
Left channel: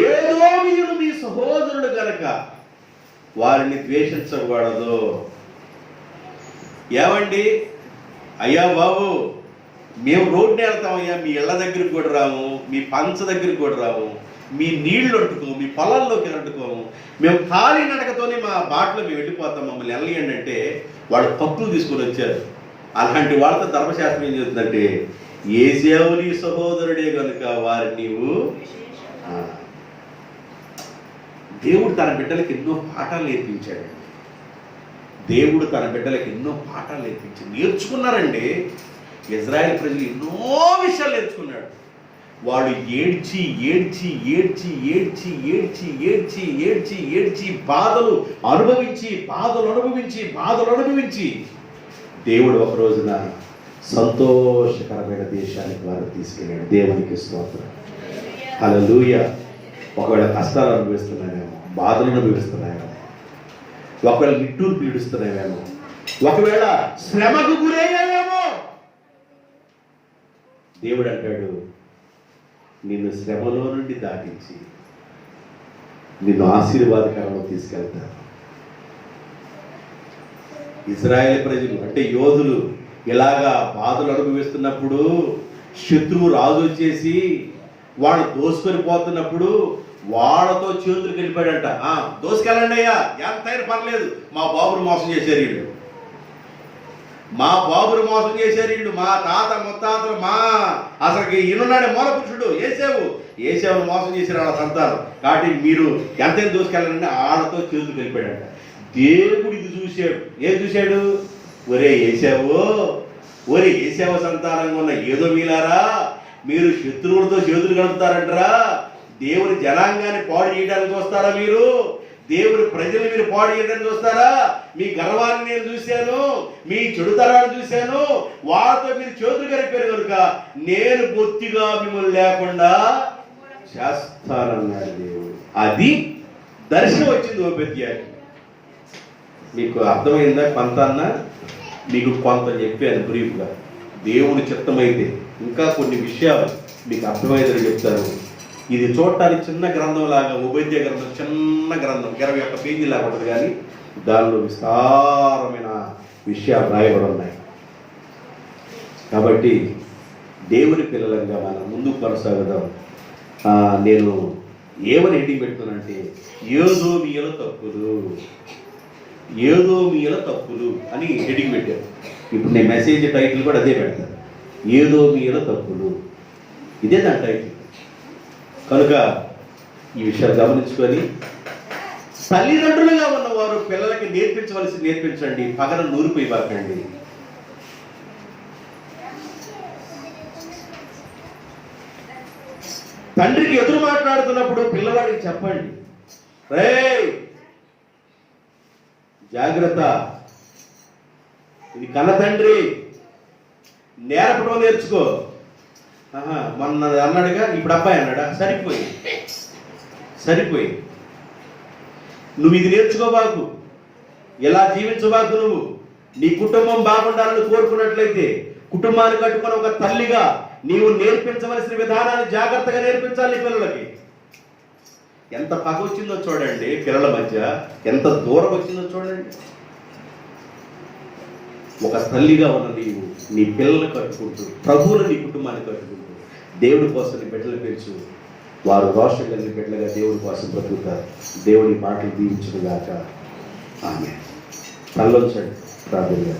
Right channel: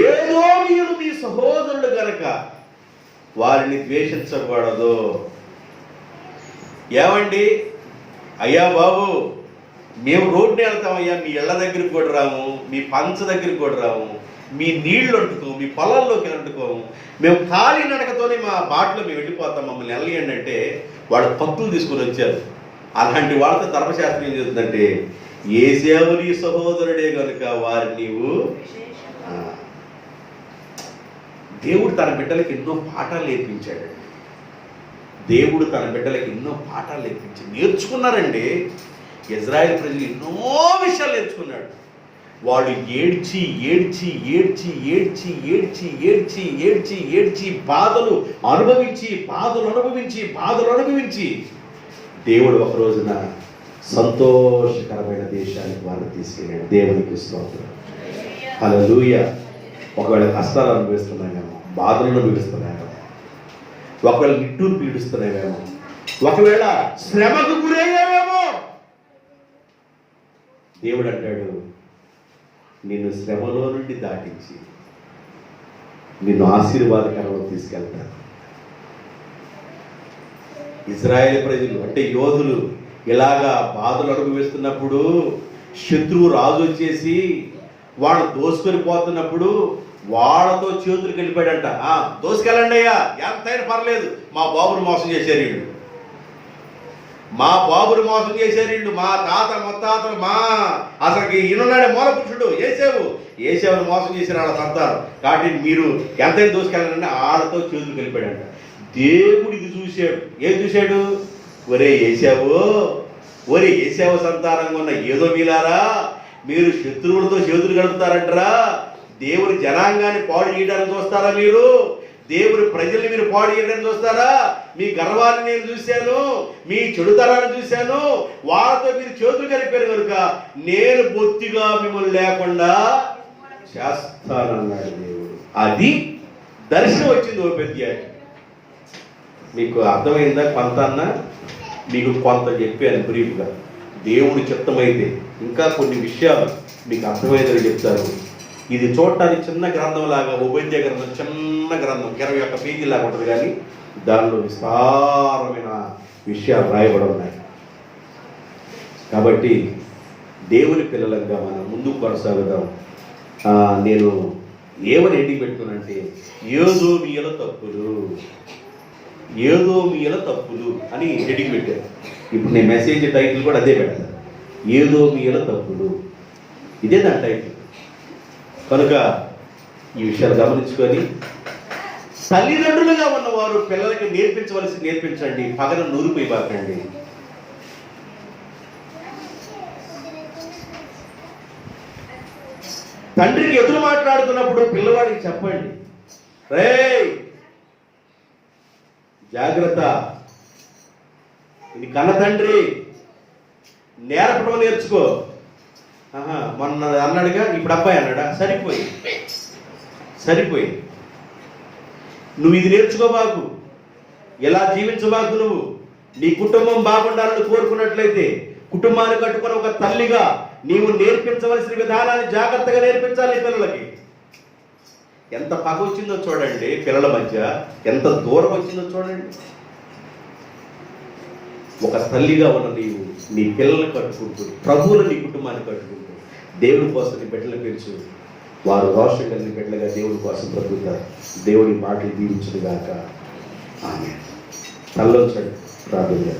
ఏదోమీయులు మీ సహోదరులు గనుక వారిని ద్వేషించకూడదు. ఏమండి, అయ్యా బాబు మేము రోడ్డుని వెళ్తామయ్యా, మీ ఇళ్ళ దగ్గరికి కూడా రాము, మీ పంచ దగ్గరికి కూడా రాము, మీ నీళ్లు అంటుకోము, మీ పొలాల్లోకి అంటుకోము, మేము ఖాళీ నడకతోనే మా బాటలో మేము వెళ్ళిపోతాం, మమ్మల్ని వెళ్ళండి అంటే వాళ్ళు కత్తులు తీసుకొని వచ్చారు. అలాంటి వాళ్ళతో ధర్మశాస్త్రం ఏం చెప్తుందంటే, ఏశావు నీ సహోదరుడే కనుక వారిని నీవు. దేవుడు తన బిడ్డలకి ఎన్నో పాఠాలు నేర్పించాడు. దేవుడు తన బిడ్డలకి ఎన్నో పాఠాలు నేర్చుకున్నారండి. ఇజ్రాయెల్ ప్రజలు ఎన్నో విషయాలు నేర్చుకున్నాడు. వాళ్ళు ఏడ్చి ఏడ్చి ఏడ్చి ఏడ్చి ఏడ్చి ఏడ్చి ఏడ్చి ఏడ్చి బాధలు అనుభవించి దేవుడు ఒక రోజున సంతోషకరమైన దేశానికి వారు తీసుకెళ్ళాడు. దేవునికి స్తోత్రం. హల్లెలూయా. ఒకవేళ కష్టాలు అనుభవిస్తున్నాయేమో, బాధలు అనుభవిస్తున్నాయేమో, ఒకవేళ నిట్టూరు పీడిస్తున్నాయేమో, ఒకవేళ శ్రమకు గురయ్యావేమో, దేవుడు అంటాడు, నిన్ను శ్రమలో నుండి దాటించి నిన్ను ఆశీర్వాదకరంలో తీసుకెళ్తాను. ఇశ్రాయేలు ప్రజలు అంటే యోధులు ఇలాగా బాధలు అనుభవిస్తున్నప్పుడు, శత్రువు రాజు వచ్చేసి వాడు దోసుకొని పోతున్నప్పుడు వాళ్ళతో చేతులకు వెళ్ళిపోయాడంట. దోసుకెళ్ళండి అయ్యా, ఎంతైనా పర్లేదు, మా బాబును మోసం చేశారు వీళ్ళు, మా తాత ముత్తాతలు, అసలుకి ఈయనున్నాడే మూల పురుషుడు ఏశావును మోసం చేశారు వాళ్ళ సంతానం. కాబట్టి మీరు ఎంతైనా దోసుకెళ్ళండి వాళ్ళతో చేతులకు వెళ్ళిపోయాడంట. దేవుడు ఇది చూశాడు. ఏం చూశాడు? ఒరే ఏశావు సంతానంగా ఉన్న ఏదోమీలారా, మీరు శత్రువులతో చేతులు కలుపుతారంటరా, దేవుని జనాంగాన్ని పాడు చేయడానికి చూస్తారా, మీరు దేవుని ప్రజల్ని మీరు పాడు చేయడానికి చూస్తారా? మీ గర్వాన్ని నేను చూశాను, మీ చెడుతనాన్ని చూశాను, వాళ్ళతో మీరు చేతులు కలిపారు కనుక నేను బొత్తిగా మిమ్మల్ని లేకుండా చేస్తానన్నాడు దేవుడు. అది దర్శనం వచ్చింది. ఓ పెద్ద మీకు అర్థమైందా? కొంత అన్నా మీకు కొంత చెప్పాను బ్రీఫ్గా. దేవుని చిత్తమైతే ఇంకా కొన్ని విషయాలు మీకు అర్థమైందని చెప్తారు. ఇది చూడటానికి చిన్న గ్రంథం లాగా, ఉపద్య గ్రంథం చిన్న గ్రంథం 21 పేజీ లాగా ఉంటుంది, కానీ దానిలో విస్తారమైన విషయాలు రాయబడి ఉన్నాయి. కాబట్టి దేవుని పిల్లలంగా మనం ముందుకు కొనసాగుదాం. నేను ఏమని హెడ్డింగ్ పెట్టుకున్నానంటే, ఏదోమీయుల తప్పులు అని హెడ్డింగ్ పెట్టాను. ఇప్పుడు నేను మెసేజ్ టైటిల్ కూడా అదే పెడతాను, ఏదో మీలో తప్పులు. ఇదే నా టైటిల్. కనుక ఈ విషయాలు గమనించుకొని తల్లిదండ్రులుగా ఉన్నవారు పిల్లలకి నేర్పించండి, పగల నూరిపోయిబాకండి. తండ్రికి ఎదురు మాట్లాడుతున్నప్పుడు పిల్లవాడికి చెప్పండి, రేయ్ జాగ్రత్త, ఇది కన్న తండ్రి, నేర్పడం నేర్చుకో. మొన్న అన్నాడుగా, ఇప్పుడు అబ్బాయి అన్నాడా, సరిపోయి నువ్వు ఇది నేర్చుకోబాకు, ఎలా జీవించబాకు. నువ్వు నీ కుటుంబం బాగుండాలని కోరుకున్నట్లయితే కుటుంబాన్ని కట్టుకుని ఒక తల్లిగా నీవు నేర్పించవలసిన విధానాన్ని జాగ్రత్తగా నేర్పించాలి పిల్లలకి. ఎంత పగ వచ్చిందో చూడండి, పిల్లల మధ్య ఎంత దూరం వచ్చిందో చూడండి. ఒక తల్లిగా ఉన్న నీవు నీ పిల్లల్ని కట్టుకుంటూ, ప్రభువులు నీ కుటుంబాన్ని కట్టుకుంటూ దేవుడి కోసం నీ బిడ్డలు పెంచు. వారు వాష కలిగిన బిడ్డలుగా దేవుడి కోసం బ్రతుకుతారు. దేవుడి మాటలు దీవించుగాక. ఆమేన్. తల్లోంచండి, ప్రార్థన.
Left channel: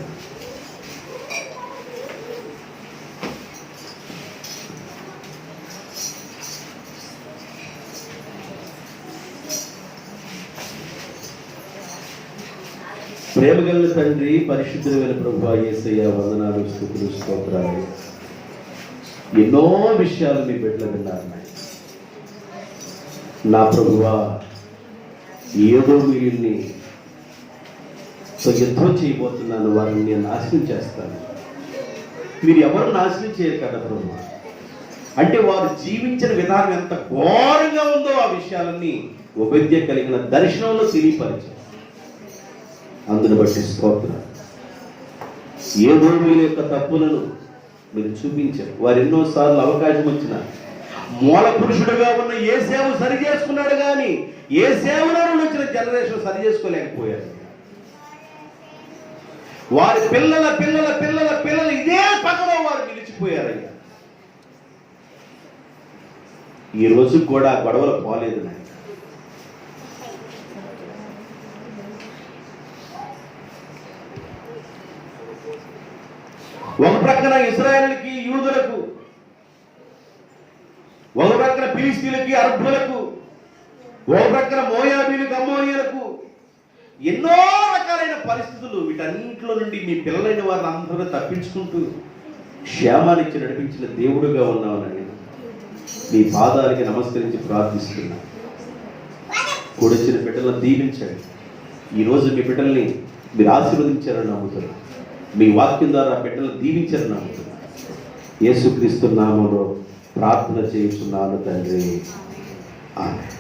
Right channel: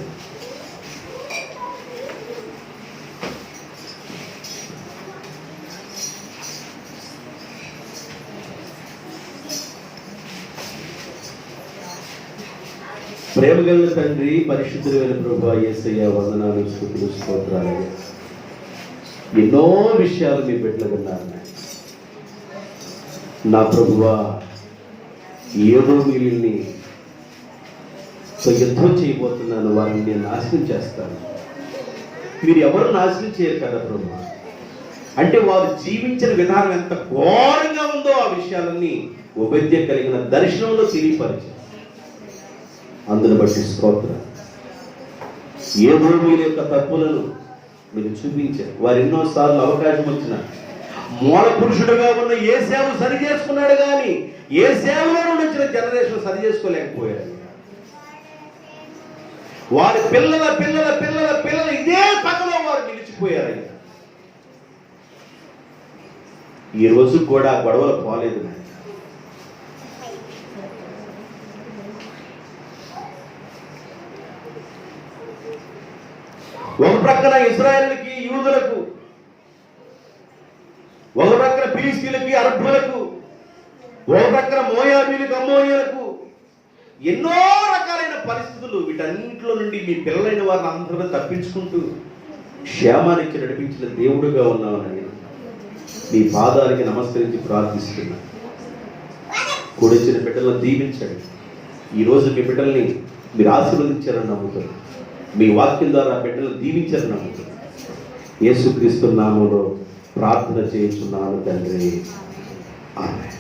ప్రేమ కలిగిన తండ్రి, పరిశుద్ధుడైన ప్రభువా యేసయ్య, వందనాలు, స్తుతులు, స్తోత్రాలు. ఎన్నో విషయాలు మీ బిడ్డలు విన్నారు నా ప్రభువా. ఏదో వీరిని యుద్ధం చేయబోతున్నాను, వారిని నేను నాశనం చేస్తాను. మీరు ఎవరు నాశనం చేయరు కదా ప్రభు. అంటే వారు జీవించిన విధానం ఎంత ఘోరంగా ఉందో ఆ విషయాలన్నీ ఉపేద్య కలిగిన దర్శనంలో తెలియపరిచారు. అందును బట్టి స్తోత్రం. ఏదో వీరి యొక్క తప్పులను మీరు చూపించారు. వారు ఎన్నోసార్లు అవకాశం వచ్చిన మూల పురుషుడుగా ఉన్న యేసేవు సరి చేసుకున్నాడు, కానీ యేసేవులో నుండి వచ్చిన జనరేషన్ సరి చేసుకోలేకపోయారు. వారి పిల్లల పిల్లల పిల్లల పిల్లలు ఇదే పక్కలో వారు నిలిచిపోయారయ్యా. ఈ రోజు కూడా గొడవలు పోలేదు నాయన. ఒక ప్రక్కన ఇశ్రాయేలుకి, యూదులకు, ఒక ప్రక్కన ఫిలిష్తీయులకి, అరబ్బులకు, ఒక ప్రక్కన మోయాబీలకు, అమ్మోనీయులకు ఎన్నో రకాలైన పరిస్థితులు. వీటన్నింటిలో నుండి మీ పిల్లలైన వారిని అందరూ తప్పించుకుంటూ క్షేమానికి నడిపించిన దేవుడుగా ఉన్నామని మీ పాదాలకి నమస్కరించి ప్రార్థిస్తున్నా. కూడొచ్చిన బిడ్డలను దీవించండి. ఈరోజు మీ బిడ్డల్ని మీరు ఆశీర్వదించారని నమ్ముతారు. మీ వాక్యం ద్వారా బిడ్డలను దీవించారని నమ్ముతారు. యేసుక్రీస్తు నామములో ప్రార్థన చేస్తున్నాను తండ్రి. ఆమేన్.